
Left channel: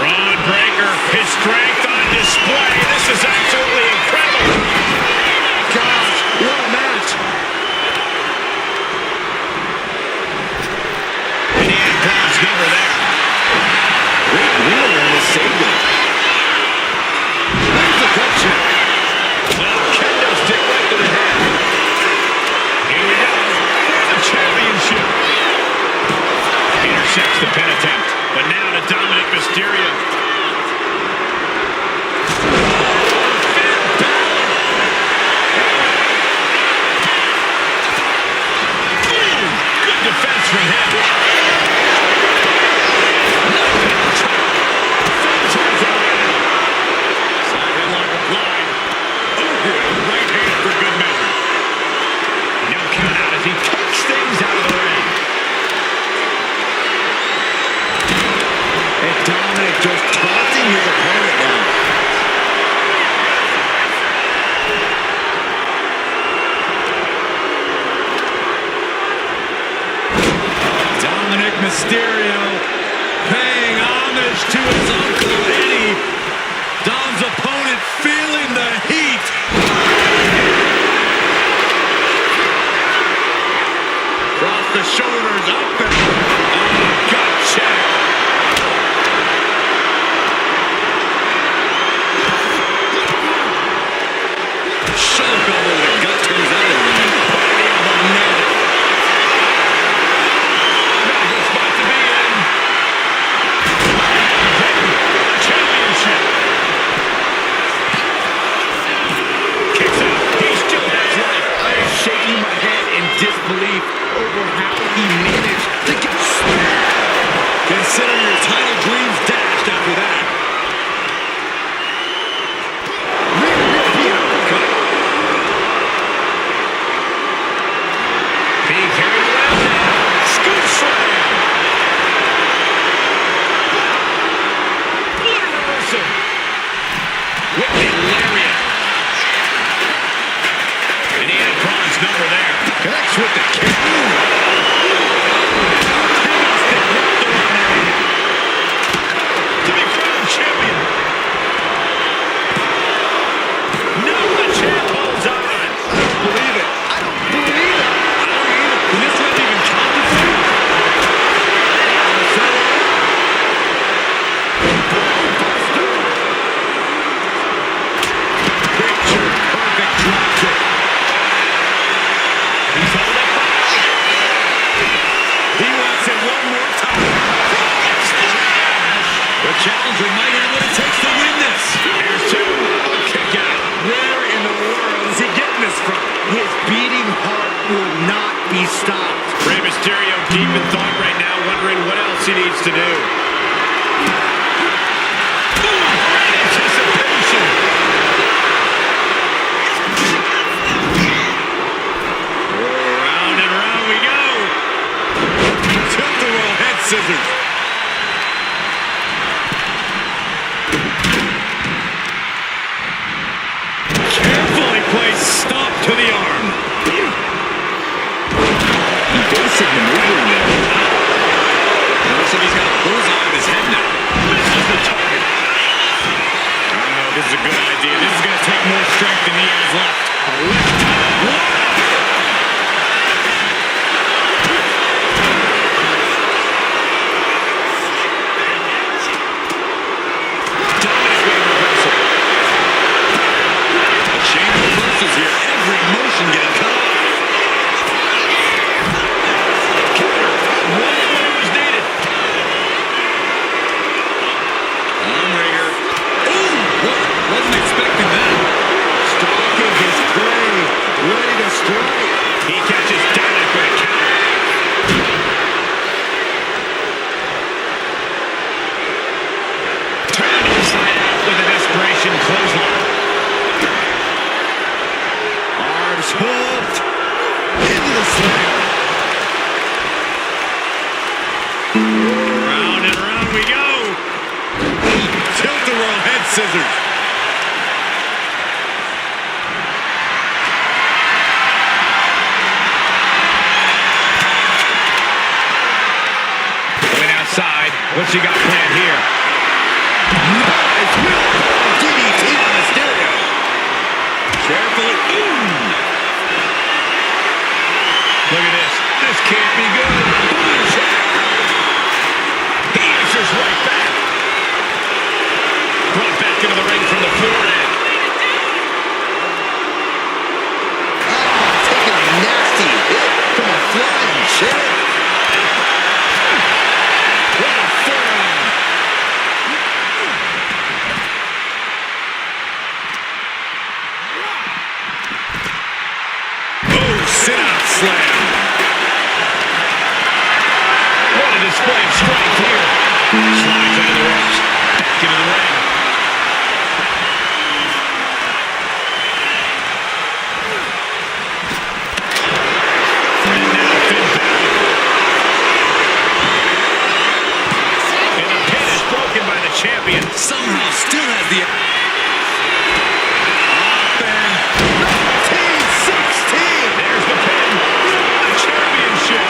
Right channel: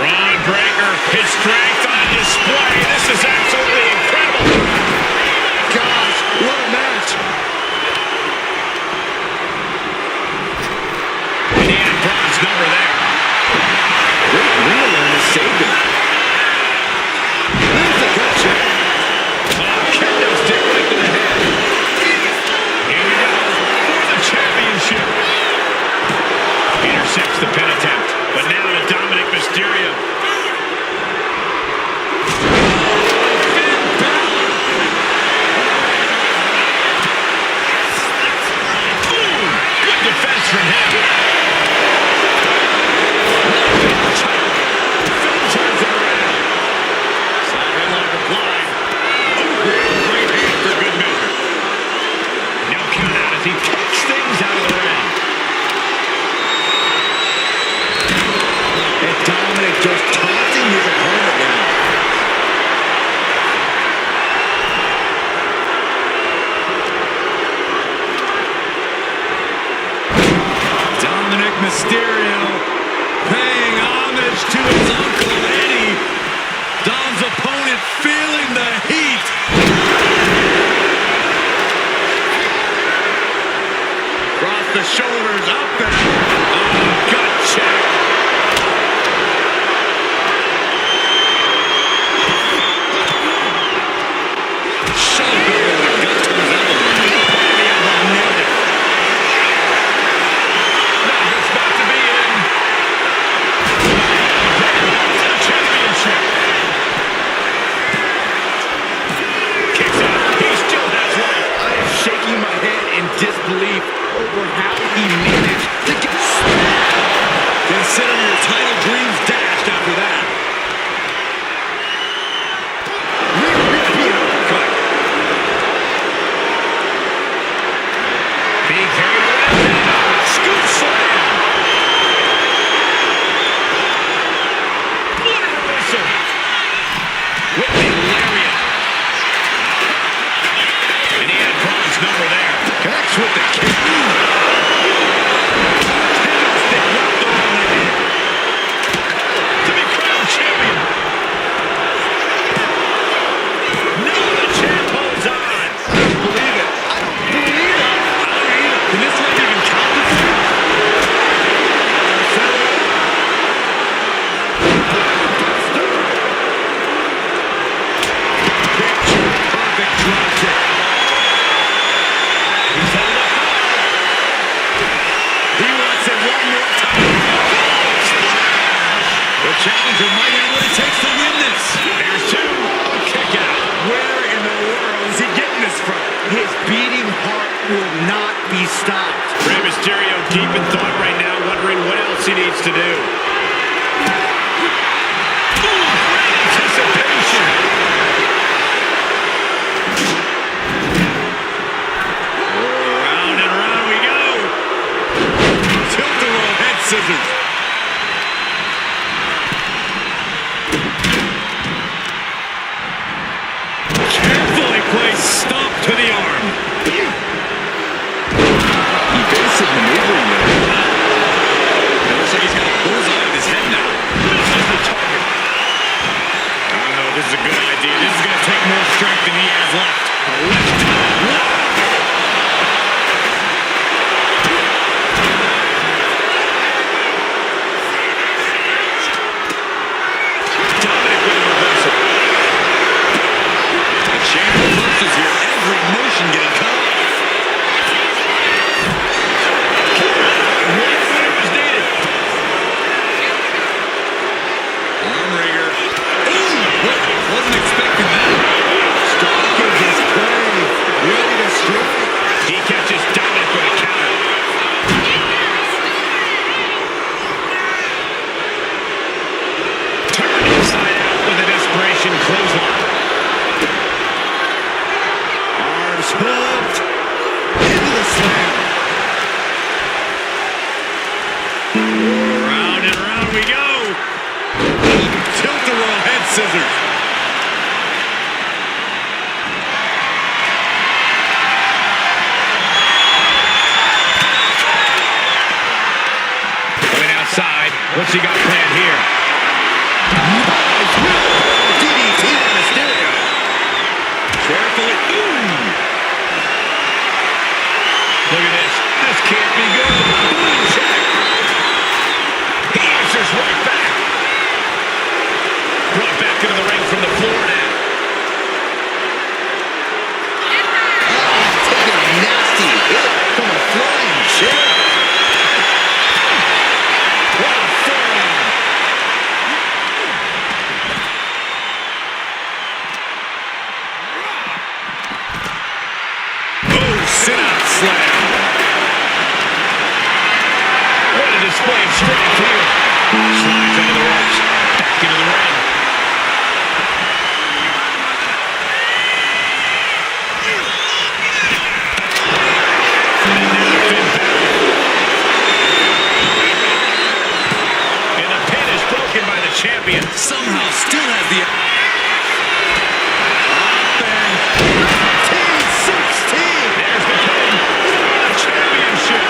Braun Breaker, his strength on display. This is absolutely incredible. Gosh, what a match. And he had Braun's number there. Great ring awareness saved him. There's the gut check. Oh, kendo stick right to the head. Here we go for the championship. Intercepts the pin attempt, but now to Dominic Mysterio. Finn Balor! Boom! Good defense from him. Finn turns it around. Side headlock applied. Over right hand for good measure. No count out as he takes things out of the ring. And Dominic just taunting his opponent now. Dominic Mysterio paying homage to his Uncle Eddie. Dom's opponent feeling the heat. Across the shoulders, up and gut check. Shoulder over the gut turns that around. The elbow nailed it. Not a good spot to be in. The championship. Kicks out. He still has life. I am shaking my head in disbelief over how he managed to get stabbed. Consider your title dreams dashed after that. Rear uppercut. Being carried around now. Scoop slam. What a reversal. With the lariat. And he had Braun's number there. Connects with the kick. To be crowned champion. challenger might have what it takes to win this. There's two. A kick out. Where in the world is he getting this from? His beating heart will not be stopped. Rey Mysterio deep in thought right now, wondering what else he needs to do. Ooh, great anticipation. Round and round we go. Tilt-a-whirl head scissors. Carefully placed stomp to the arm. Basic maneuvering there. It looks like he's got a bullseye on his head now. Misses the target. I don't know if this is a good idea. This is going to take more strength than he has left. A lift. Wow! Dominic with a reversal. A chain of reversals here. Every motion getting cut off. Right when it was needed. Armringer. Ooh! Wasn't expecting that. Stalking his prey. Ready to strike. He catches Dominic with a counter. Turned inside out with a desperation clothesline. Arms hooked. Into the slam. Round and round we go. Tilt-a-whirl head scissors. Going outside. What's he got planned here? Nice wheelbarrow DDT on Mysterio. Carefully. Ooh! Look at this. This can't be good. Boom check. He answers right back. Brought back into the ring from the floor now. Taking a nasty hit from a flying chair. What a forearm. Oh, sit-out slam. What a display of strength here. Slides under the ropes. Back into the ring. And now Finn Balor. And the pin is broken by the champion. Somehow still has the... There's the pin. The championship.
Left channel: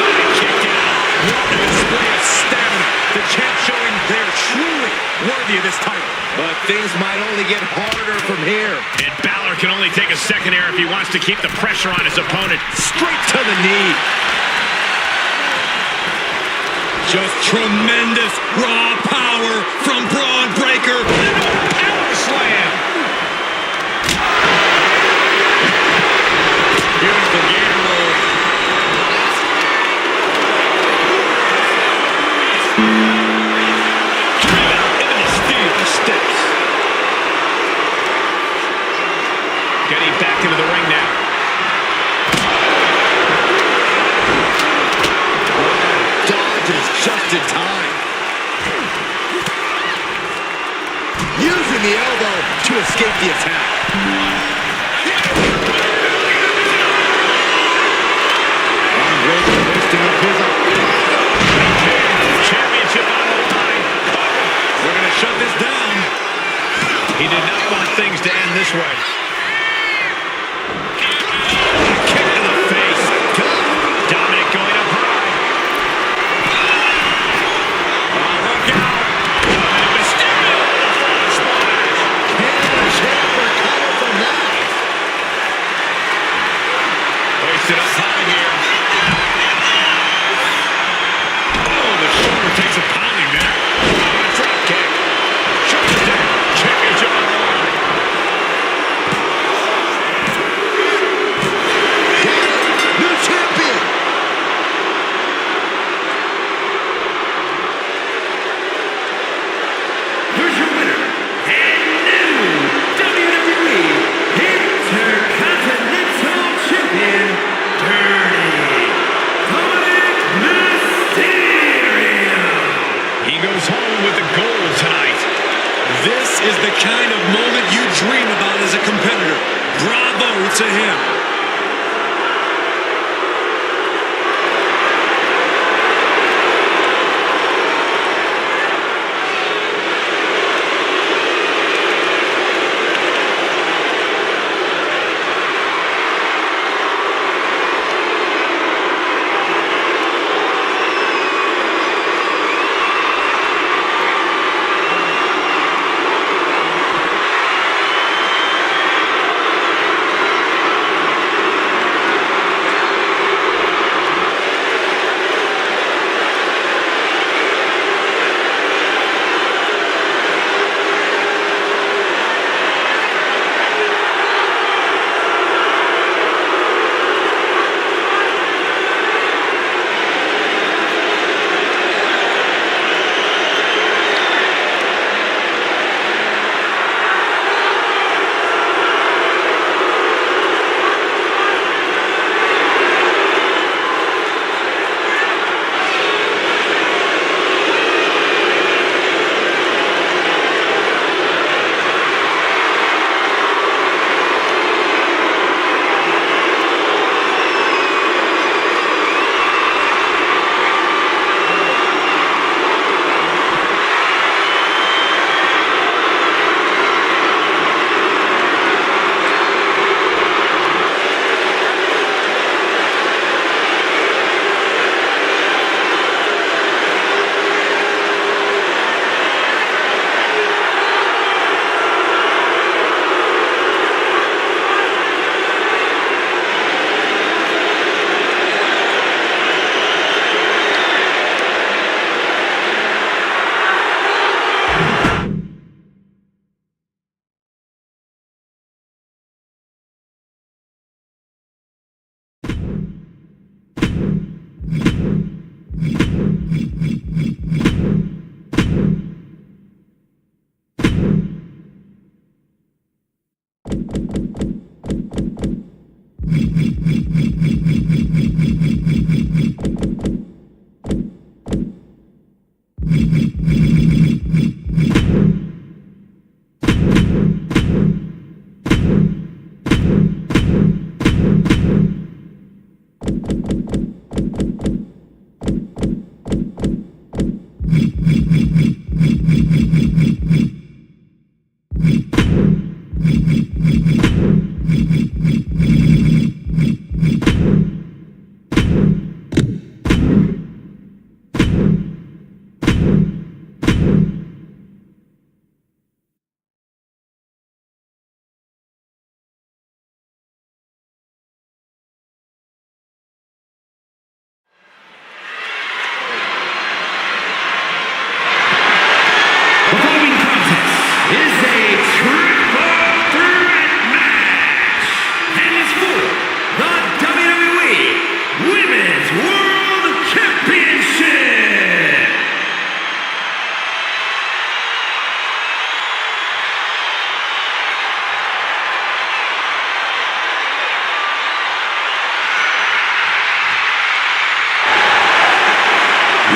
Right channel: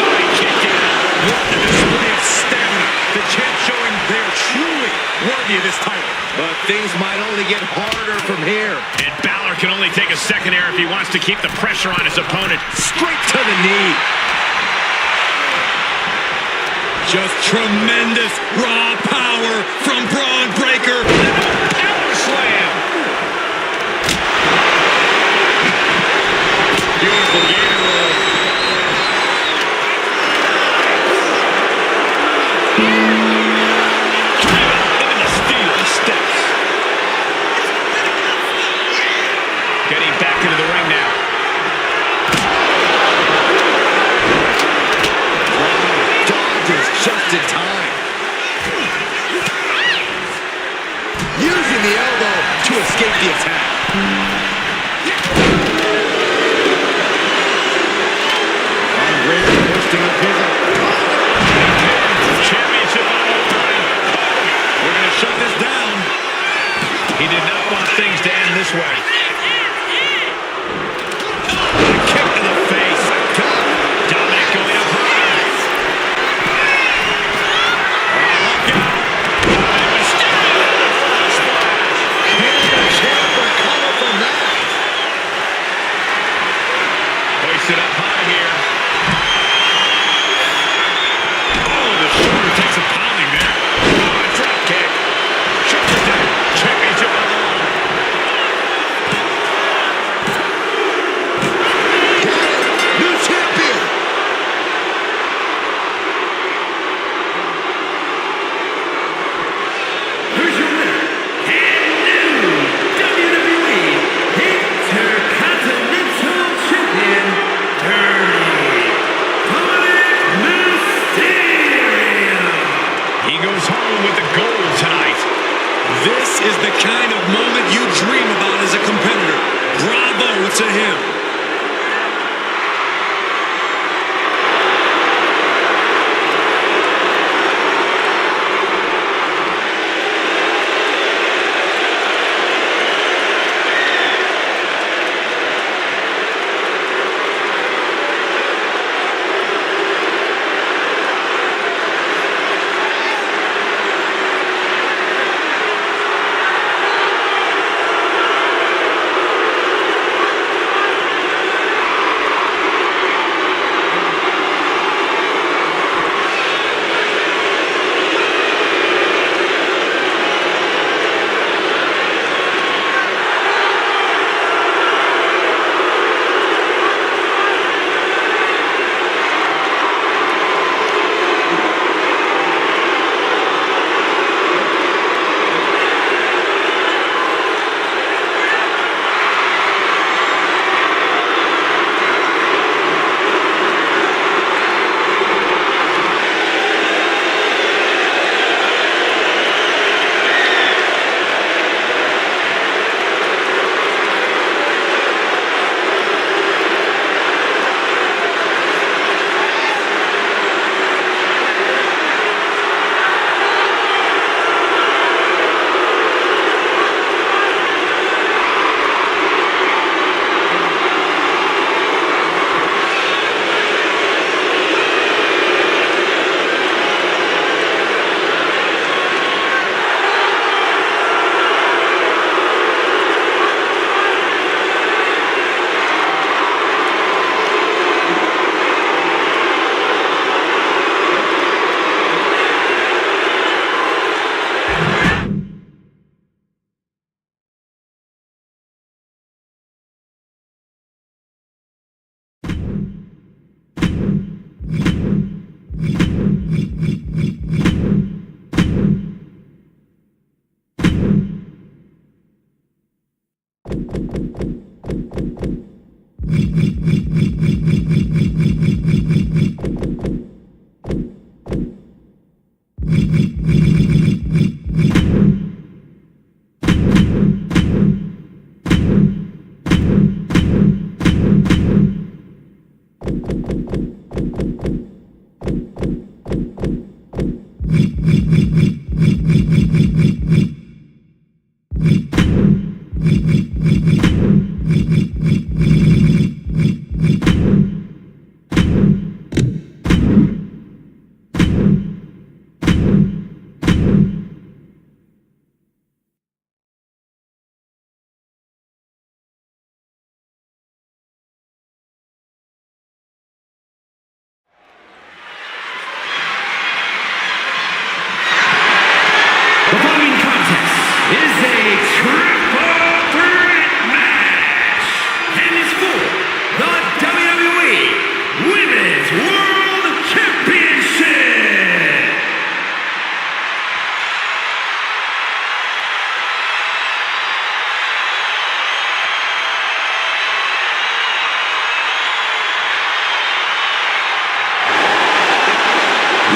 Oh, he kicked out. What a display of stamina. The champ showing they're truly worthy of this title. But things might only get harder from here. And Balor can only take a second here if he wants to keep the pressure on his opponent. Straight to the knee. Just tremendous raw power from Braun Breaker. Power slam. Beautiful gator roll. Driven into the steel steps. Getting back into the ring now. Dodges just in time. Using the elbow to escape the attack. Breaker lifting up his Championship on the line. We're going to shut this down. He did not want things to end this way. Kick to the face. Dominic going up high. Look out. Dominic Mysterio with a frog splash. Can the champ recover from that? Hoisted up high here. Oh, the shoulder takes a pounding there. Oh, a drop kick. Shoulder down. Championship on the line. is the kind of moment you dream about as a competitor. Bravo to him.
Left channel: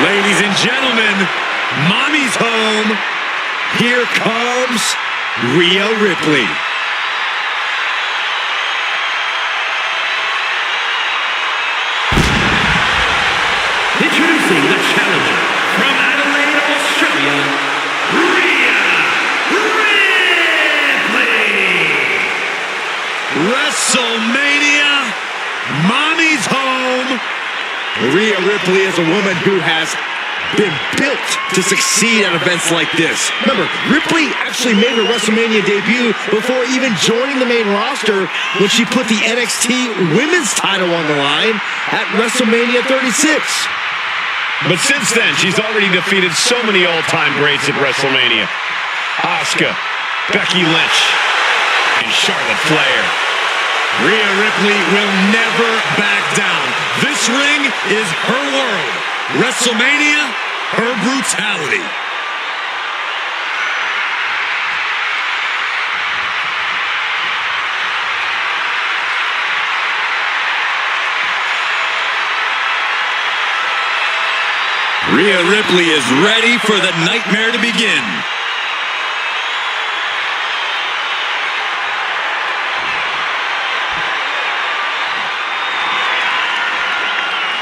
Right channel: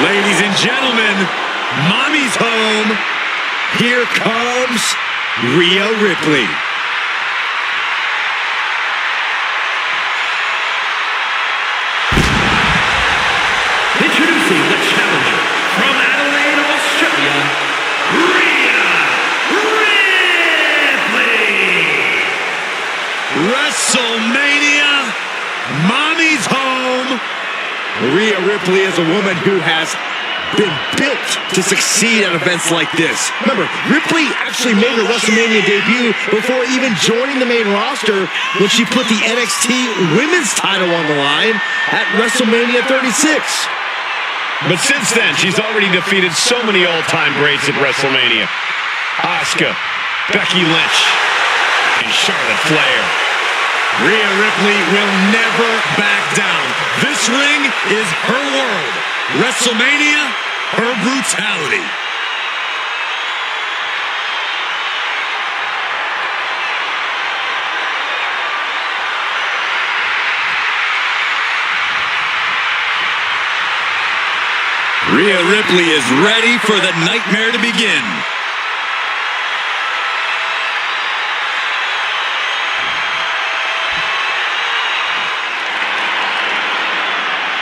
Ladies and gentlemen, Mommy's home. Here comes Rhea Ripley. Introducing the challenger from Adelaide, Australia, Rhea Ripley. WrestleMania, Mommy's home. Rhea Ripley is a woman who has been built to succeed at events like this. Remember, Ripley actually made her WrestleMania debut before even joining the main roster when she put the NXT Women's title on the line at WrestleMania 36. But since then, she's already defeated so many all-time greats at WrestleMania. Asuka, Becky Lynch, and Charlotte Flair. Rhea Ripley will never back down. This ring is her world. WrestleMania, her brutality. Rhea Ripley is ready for the nightmare to begin.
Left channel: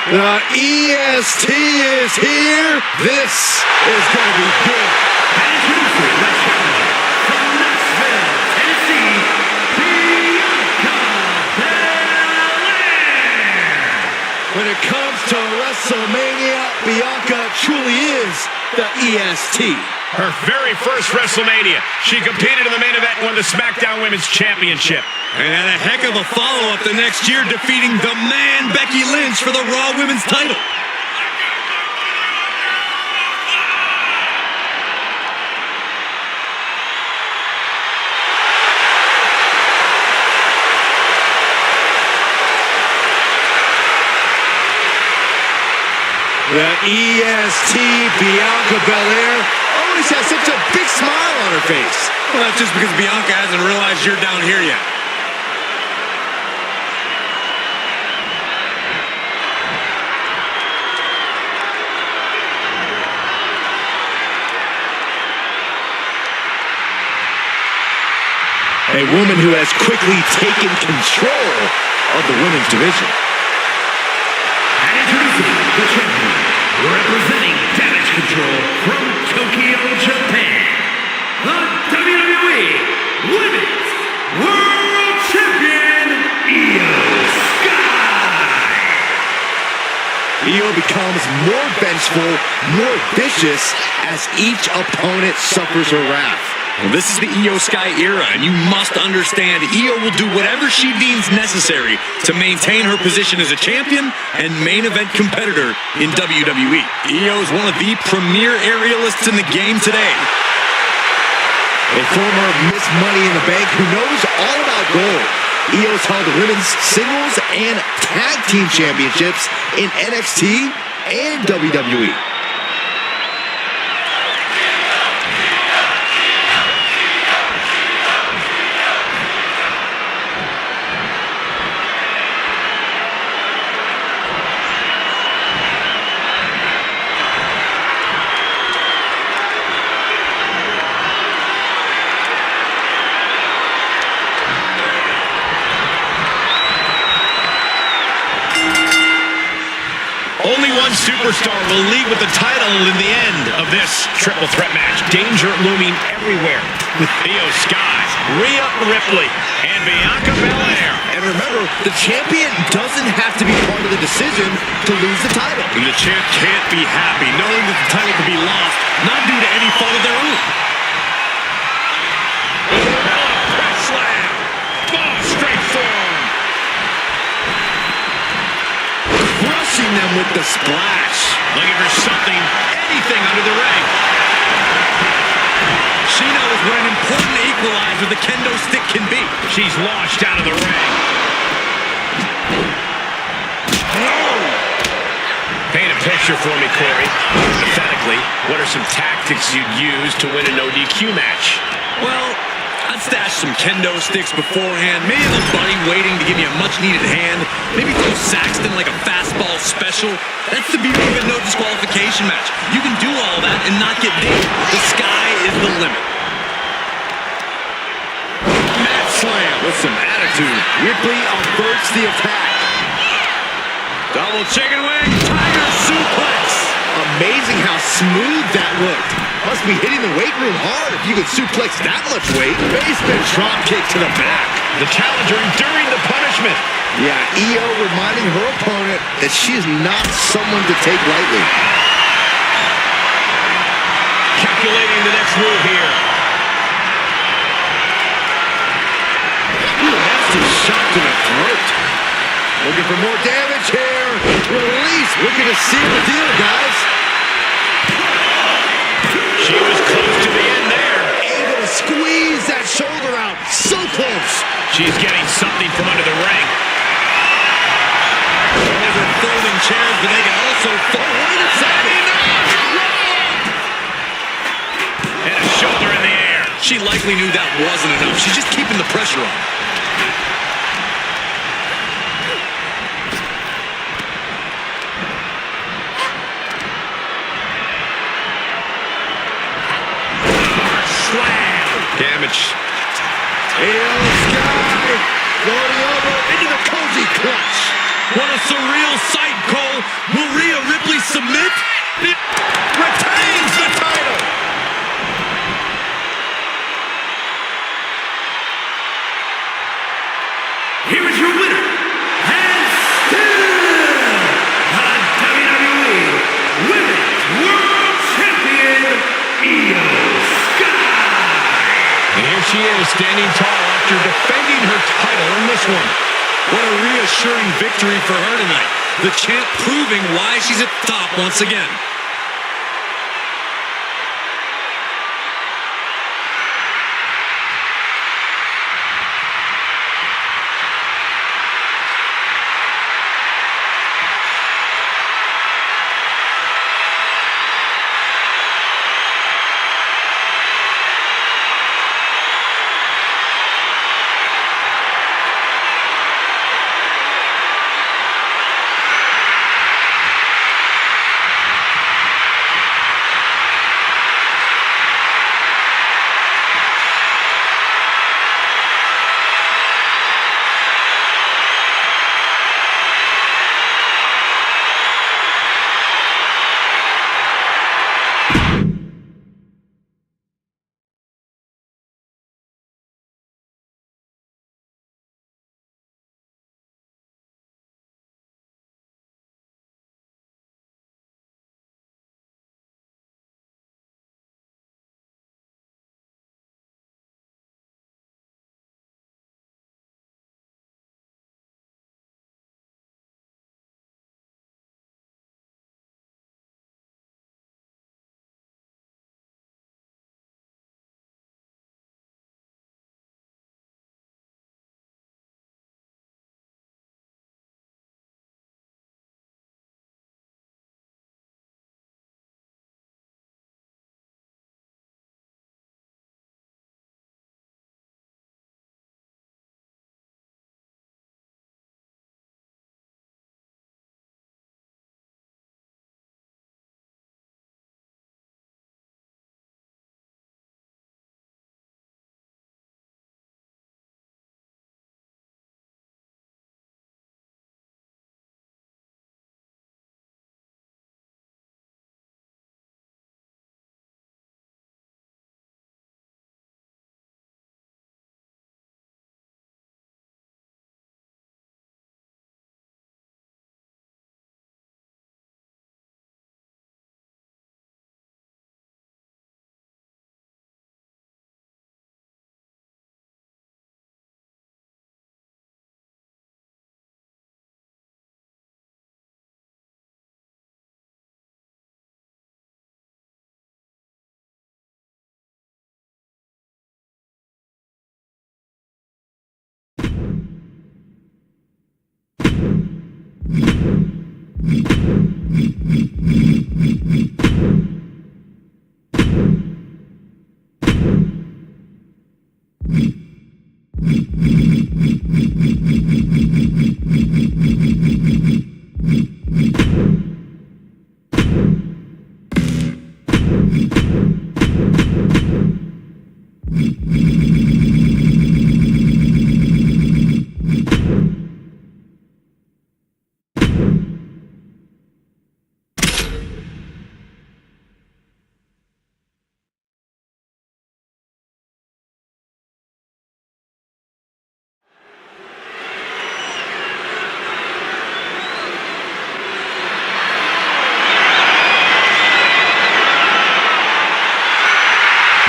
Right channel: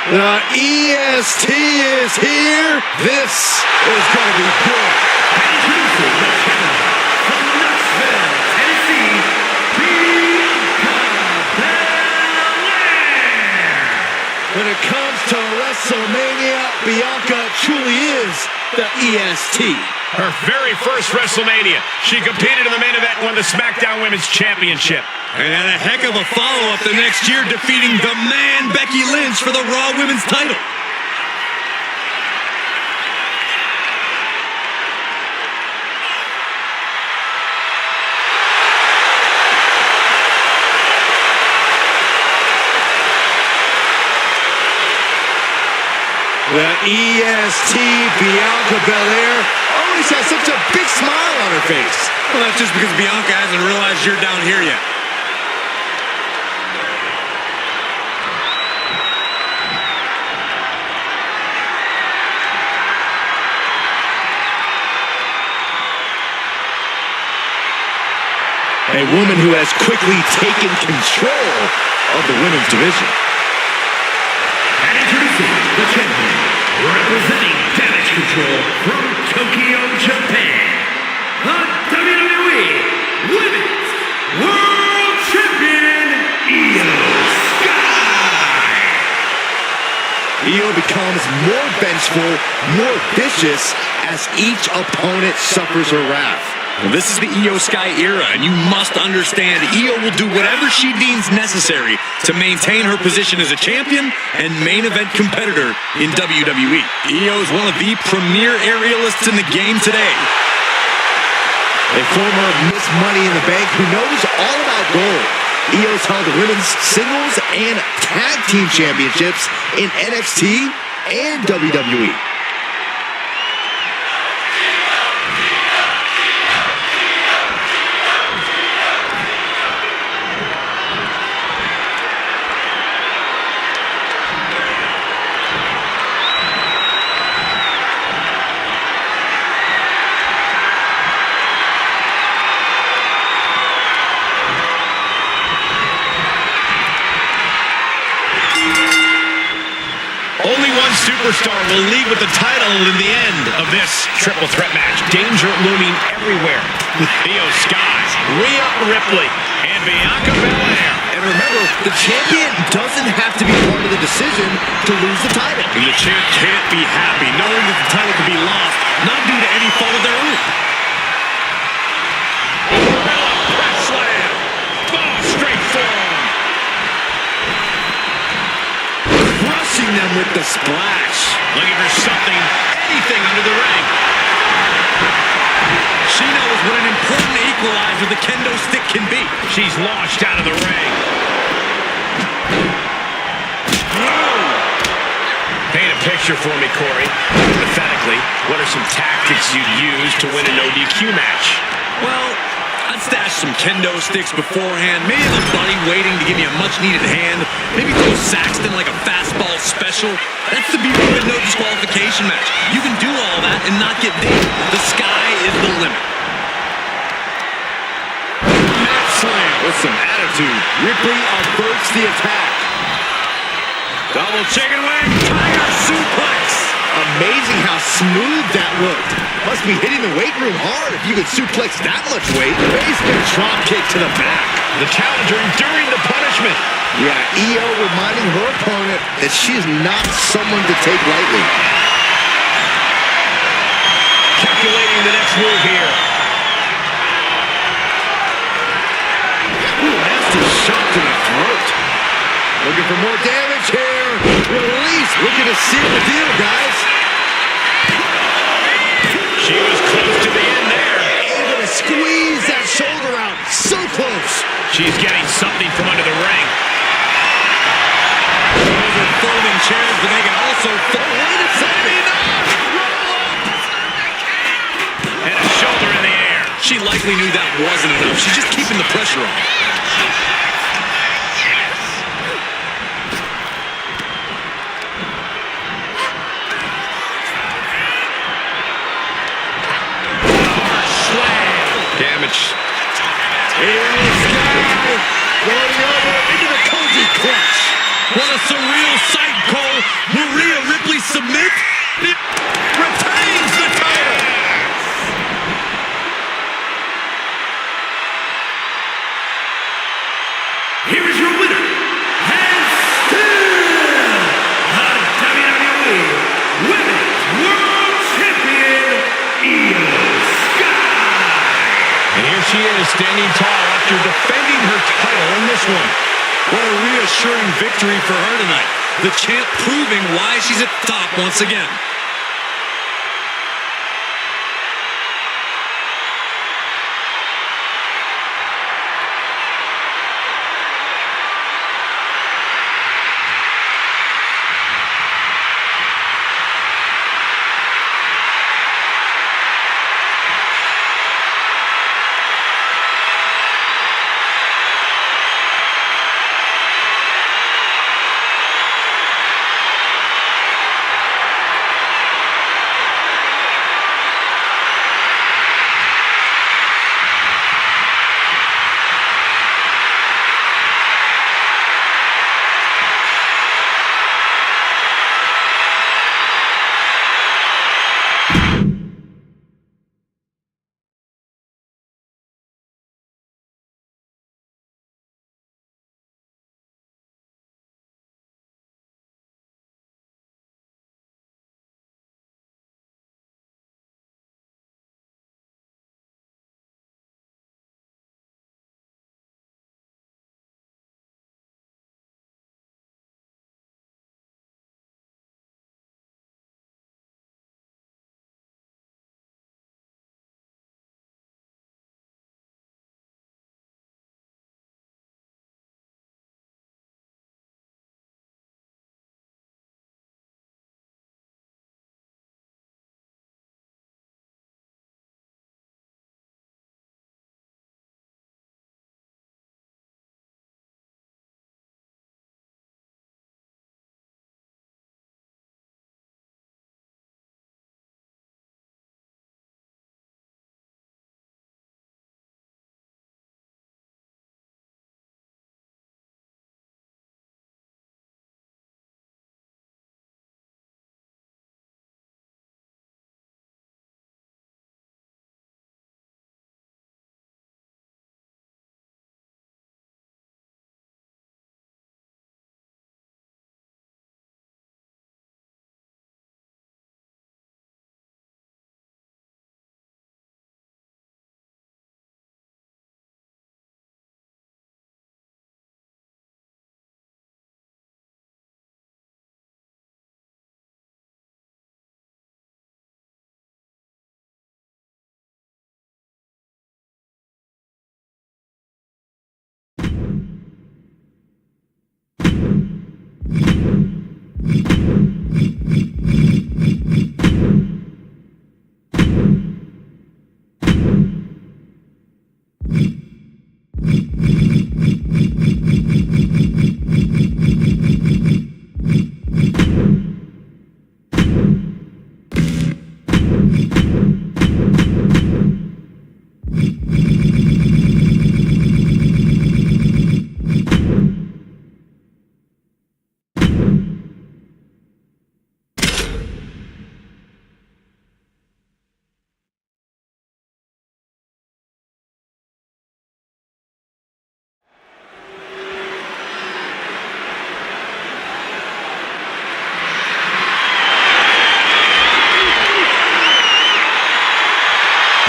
The EST is here. This is going to be good. And introducing the challenger from Knoxville, Tennessee, Bianca Belair. When it comes to WrestleMania, Bianca truly is the EST. Her very first WrestleMania, she competed in the main event and won the SmackDown Women's Championship. And had a heck of a follow-up the next year, defeating the man Becky Lynch for the Raw Women's title. The EST, Bianca Belair, always has such a big smile on her face. Well, that's just because Bianca hasn't realized you're down here yet. A woman who has quickly taken control of the women's division. And introducing the champion, representing Damage Control from Tokyo, Japan, the WWE Women's World Champion, Io Sky. Io becomes more vengeful, more vicious as each opponent suffers her wrath. Well, this is the Io Sky era, and you must understand Io will do whatever she deems necessary to maintain her position as a champion and main event competitor in WWE. Io is one of the premier aerialists in the game today. A former Miss Money in the Bank who knows all about gold. Io's held the women's singles and tag team championships in NXT and WWE. Only one superstar will lead with the title in the end of this triple threat match. Danger looming everywhere with Io Sky, Rhea Ripley, and Bianca Belair. And remember, the champion doesn't have to be part of the decision to lose the title. And the champ can't be happy knowing that the title could be lost, not due to any fault of their own. Gorilla press slam. Oh, straight forearm. Crushing them with the splash. Looking for something, anything under the ring. She knows what an important equalizer the kendo stick can be. She's launched out of the ring. Paint a picture for me, Corey. Hypothetically, what are some tactics you'd use to win a no DQ match? Well, I'd stash some kendo sticks beforehand. Maybe have a buddy waiting to give me a much-needed hand. Maybe throw Saxton like a fastball special. That's the beauty of a no disqualification match. You can do all that and not get dinged. The sky is the limit. Mat slam with some attitude. Ripley averts the attack. Double chicken wing, tiger suplex. Amazing how smooth that looked. Must be hitting the weight room hard if you could suplex that much weight. Basement drop kick to the back. The challenger enduring the punishment. Yeah, Io reminding her opponent that she is not someone to take lightly. Calculating the next move here. Ooh, nasty shot to the throat. Looking for more damage here. Release. Looking to seal the deal, guys. She was close to the end there. Able to squeeze that shoulder out. So close. She's getting something from under the ring. Those are folding chairs, but they can also fold. Wait a second. And a shoulder in the air. She likely knew that wasn't enough. She's just keeping the pressure on. Damage. Io Sky going over into the cozy clutch. What a surreal sight, Cole. here is your winner, and still the WWE Women's World Champion, Io Sky. And here she is, standing tall after defending her title in this one. What a reassuring victory for her tonight. The champ proving why she's at the top once again.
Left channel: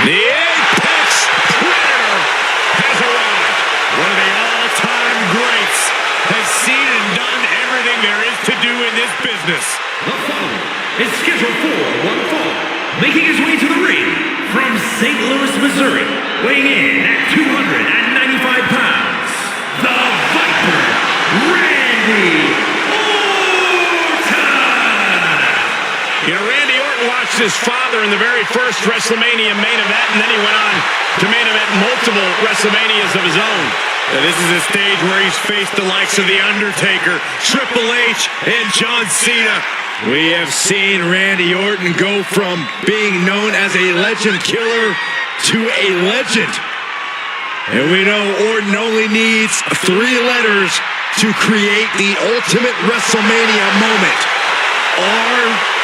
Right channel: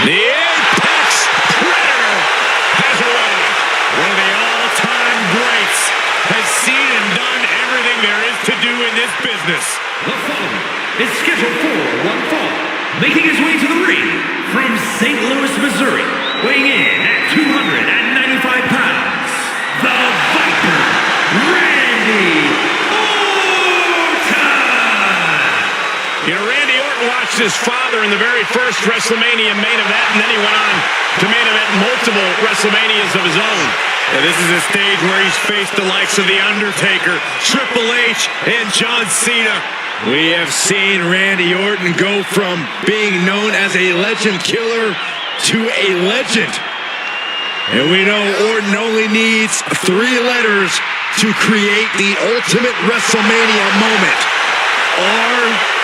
The Apex Predator has arrived. One of the all-time greats has seen and done everything there is to do in this business. The following is scheduled for one fall, making his way to the ring from St. Louis, Missouri, weighing in at 295 pounds, the Viper, Randy Orton! You know, Randy Orton watched his father in the very first WrestleMania main event, and then he went on to main event multiple WrestleManias of his own. Now, this is a stage where he's faced the likes of The Undertaker, Triple H, and John Cena. We have seen Randy Orton go from being known as a legend killer to a legend. And we know Orton only needs 3 letters to create the ultimate WrestleMania moment. RKO.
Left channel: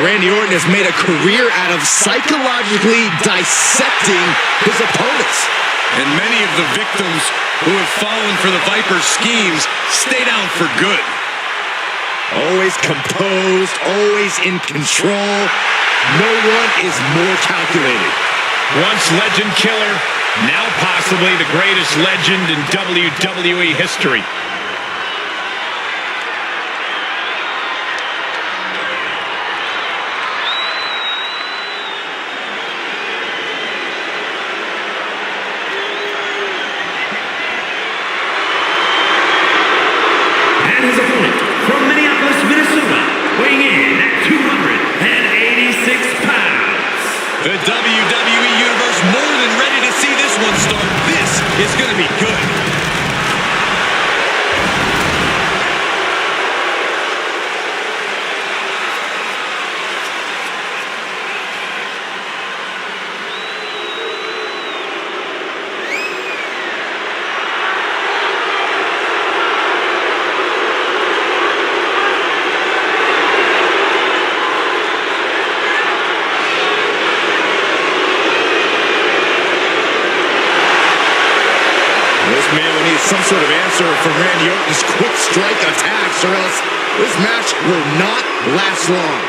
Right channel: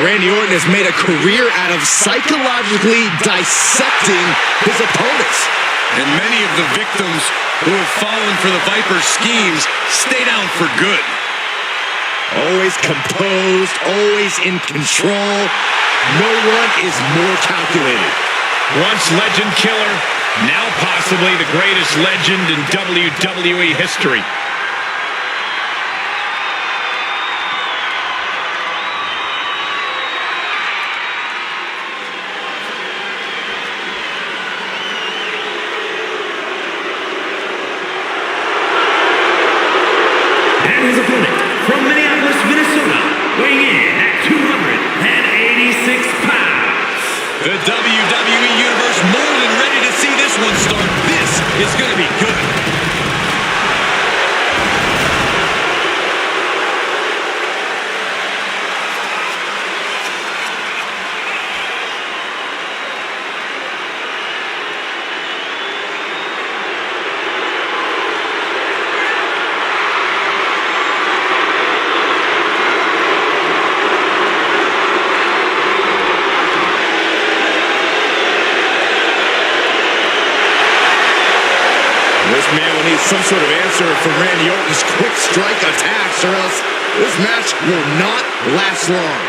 Randy Orton has made a career out of psychologically dissecting his opponents. And many of the victims who have fallen for the Viper's schemes stay down for good. Always composed, always in control. No one is more calculated. Once legend killer, now possibly the greatest legend in WWE history. His opponent from Minneapolis, Minnesota, weighing in at 286 pounds. The WWE Universe more than ready to see this one start. This is going to be good. This man will need some sort of answer from Randy Orton's quick strike attacks, or else this match will not last long.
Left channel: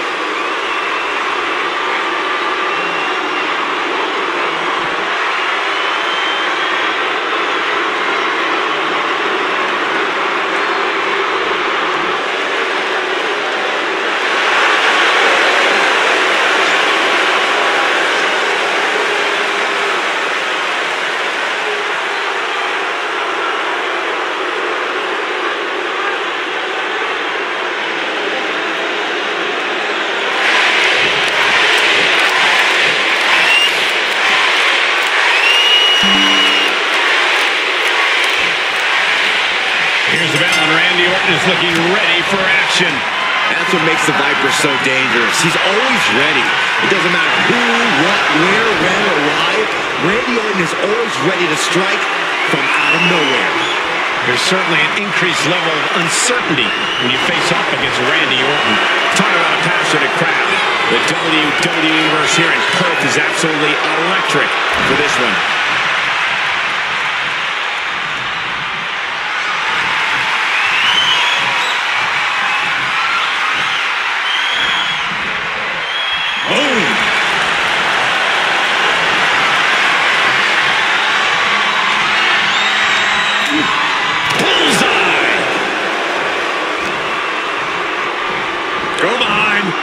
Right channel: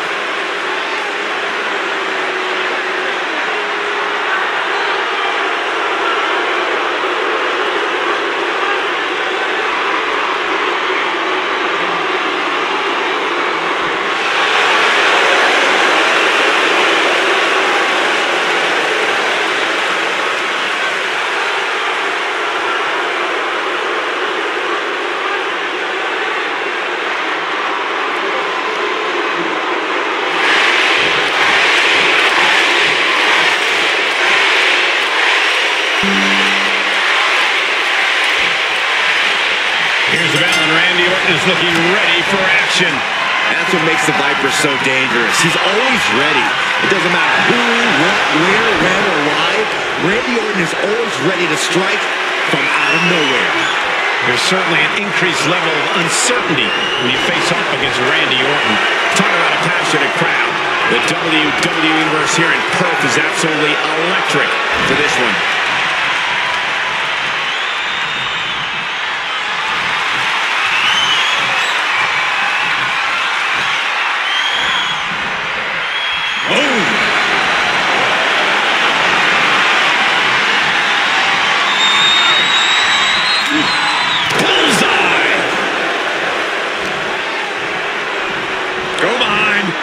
Here's the bell, and Randy Orton is looking ready for action. That's what makes the Viper so dangerous. He's always ready. It doesn't matter who, what, where, when, or why. Randy Orton is always ready to strike from out of nowhere. There's certainly an increased level of uncertainty when you face off against Randy Orton. Talk about a passionate crowd. The WWE Universe here in Perth is absolutely electric for this one. Bullseye! Go behind. 9!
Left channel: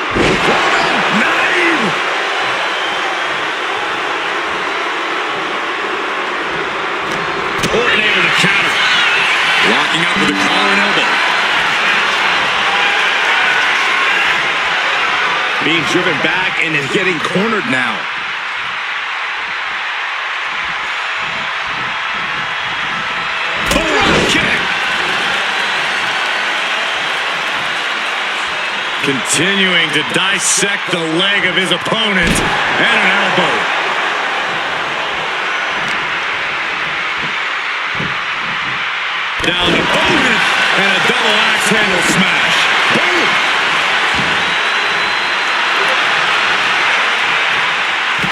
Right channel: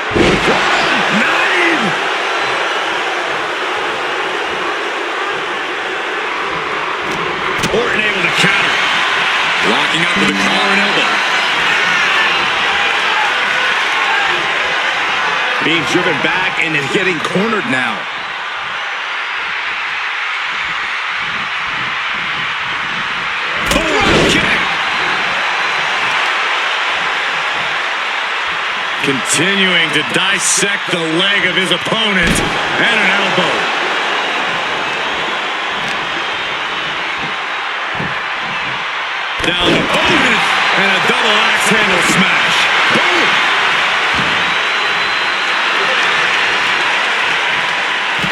Orton able to counter. Locking up with a collar and elbow. Being driven back and is getting cornered now. Kick. Continuing to dissect the leg of his opponent, and an elbow. Down to opponent, and a double axe handle smash. Boom!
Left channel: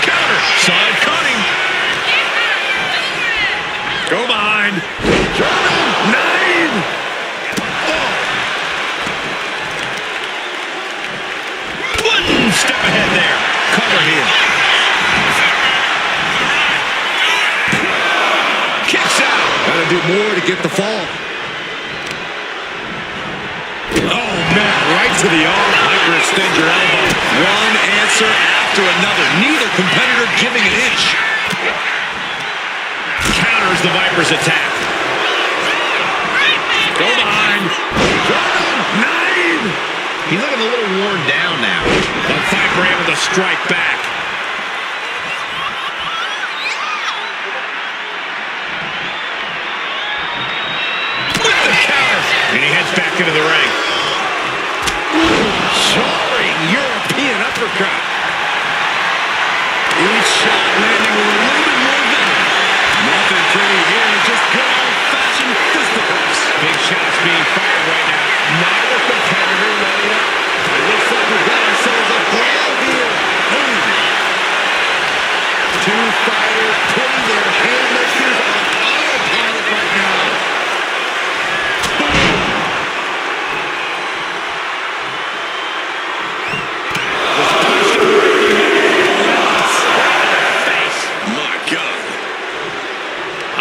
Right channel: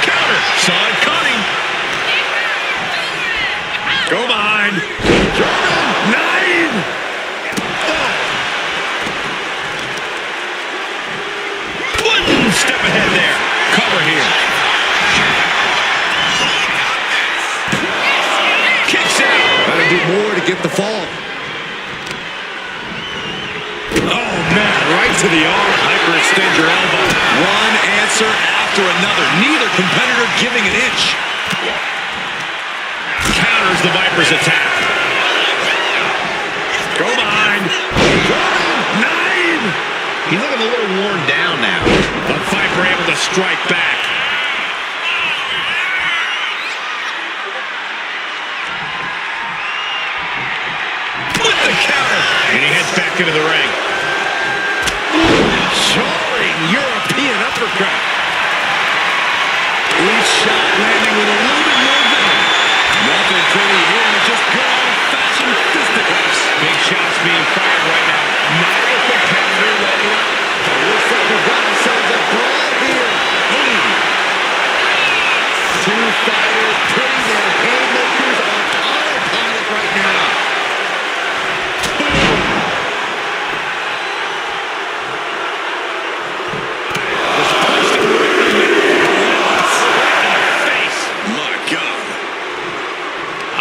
Counter, saw it coming. Go behind. German 9. Oh. One step ahead there. Cover here. Kicks out. Gotta do more to get the fall. Oh, man. Right to the arm. Hyperextend your elbow. One answer after another. Neither competitor giving an inch. Counters the Viper's attack. Go behind. 9. He's looking a little worn down now. The Viper able to strike back. With the counter. And he heads back into the ring. Jarring European uppercut. Each shot landing with a little bit more venom. Nothing pretty here, just good old-fashioned fisticuffs. Big shots being fired right now. Neither competitor letting up. It looks like we've got ourselves a brawl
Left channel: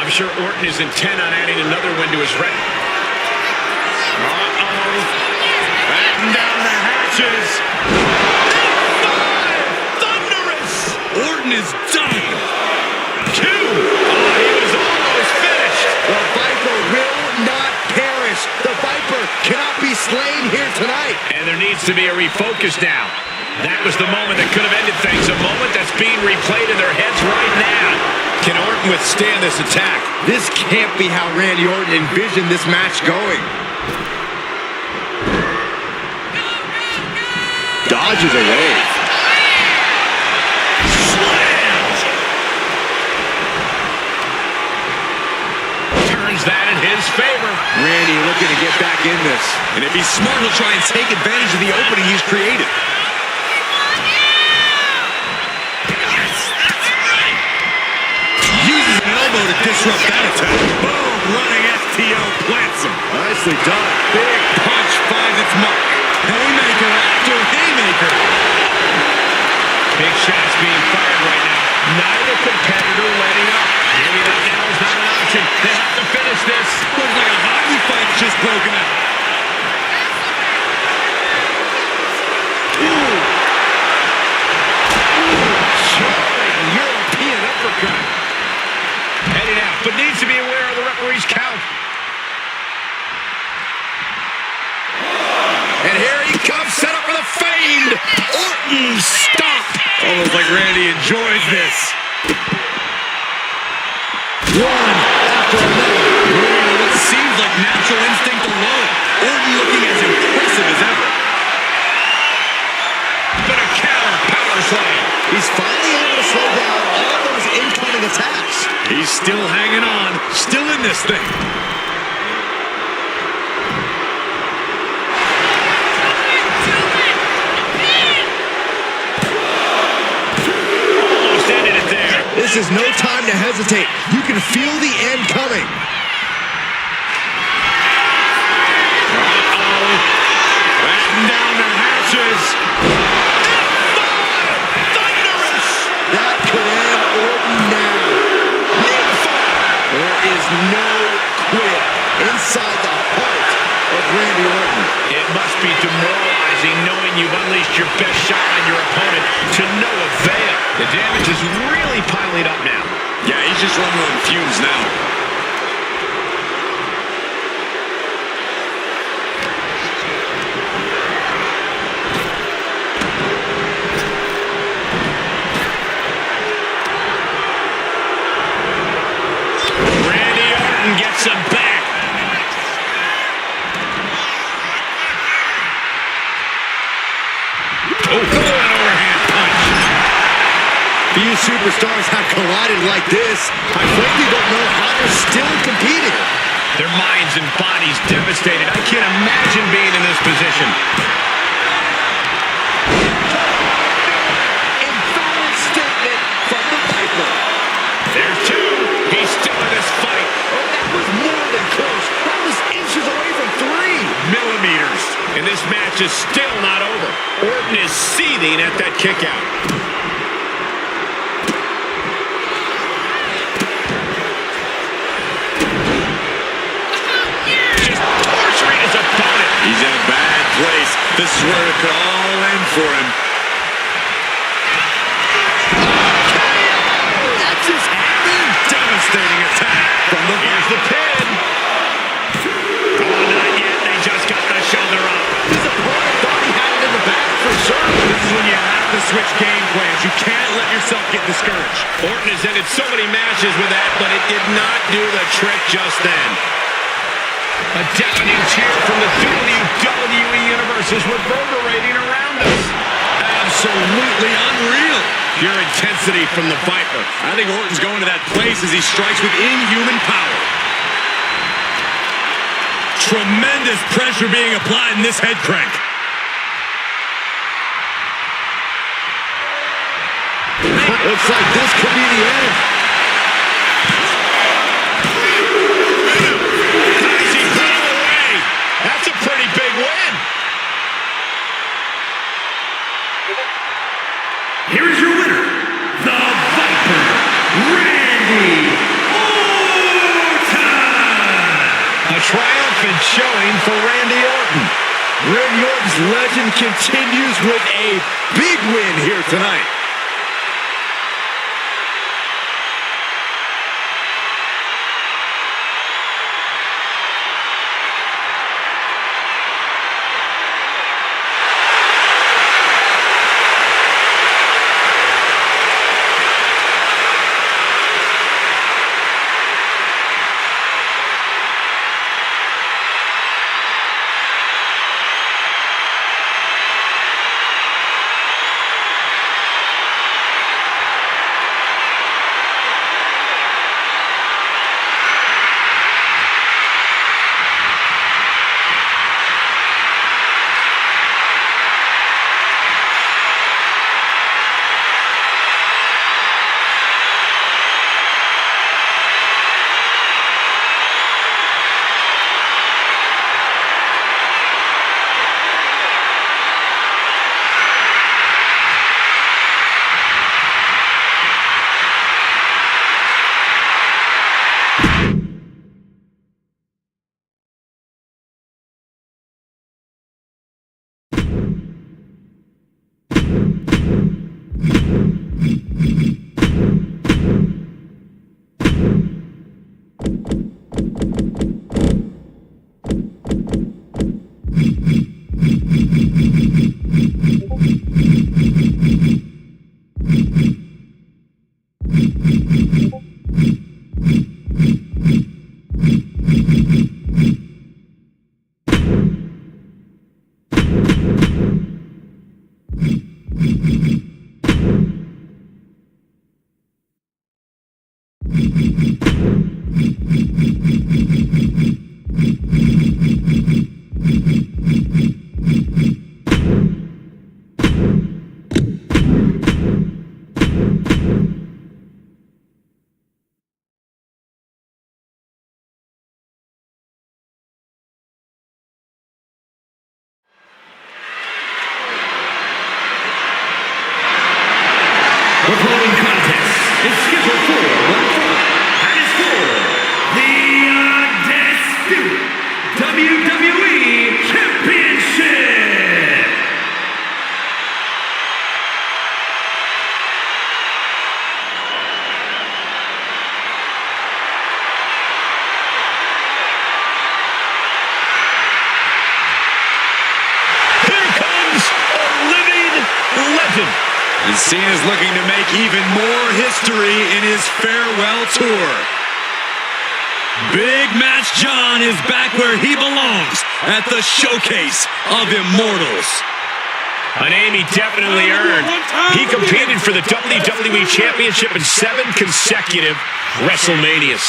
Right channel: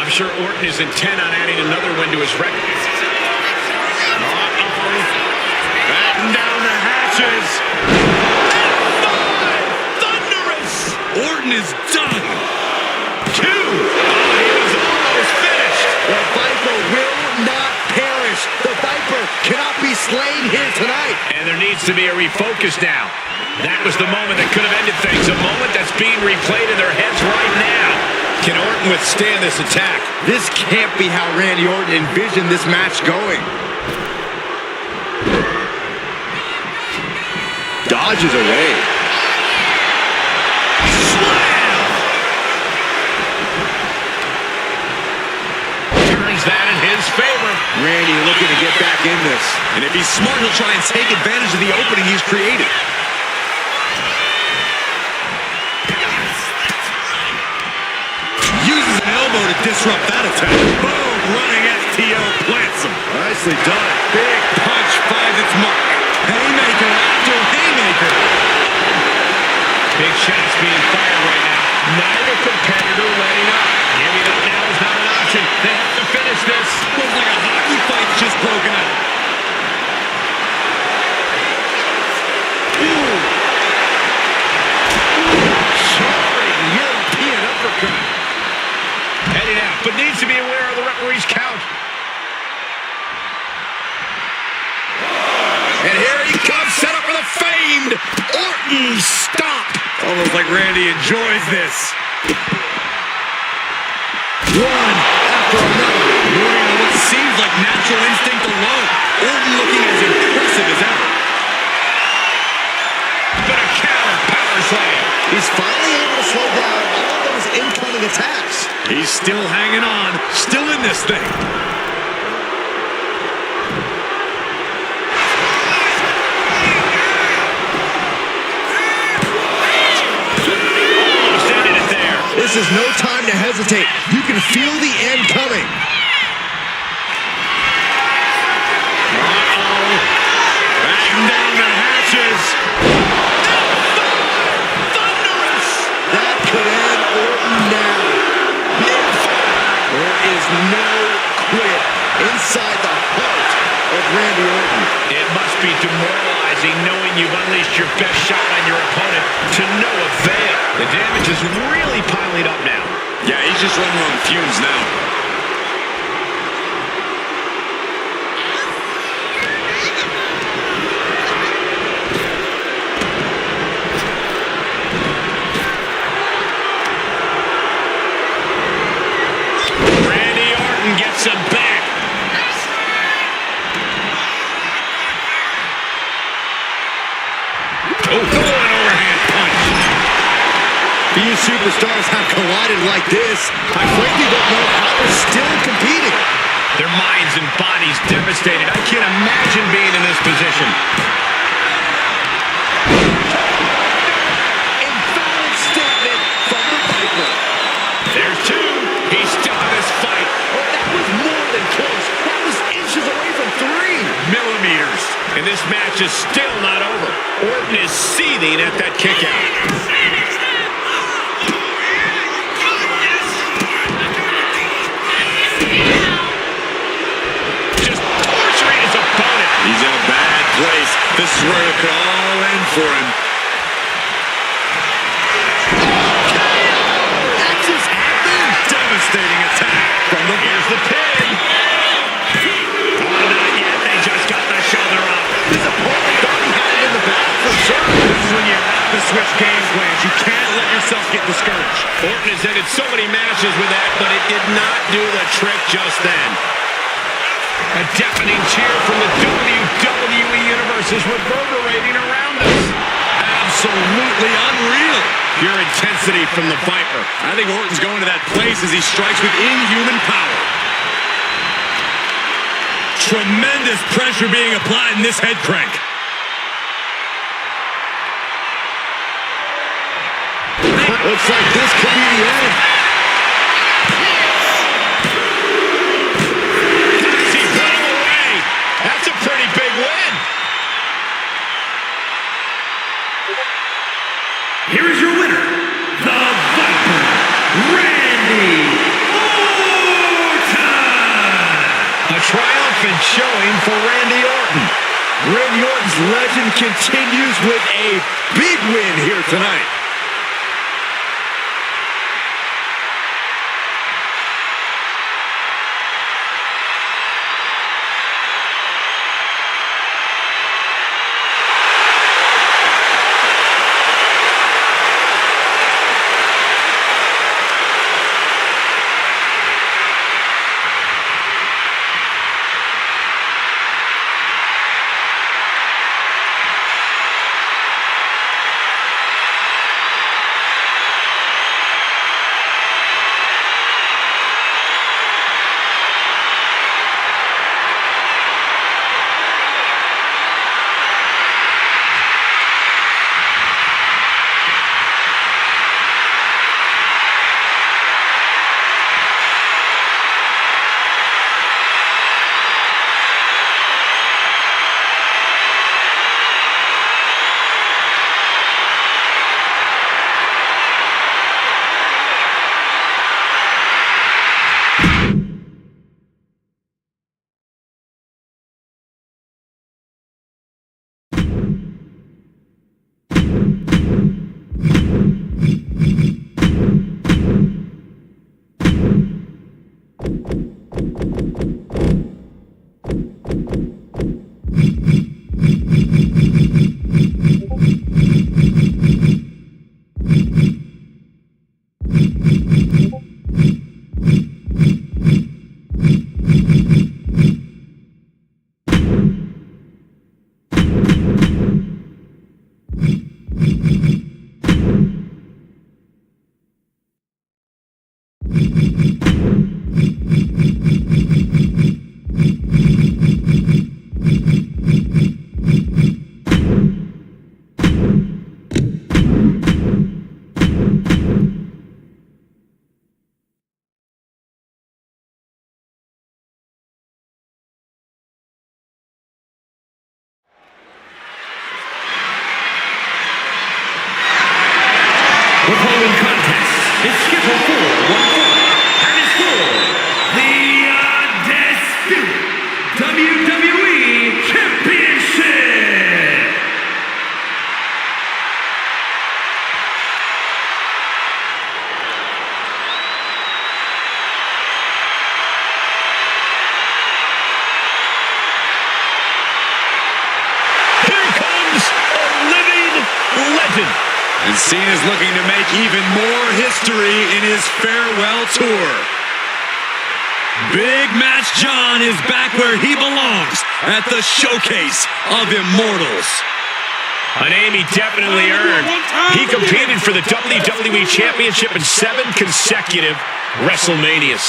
I'm sure Orton is intent on adding another win to his record. Uh-oh. Batten down the hatches. F5! Thunderous! Orton is done. 2. Oh, he was almost finished. The Viper will not perish. The Viper cannot be slain here tonight. And there needs to be a refocus now. That was the moment that could have ended things. A moment that's being replayed in their heads right now. Can Orton withstand this attack? This can't be how Randy Orton envisioned this match going. Dodges away. Slam! Turns that in his favor. Randy looking to get back in this. And if he's smart, he'll try and take advantage of the opening he's created. Uses an elbow to disrupt that attack. Boom! Running STO plants him. Nicely done. Big punch finds its mark. Haymaker after haymaker. Big shots being fired right now. Neither competitor letting up. Giving up now is not an option. They have to finish this. Looks like a hockey fight's just broken out. Jarring European uppercut. Heading out, but needs to be aware of the referee's count. And here he comes, set up for the famed Orton stomp. Almost like Randy enjoys this. One after another. Moving on what seems like natural instinct alone. Orton looking as impressive as ever. But a counter power slam. He's finally able to slow down all those incoming attacks. He's still hanging on, still in this thing. Almost ended it there. This is no time to hesitate. You can feel the end coming. Uh-oh. Batten down the hatches. Thunderous. That could end Orton now. There is no quit inside the heart of Randy Orton. It must be demoralizing knowing you've unleashed your best shot on your opponent to no avail. The damage is really piling up now. Yeah, he's just running on fumes now. Randy Orton gets him back. Oh, an overhand punch. Few superstars have collided like this. I frankly don't know how they're still competing. Their minds and bodies devastated. I can't imagine being in this position. Emphatic statement from the Viper. There's 2. He's still in this fight. Oh, that was more than close. That was inches away from 3 millimeters. And this match is still not over. Orton is seething at that kick out. Just torturing his opponent. He's in a bad place. This is where it could all end for him. That just happened. Devastating attack from the Here's the pin. Oh, not yet. They just got the shoulder up. His opponent thought he had it in the bag for sure. This is when you have to switch game plans. You can't let yourself get discouraged. Orton has ended so many matches with that, but it did not do the trick just then. A deafening cheer from the WWE Universe is reverberating around us. Absolutely unreal. Pure intensity from the Viper. I think Orton's going to that place as he strikes with inhuman power. Tremendous pressure being applied in this head crank. Looks like this could be the end. He put him away. That's a pretty big win. Here is your winner, the Viper, Randy Orton. triumphant showing for Randy Orton. Randy Orton's legend continues with a big win here tonight. The following contest is scheduled for one fall and is for the undisputed WWE Championship. Here comes a living legend. And Cena's looking to make even more history in his farewell tour. Big Match John is back where he belongs, at the Showcase of Immortals. A name he definitely earned. He competed for the WWE Championship in 7 consecutive Wrestlemanias.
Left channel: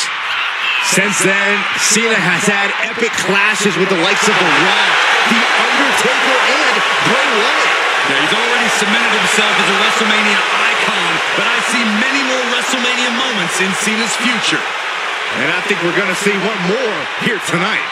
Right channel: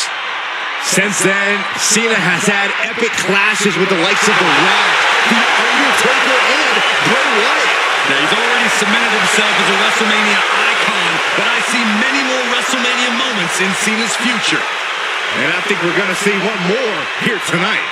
Since then, Cena has had epic clashes with the likes of The Rock, The Undertaker, and Bray Wyatt. Now, he's already cemented himself as a WrestleMania icon, but I see many more WrestleMania moments in Cena's future. And I think we're going to see one more here tonight.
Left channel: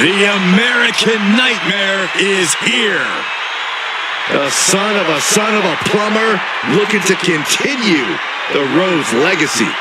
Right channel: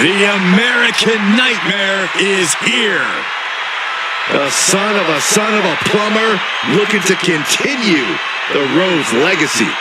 The American Nightmare is here. The son of a plumber looking to continue the Rhodes legacy.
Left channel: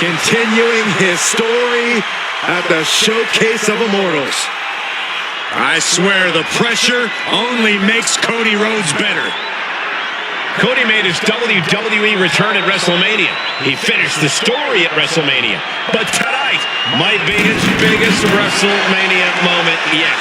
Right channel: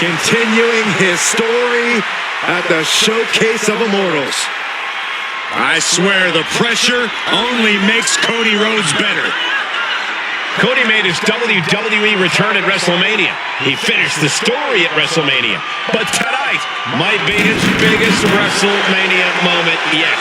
Continuing his story at the Showcase of Immortals. I swear the pressure only makes Cody Rhodes better. Cody made his WWE return at Wrestlemania. He finished the story at Wrestlemania. But tonight might be his biggest Wrestlemania moment yet.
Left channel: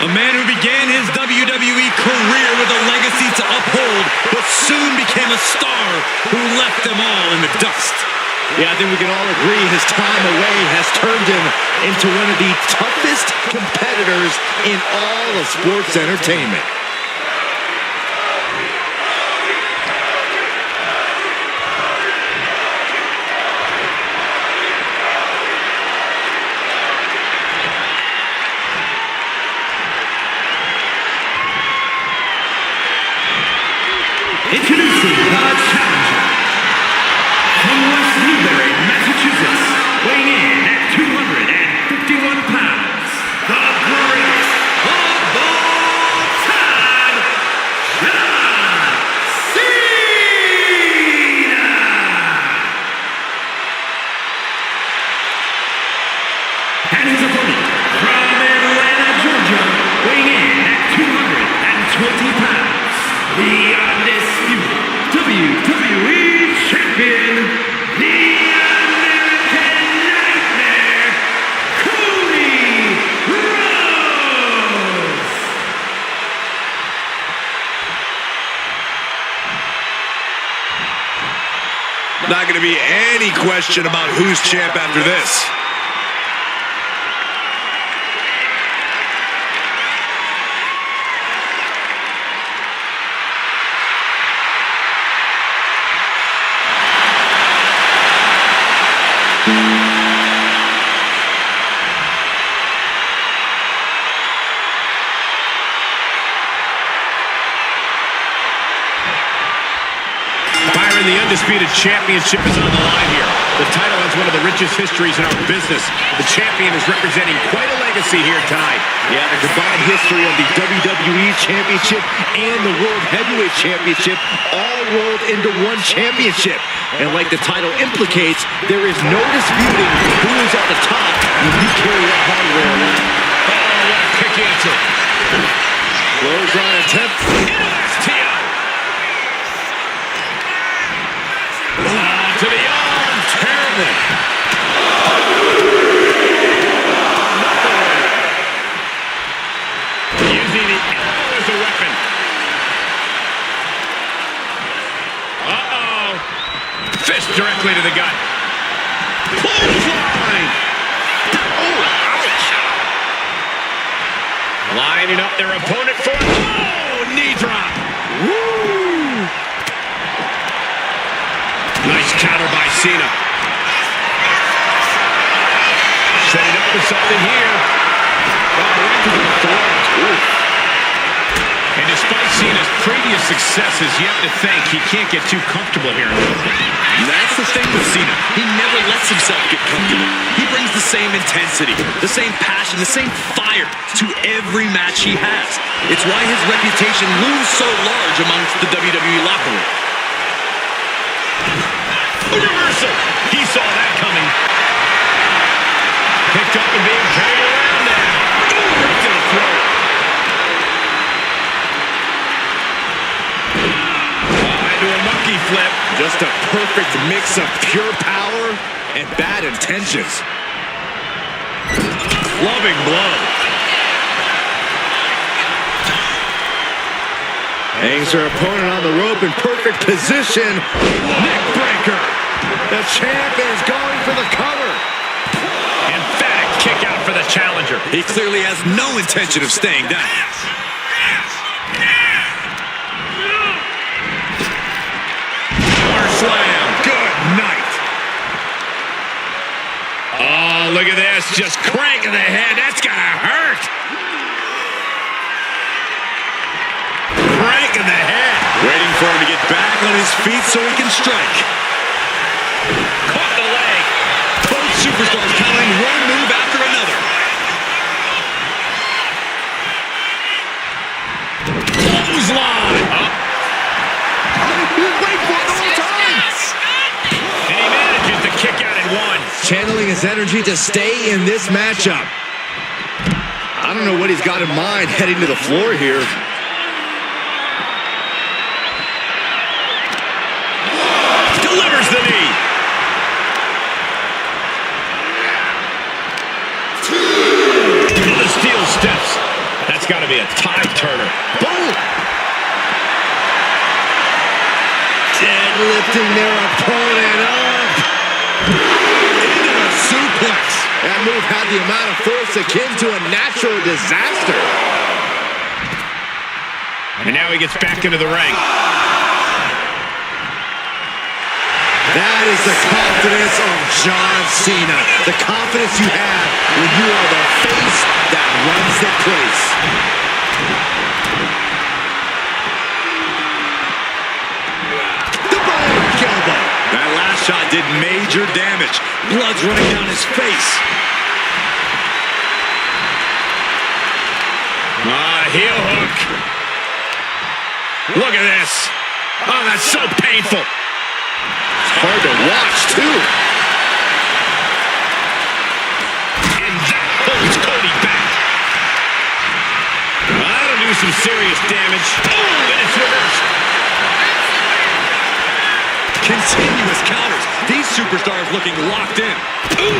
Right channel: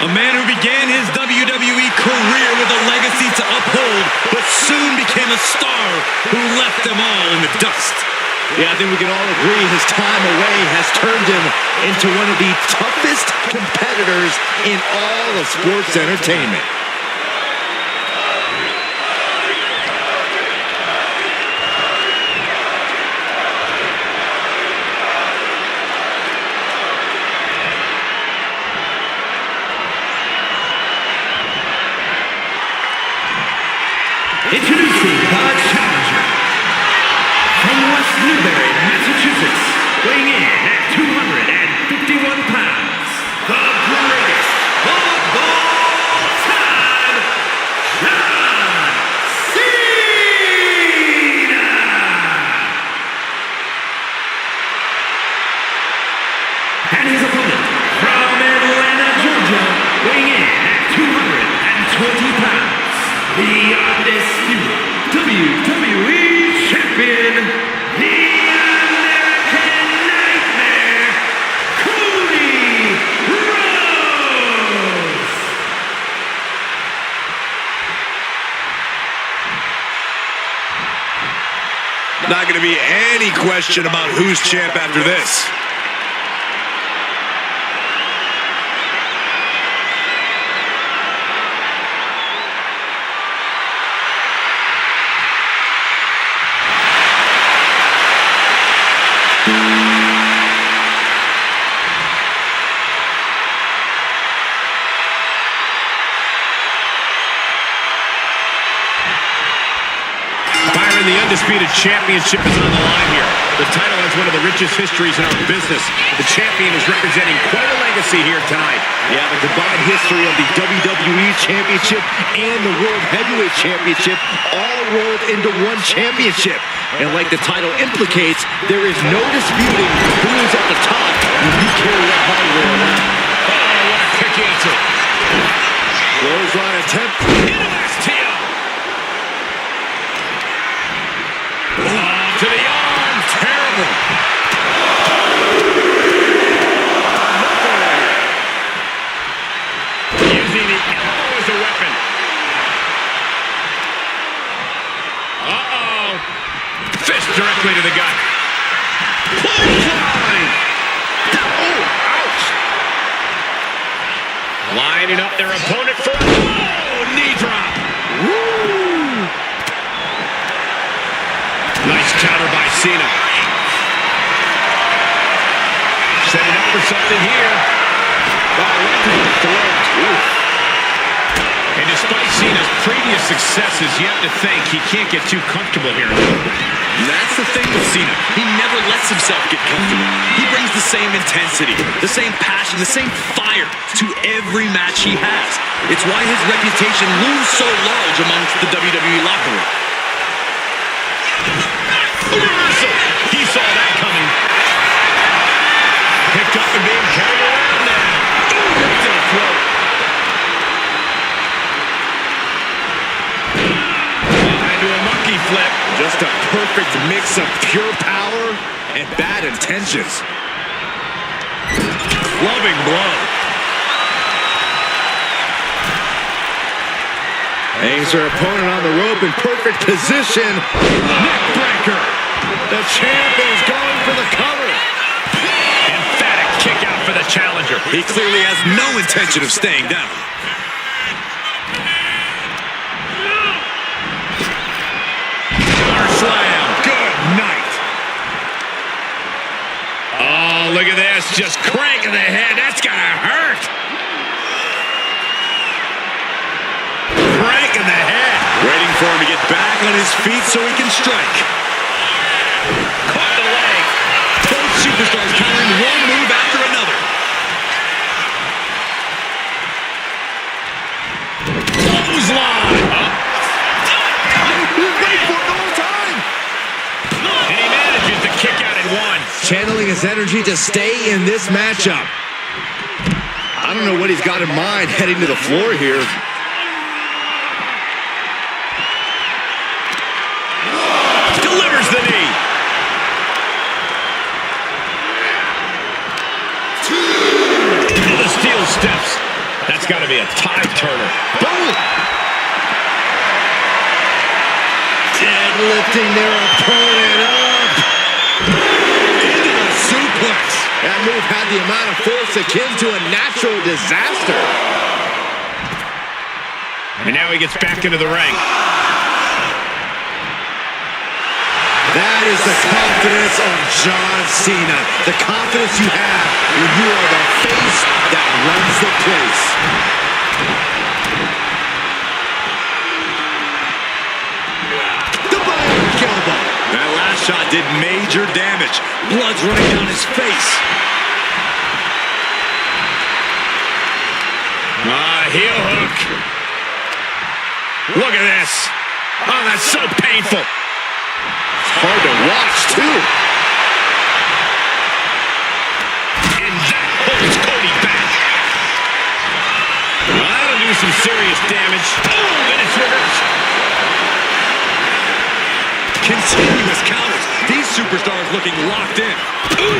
A man who began his WWE career with a legacy to uphold, but soon became a star who left them all in the dust. Yeah, I think we can all agree his time away has turned him into one of the toughest competitors in all of sports entertainment. Introducing the challenger from West Newbury, Massachusetts, weighing in at 251 pounds, the greatest of all time, John Cena! And his opponent from Atlanta, Georgia, weighing in at 220 pounds, the undisputed WWE Champion, the American Nightmare, Cody Rhodes! Not going to be any question about who's champ after this. The undisputed championship is on the line here. The title has one of the richest histories in our business. The champion is representing quite a legacy here tonight. Yeah, the combined history of the WWE Championship and the World Heavyweight Championship all rolled into one championship. And like the title implicates, there is no disputing who is at the top when you carry that hardware around. Oh, what a quick answer. Clothesline attempt. Into STO. To the arm, terrible. Another one. Using the elbow as a weapon. Uh-oh. Fist directly to the gut. Clothesline. Oh, ouch. Lining up their opponent for a knee drop. Woo. Nice counter by Cena. Setting up for something here. Oh, right to the throat. Ooh. And despite Cena's previous successes, you have to think he can't get too comfortable here. That's the thing with Cena. He never lets himself get comfortable. He brings the same intensity, the same passion, the same fire to every match he has. It's why his reputation looms so large amongst the WWE locker room. A reversal. He saw that coming. Picked up and being carried around now. Right to the throat. Into a monkey flip. Just a perfect mix of pure power and bad intentions. Clubbing blow. Hangs her opponent on the rope in perfect position. Neck breaker. The champ is going for the cover. Emphatic kick out for the challenger. He clearly has no intention of staying down. Power slam. Good night. Oh, look at this. Just cranking the head. That's gonna hurt. Cranking the head. Waiting for him to get back on his feet so he can strike. Caught the leg. Both superstars countering one move after another. Clothesline. channeling his energy to stay in this matchup. I don't know what he's got in mind heading to the floor here. Delivers the knee. Into the steel steps. That's got to be a tide turner. Boom! Deadlifting their opponent up. Into the suplex. That move had the amount of force akin to a natural disaster. And now he gets back into the ring. That is the confidence of John Cena. The confidence you have when you are the face that runs the place. The bionic elbow. That last shot did major damage. Blood's running down his face. Heel hook. Look at this. Oh, that's so painful. Hard to watch, too. And that holds Cody back. That'll do some serious damage. Oh, and it's reversed. Continuous counters. These superstars looking locked in. Ooh!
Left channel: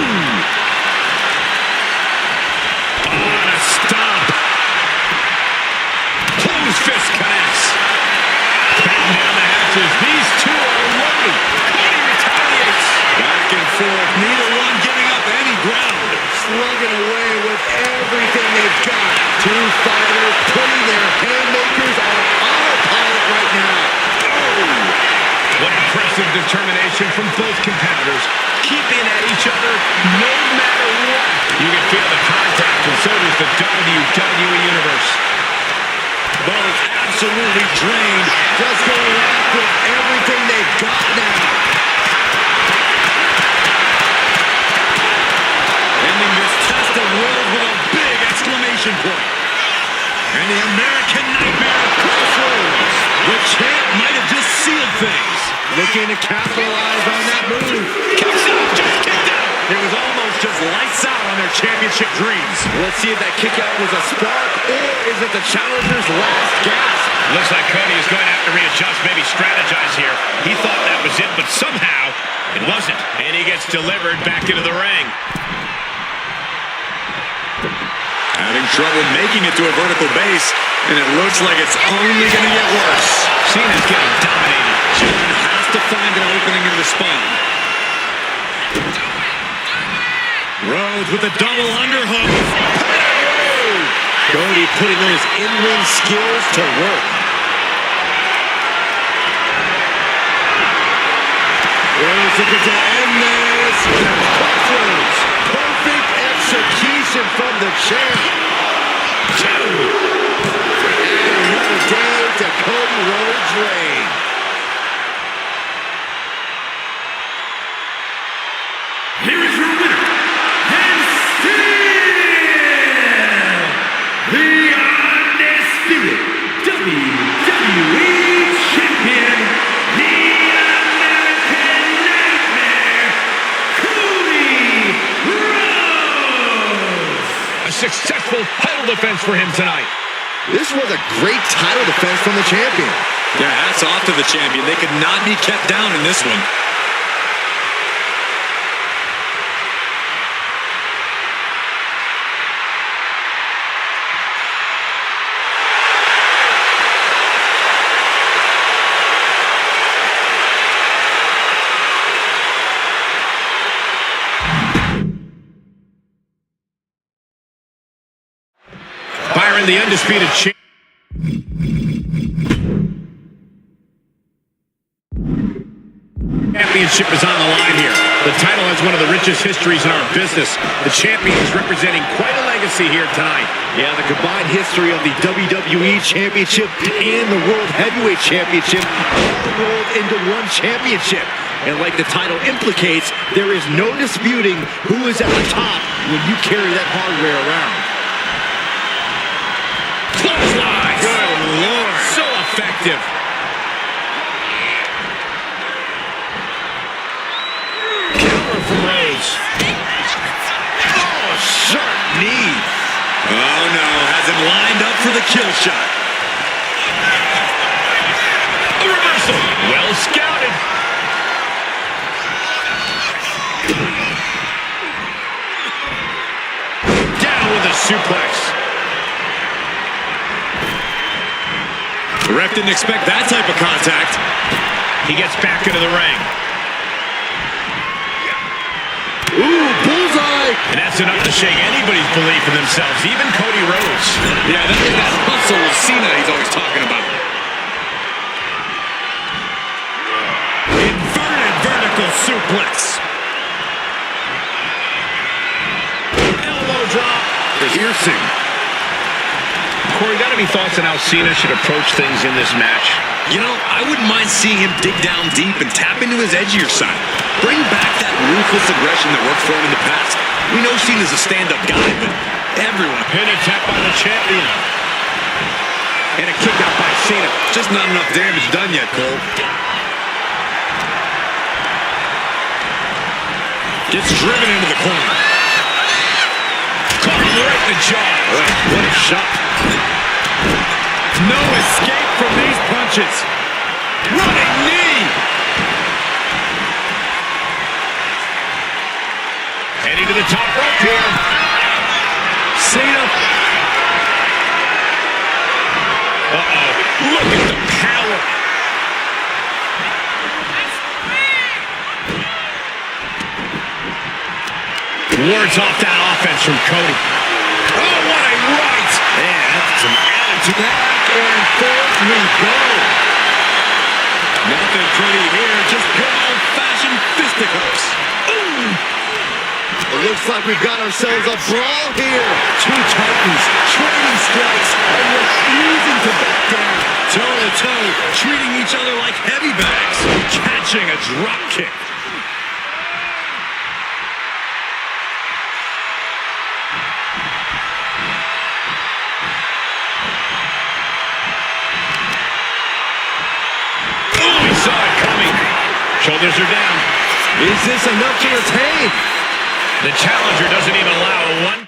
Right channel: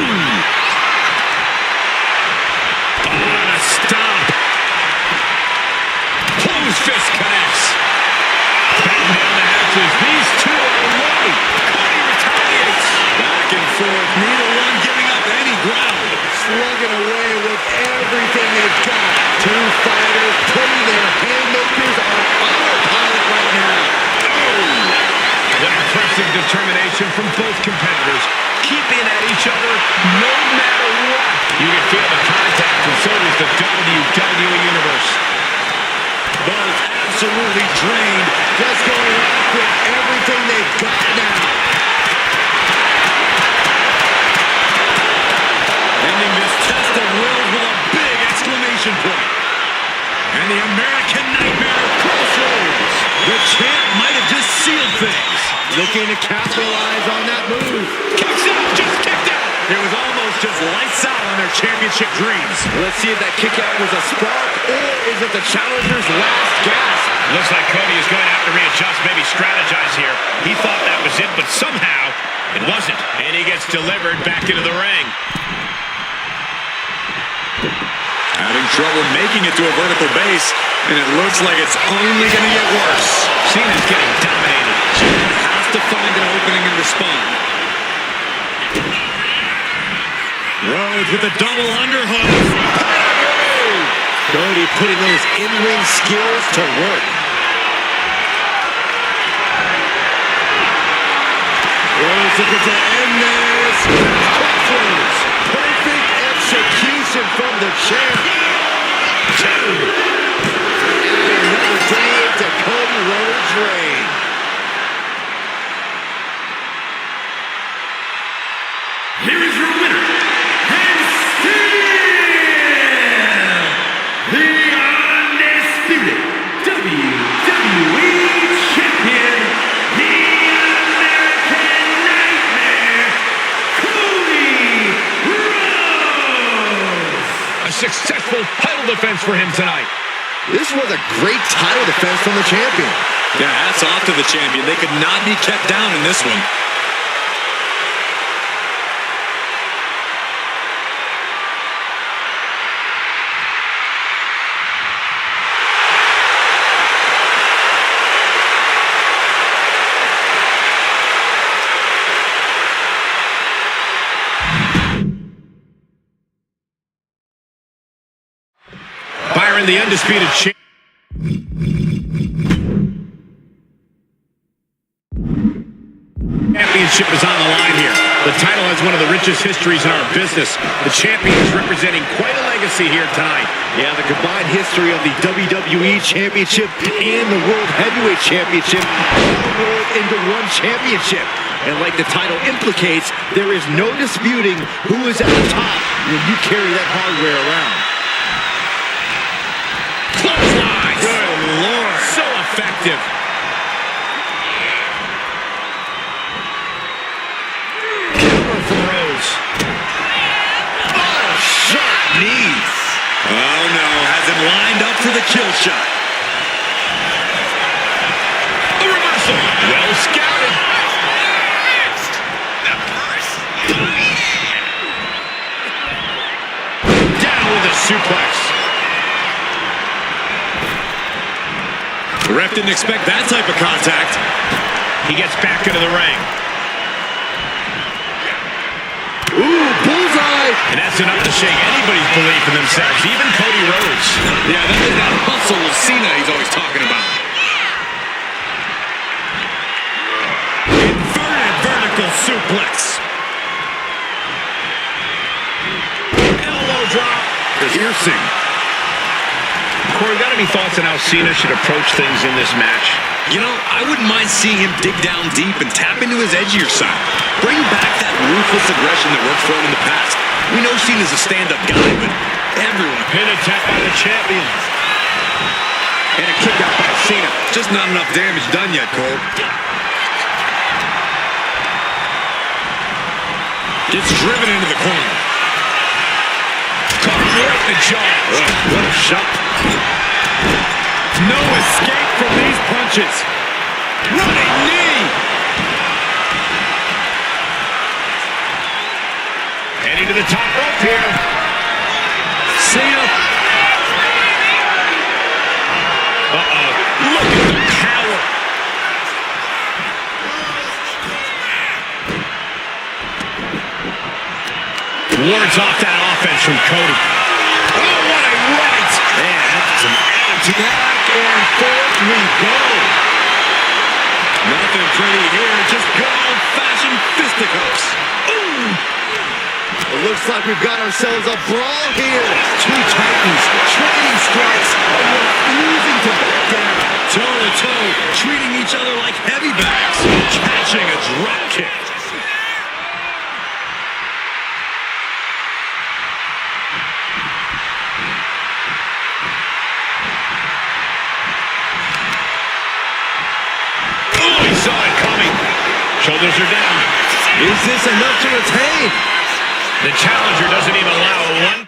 On a stomp. Close fist connects. Batten down the hatches. These two are loaded. Cody retaliates. Back and forth. Neither one giving up any ground. Slugging away with everything they've got. Two fighters putting their haymakers on autopilot right now. Oh! What impressive determination from both competitors. Keeping at each other no matter what. You can feel the contact, and so does the WWE Universe. Both absolutely drained. Just going off with everything they've got now. Ending this test of wills with a big exclamation point. And the American Nightmare crossroads. The champ might have just sealed things. Looking to capitalize on that move. Kicks out, just kicked out. It was almost just lights out on their championship dreams. Let's see if that kick out was a spark, or is it the challenger's last gasp? Looks like Cody is going to have to readjust, maybe strategize here. He thought that was it, but somehow it wasn't. And he gets delivered back into the ring. Having trouble making it to a vertical base, and it looks like it's only going to get worse. Cena's getting dominated. John has to find an opening and respond. Rhodes with a double underhook. Cody putting those in-ring skills to work. Rhodes looking to end this. Crossroads. Perfect execution from the champ. Two. And another day to Cody Rhodes' reign. Here is your winner, and still the undisputed WWE Champion, the American Nightmare, Cody Rhodes. A successful title defense for him tonight. This was a great title defense from the champion. Yeah, hats off to the champion. They could not be kept down in this one. Byron, the undisputed champion. Championship is on the line here. The title has one of the richest histories in our business. The champion is representing quite a legacy here tonight. Yeah, the combined history of the WWE Championship and the World Heavyweight Championship all rolled into one championship. And like the title implicates, there is no disputing who is at the top when you carry that hardware around. Clotheslines. Good Lord. So effective. Counter from Rhodes. the kill shot. A reversal. Well scouted. Down with a suplex. The ref didn't expect that type of contact. He gets back into the ring. Ooh, bullseye! And that's enough to shake anybody's belief in themselves, even Cody Rhodes. Yeah, that is that hustle of Cena he's always talking about. Inverted vertical suplex. Elbow drop. Piercing. Corey, got any thoughts on how Cena should approach things in this match? You know, I wouldn't mind seeing him dig down deep and tap into his edgier side. Bring back that ruthless aggression that worked for him in the past. We know Cena's a stand-up guy, but everyone... Pin attack by the champion. And a kick out by Cena. Just not enough damage done yet, Cole. Gets driven into the corner. Caught him right in the jaw. What a shot. No escape from these punches. Running knee. Heading to the top rope here. Cena. Uh-oh. Look at the power. Wards off that offense from Cody. Oh, what a right. And some attitude. Back and forth we go. Nothing pretty here. Just good old-fashioned fisticuffs. It looks like we've got ourselves a brawl here. Two titans trading strikes and refusing to back down. Toe-to-toe, treating each other like heavy bags. Catching a drop kick. Oh, he saw it coming. Shoulders are down. Is this enough to retain? The challenger doesn't even allow a one.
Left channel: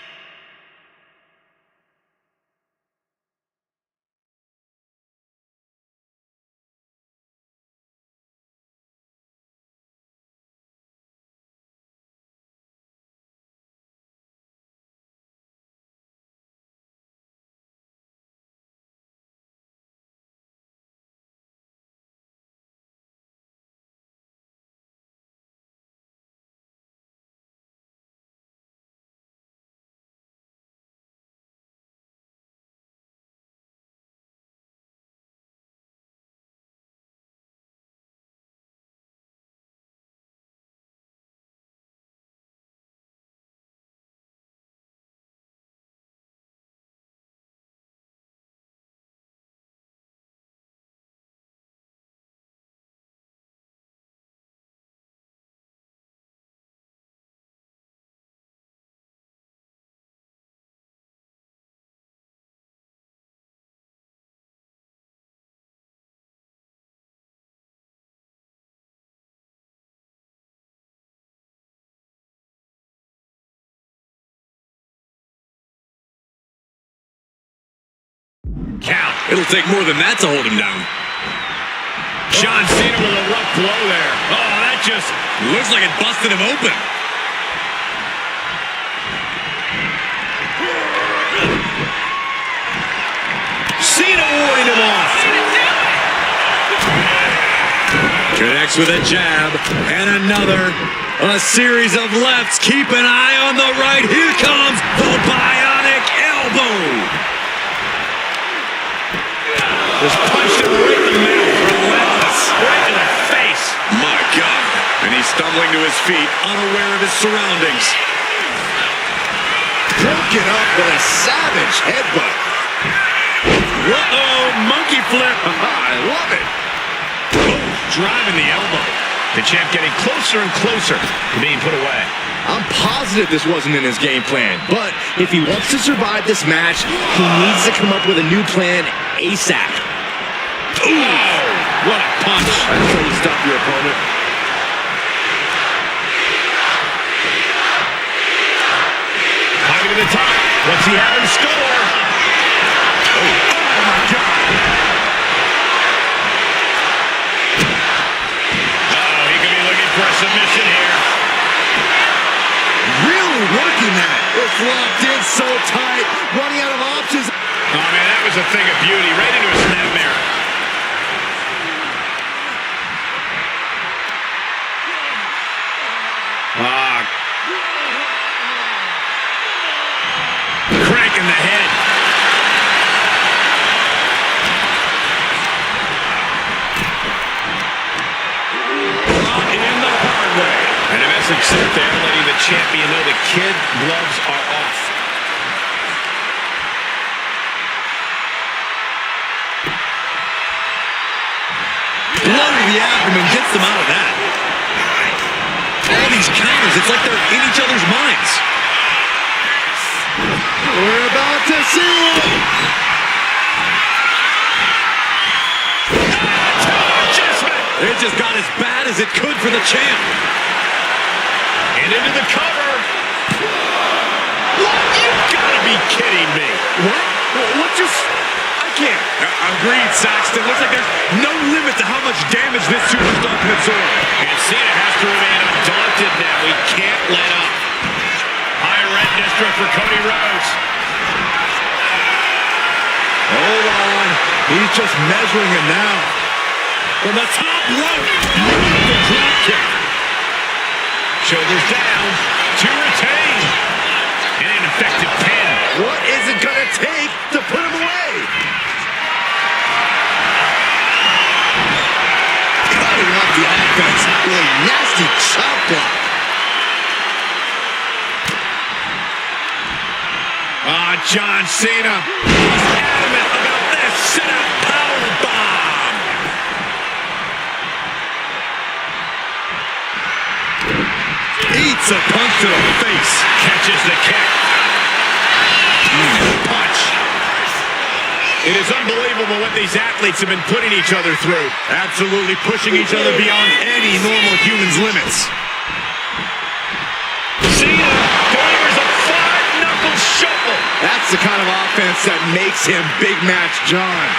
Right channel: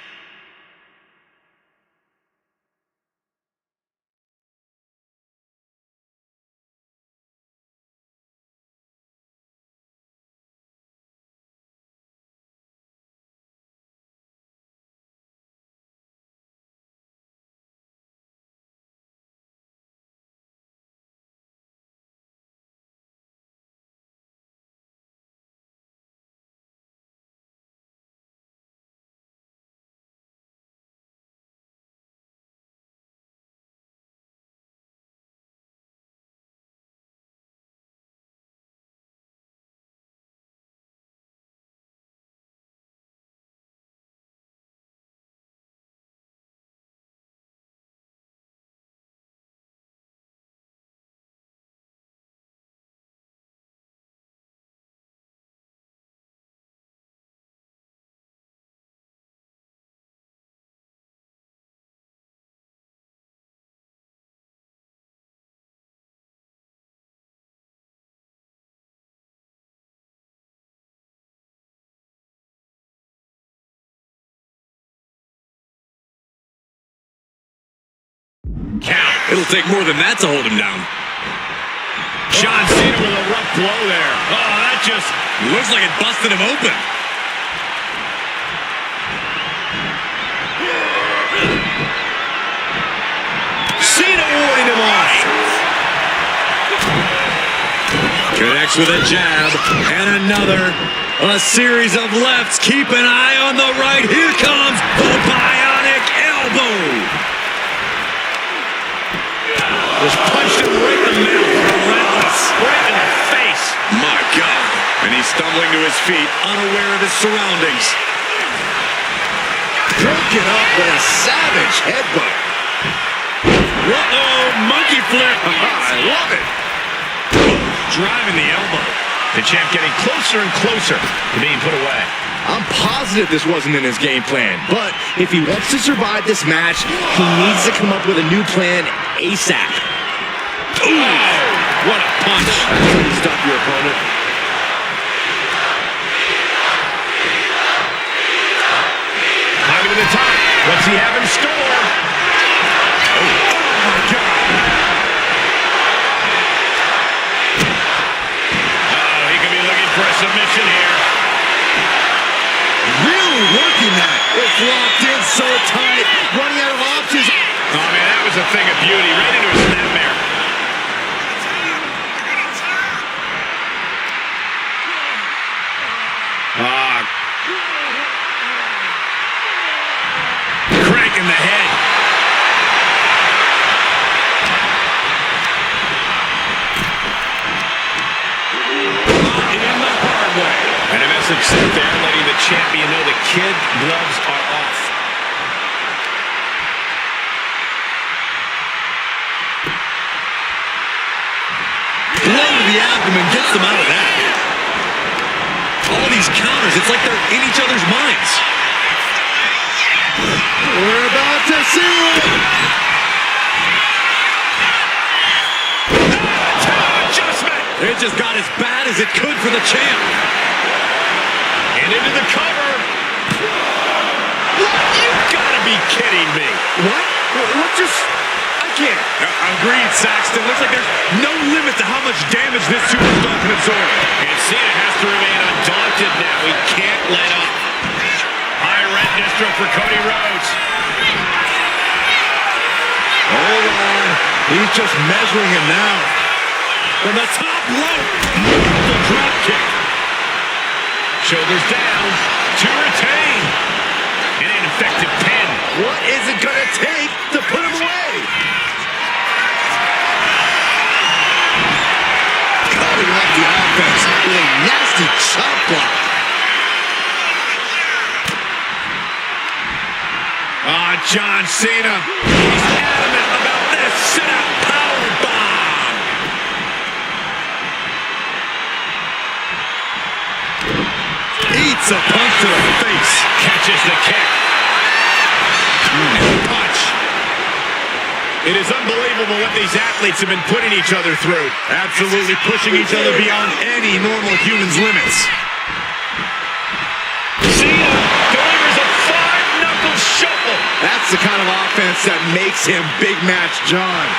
Count. It'll take more than that to hold him down. John Cena with a rough blow there. Oh, that just looks like it busted him open. Cena warding him off. Connects with a jab and another. A series of lefts. Keep an eye on the right. Here comes the bionic elbow. Just punched him right in the mouth. Relentless. Right in the face. My God. And he's stumbling to his feet, unaware of his surroundings. Broken up with a savage headbutt. Uh-oh, monkey flip. I love it. Driving the elbow. The champ getting closer and closer to being put away. I'm positive this wasn't in his game plan, but if he wants to survive this match, he needs to come up with a new plan ASAP. Ooh, what a punch. That's how you stop your opponent. Climbing to the top. What's he have in store? Oh, submission here. Really working that. It's locked in so tight. Running out of options. Oh, man, that was a thing of beauty. Right into a snapmare. Cranking the head. Caught in the hard way. And a message sent there, letting the champion know the kid gloves are off. Blow to the abdomen gets them out of that. All these counters, it's like they're in each other's minds. We're about to see it. Adjustment. It just got as bad as it could for the champ. And into the cover. What? You've got to be kidding me. What? What just... I can't. Agreed, Saxton. Looks like there's no limit to how much damage this superstar can absorb. And Cena has to remain undaunted now. He can't let up. High rent district for Cody Rhodes. Hold on. He's just measuring him now. From the top rope. The drop kick. Shoulders down to retain. And an effective pin. What is it going to take to put him away? Cutting off the offense with a nasty chop block. John Cena. He's adamant about this sit-out power bomb. Eats a punch to the face. Catches the kick. Punch. It is unbelievable what these athletes have been putting each other through. Absolutely pushing each other beyond any normal human's limits. Cena delivers a five-knuckle shuffle. That's the kind of offense that makes him Big Match John.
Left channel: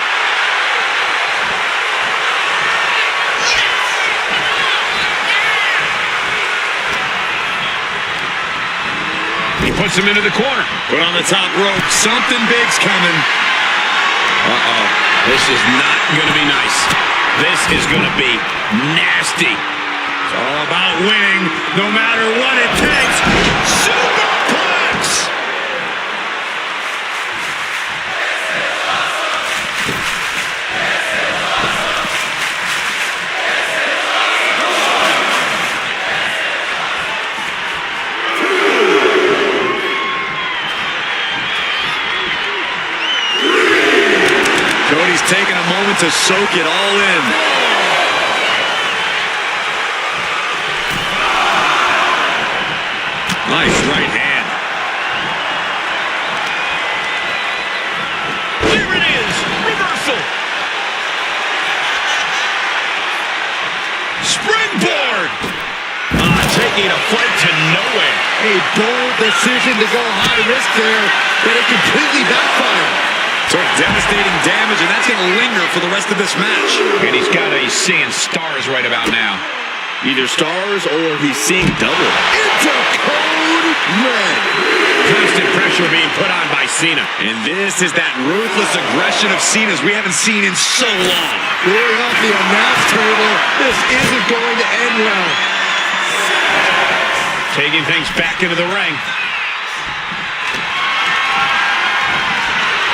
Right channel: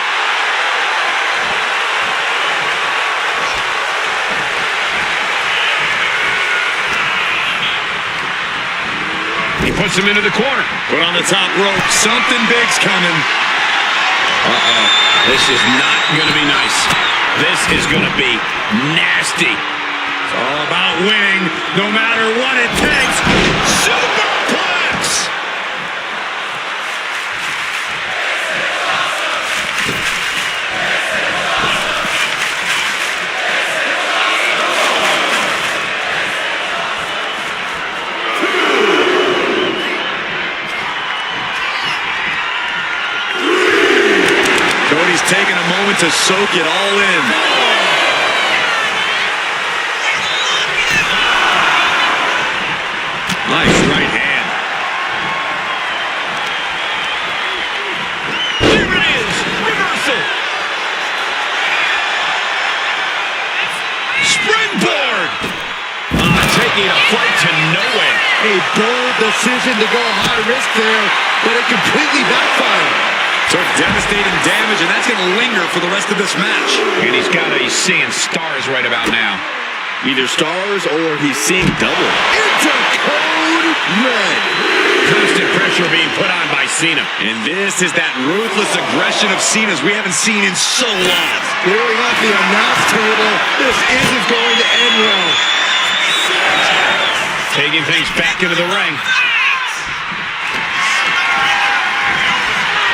He puts him into the corner. Put on the top rope. Something big's coming. Uh-oh. This is not going to be nice. This is going to be nasty. It's all about winning, no matter what it takes. Superplex! Cody's taking a moment to soak it all in. Nice right hand. There it is! Reversal! Springboard! Taking a flight to nowhere. A bold decision to go high risk there, but it completely backfired. Took devastating damage, and that's going to linger for the rest of this match. And he's seeing stars right about now. Either stars or he's seeing double. Into code red. Constant pressure being put on by Cena. And this is that ruthless aggression of Cena's we haven't seen in so long. Clearing off the announce table. This isn't going to end well. Taking things back into the ring.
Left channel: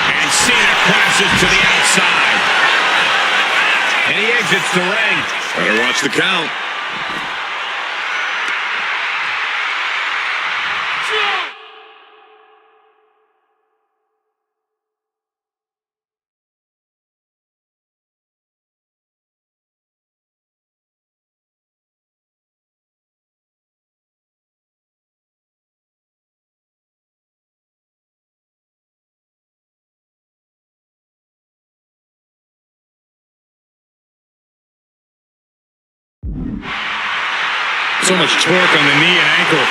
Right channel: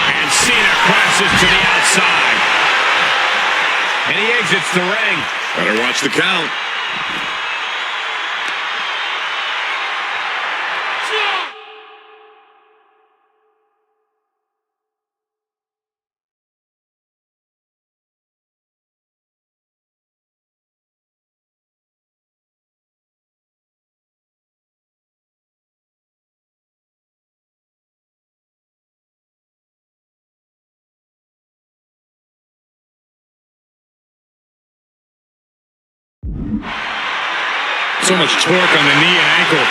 And Cena crashes to the outside. And he exits the ring. Better watch the count. So much torque on the knee and ankle.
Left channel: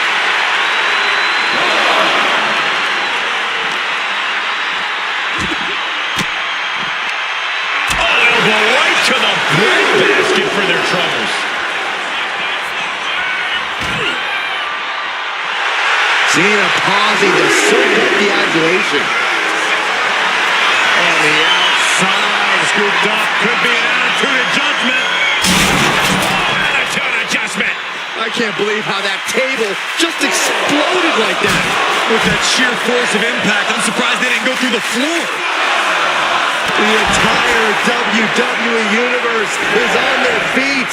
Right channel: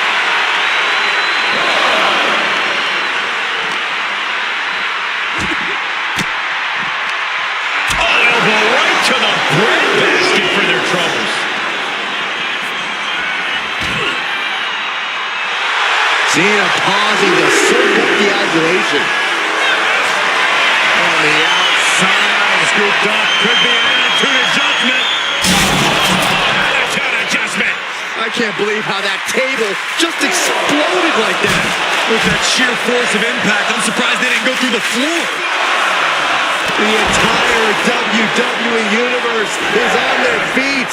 Oh, elbow right to the breadbasket for their troubles. Cena pausing to soak up the adulation. On the outside, scooped up, could be an attitude adjustment. Attitude adjustment. I can't believe how that table just exploded like that. With that sheer force of impact, I'm surprised they didn't go through the floor. The entire WWE Universe is on their feet.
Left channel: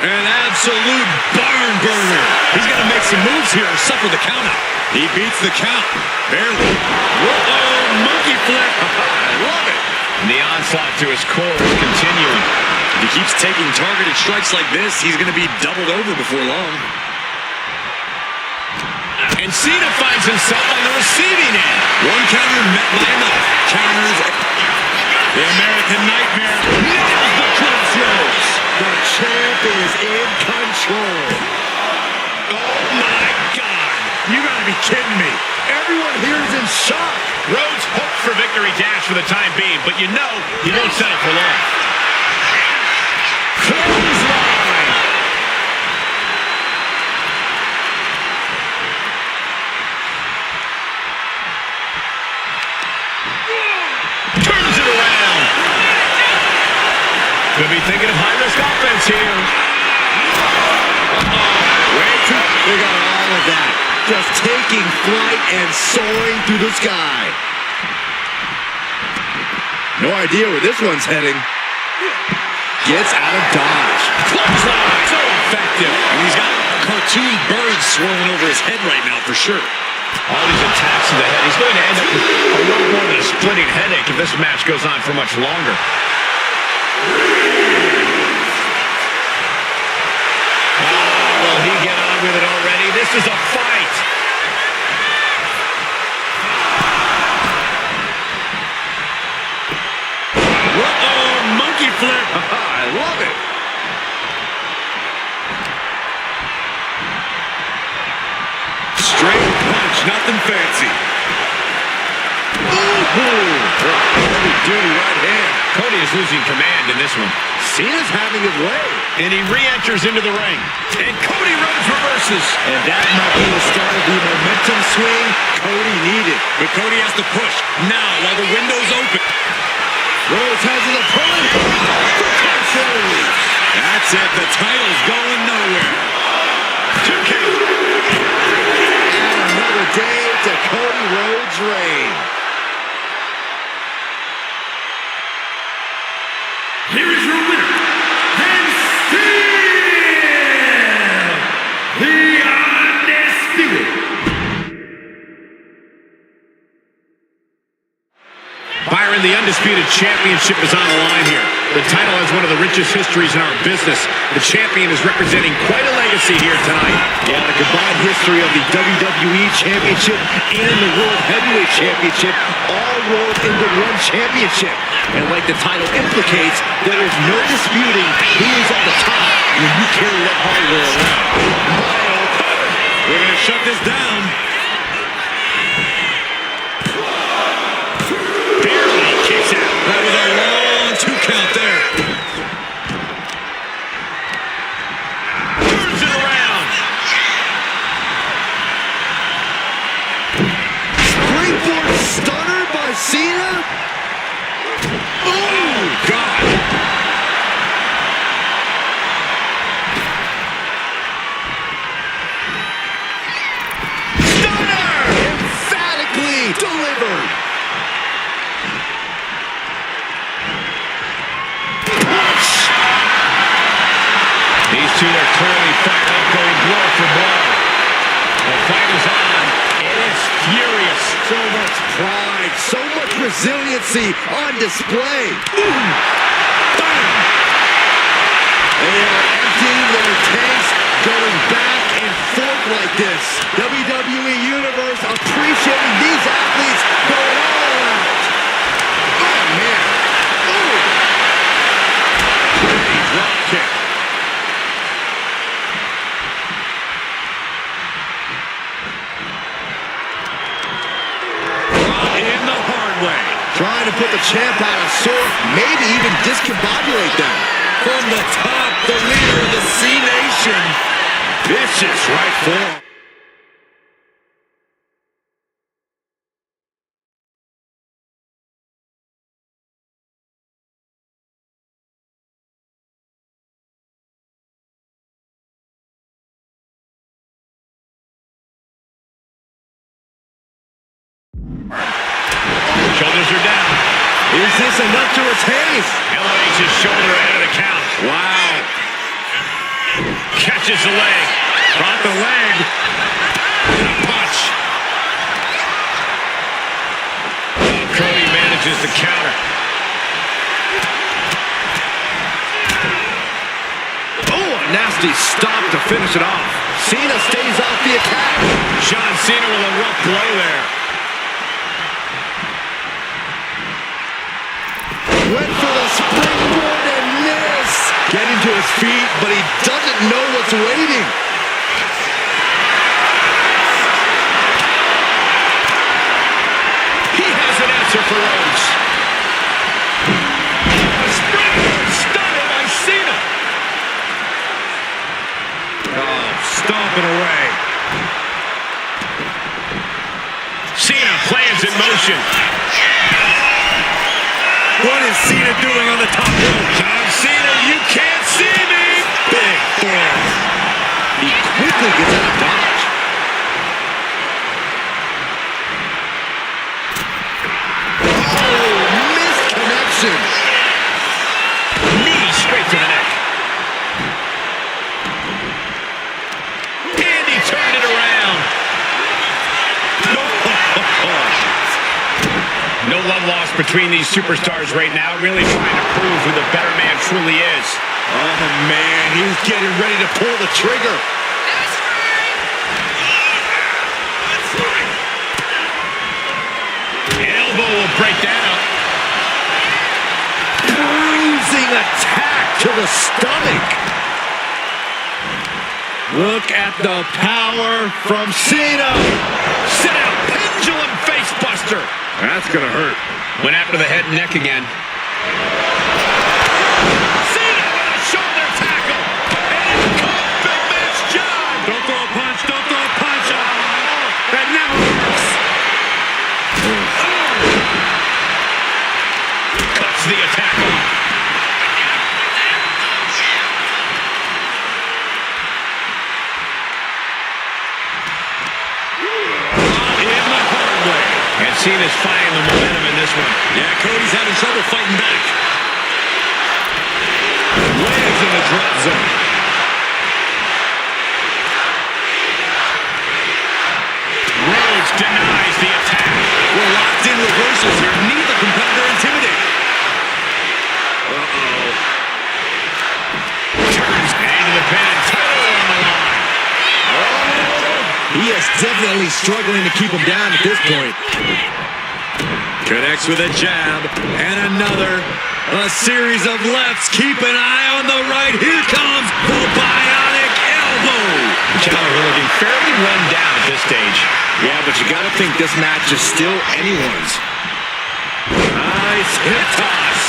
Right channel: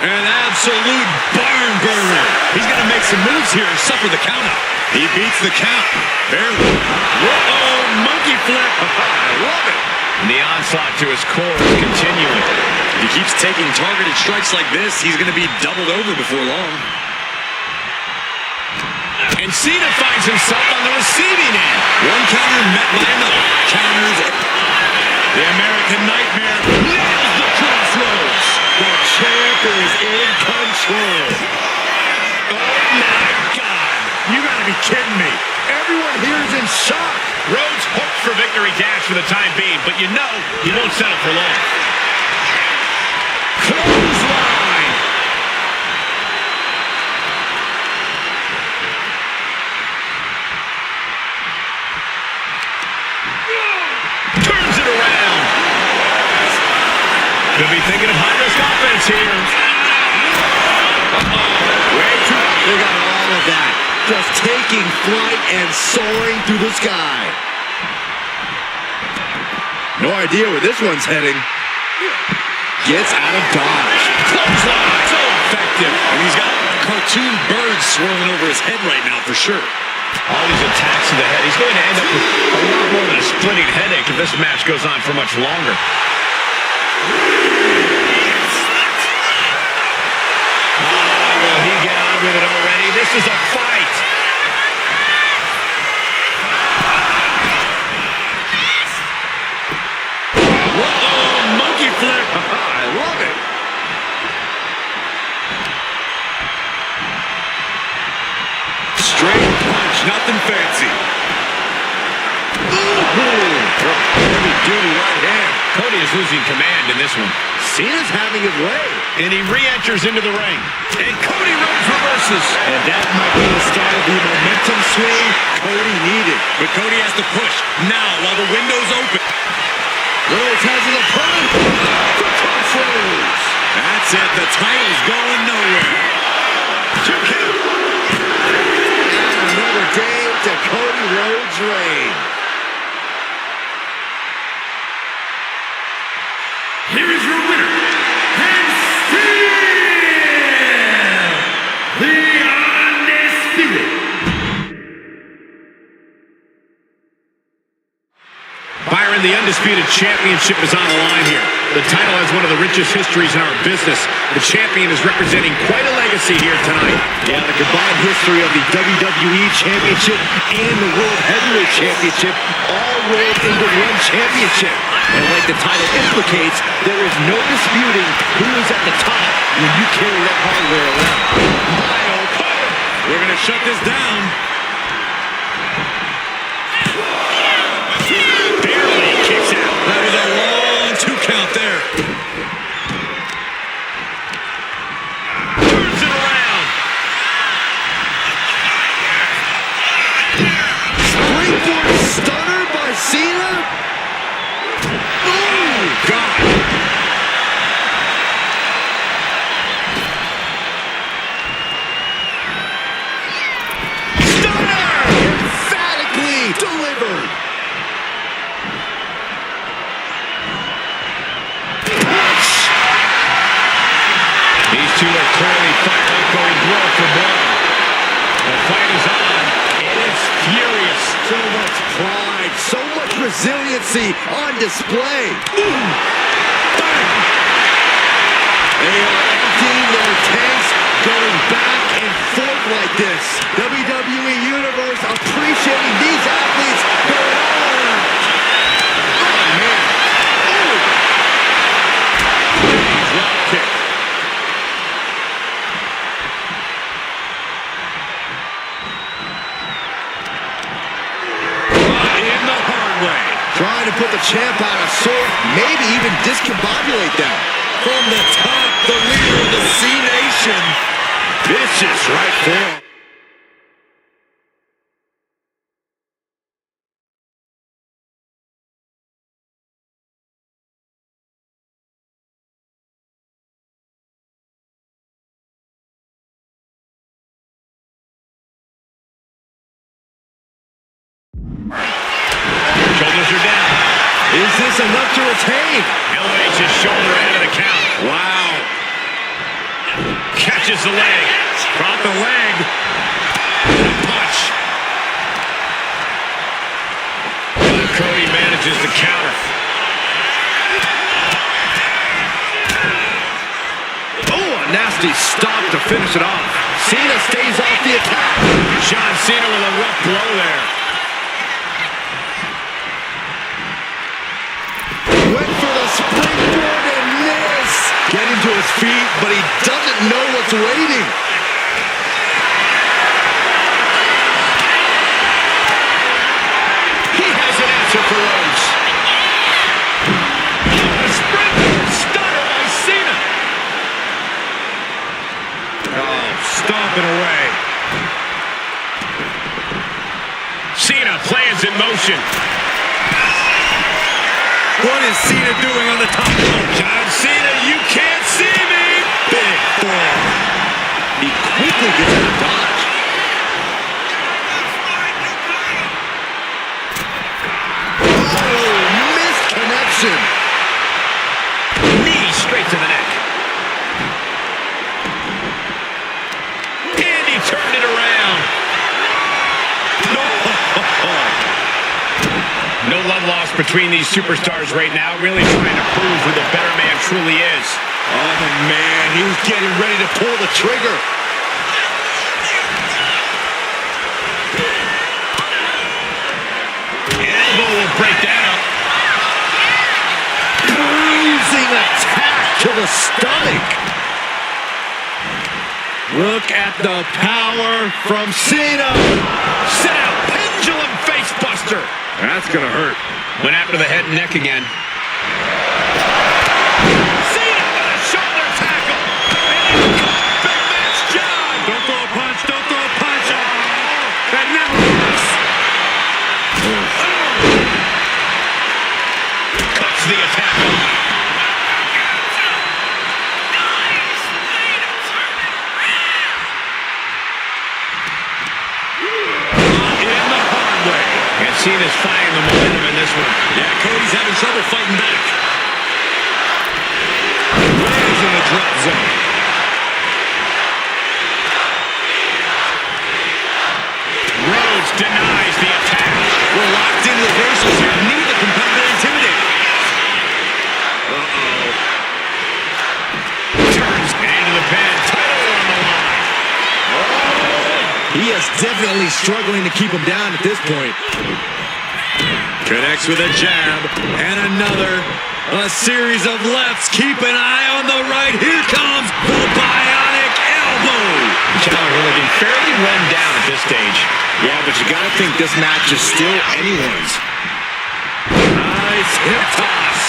An absolute barn burner. He's going to make some moves here or suffer the count out. He beats the count. Barely. Uh-oh, monkey flip. I love it. And the onslaught to his core is continuing. If he keeps taking targeted strikes like this, he's going to be doubled over before long. And Cena finds himself on the receiving end. One counter met by another. Counters. The American Nightmare nails the crossroads. The champ is in control. Oh my God. You gotta be kidding me. Everyone here is in shock. Rhodes hopes for victory dash for the time being, but you know he won't settle for long. Clothesline. Turns it around. Could be thinking of high-risk offense here. Way too. They got all of that. Just taking flight and soaring through the sky. No idea where this one's heading. Gets out of dodge. Clothesline. So effective. And he's got cartoon birds swirling over his head right now for sure. All these attacks to the head. He's going to end up with a lot more than a splitting headache if this match goes on for much longer. Will he get on with it already? This is a fight. Uh-oh, monkey flip. I love it. Straight punch, nothing fancy. Heavy-duty right hand. Cody is losing command in this one. Cena's having his way. And he re-enters into the ring. And Cody Rhodes reverses. And that might be the start of the momentum swing Cody needed. But Cody has to push now while the window's open. Rhodes has his opponent. The crossroads. That's it. The title's going nowhere. 2 count. And another day to Cody Rhodes' reign. Here is your winner, and still the undisputed. Byron, the undisputed championship is on the line here. The title has one of the richest histories in our business. The champion is representing quite a legacy here tonight. Yeah, the combined history of the WWE Championship and the World Heavyweight Championship all rolled into one championship. And like the title implicates, there is no disputing who is at the top when you carry that hardware around. We're going to shut this down. Barely kicks out. That was a long 2 count there. Turns it around. Springboard stunner by Cena. Oh, God. Stunner! Emphatically delivered. These two are clearly fired up, going blow for blow. The fight is on, and it's furious. So much pride, so much resiliency on display. Boom! Bang! They are emptying their tanks, going back and forth like this. WWE Universe appreciating these athletes going all out. Oh, man. Oh! Pretty drop kick. In the hard way. Trying to put the champ out of sort, maybe even discombobulate them. From the top, the leader of the C Nation. Vicious right forearm. Shoulders are down. Is this enough to retain? Elevates his shoulder out of the count. Wow. Catches the leg. Brought the leg. Punch. Cody manages the counter. Oh, a nasty stop to finish it off. Cena stays off the attack. John Cena with a rough blow there. Went for the springboard and missed. Getting to his feet, but he doesn't know what's waiting. He has an answer for Rhodes. A springboard stunner by Cena. Oh, stomping away. Cena plans in motion. What is Cena doing on the top rope? John Cena, you can't see me. Big forearm. He quickly gets out of dodge. Oh, missed connection. Knee straight to the neck. And he turned it around. No love lost between these superstars right now, really trying to prove who the better man truly is. Oh, man, he's getting ready to pull the trigger. Elbow will break that up. Bruising attack to the stomach. Look at the power from Cena. Sit out, pendulum face buster. That's gonna hurt. Went after the head and neck again. Cena with a shoulder tackle. And in comes Big Match John. Don't throw a punch, don't throw a punch. Oh, that never works. Cuts the attack off. In the hard way. And Cena's finding the momentum in this one. Yeah, Cody's having trouble fighting back. Lands in the drop zone. Rhodes denies the attack. We're locked in reversals here. Neither competitor intimidated. Turns into the pin. Title on the line. He is definitely struggling to keep him down at this point. Connects with a jab and another. A series of lefts. Keep an eye on the right. Here comes the bionic elbow. Challenger looking fairly run down at this stage. Yeah, but you gotta think this match is still anyone's. Nice hip toss.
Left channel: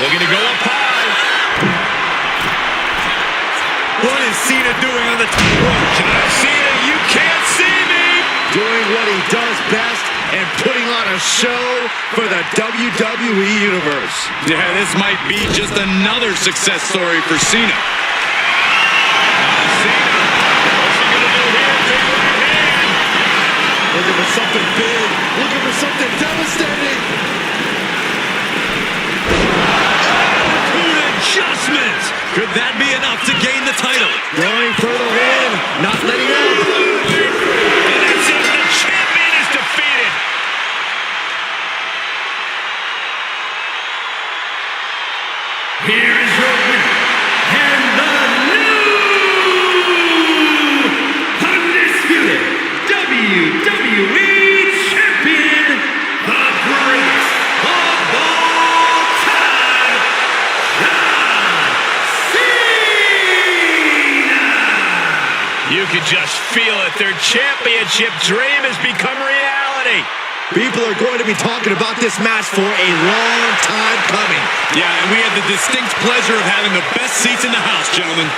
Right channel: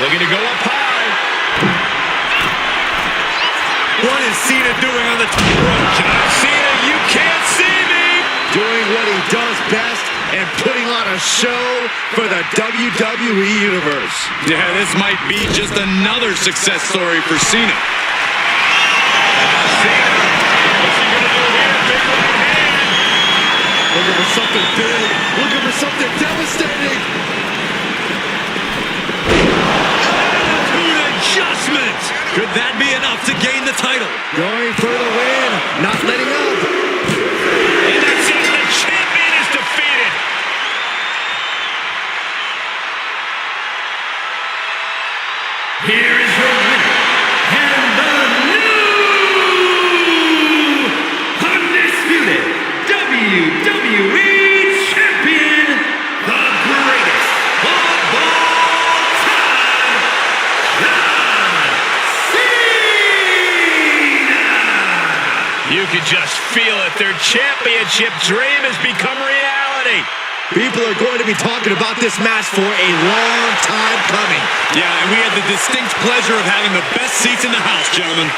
Looking to go up high. What is Cena doing on the top rope? John Cena, you can't see me. Doing what he does best and putting on a show for the WWE Universe. Yeah, this might be just another success story for Cena. Cena, what's he gonna do here? Big right hand. Looking for something big. Looking for something devastating. Attitude adjustment. Could that be enough to gain the title? Going for the win. Not letting up. And that's it. The champion is defeated. Here is your winner, and the new undisputed WWE Champion, the greatest of all time, John Cena! You can just feel it. Their championship dream has become reality. People are going to be talking about this match for a long time coming. Yeah, and we had the distinct pleasure of having the best seats in the house, gentlemen.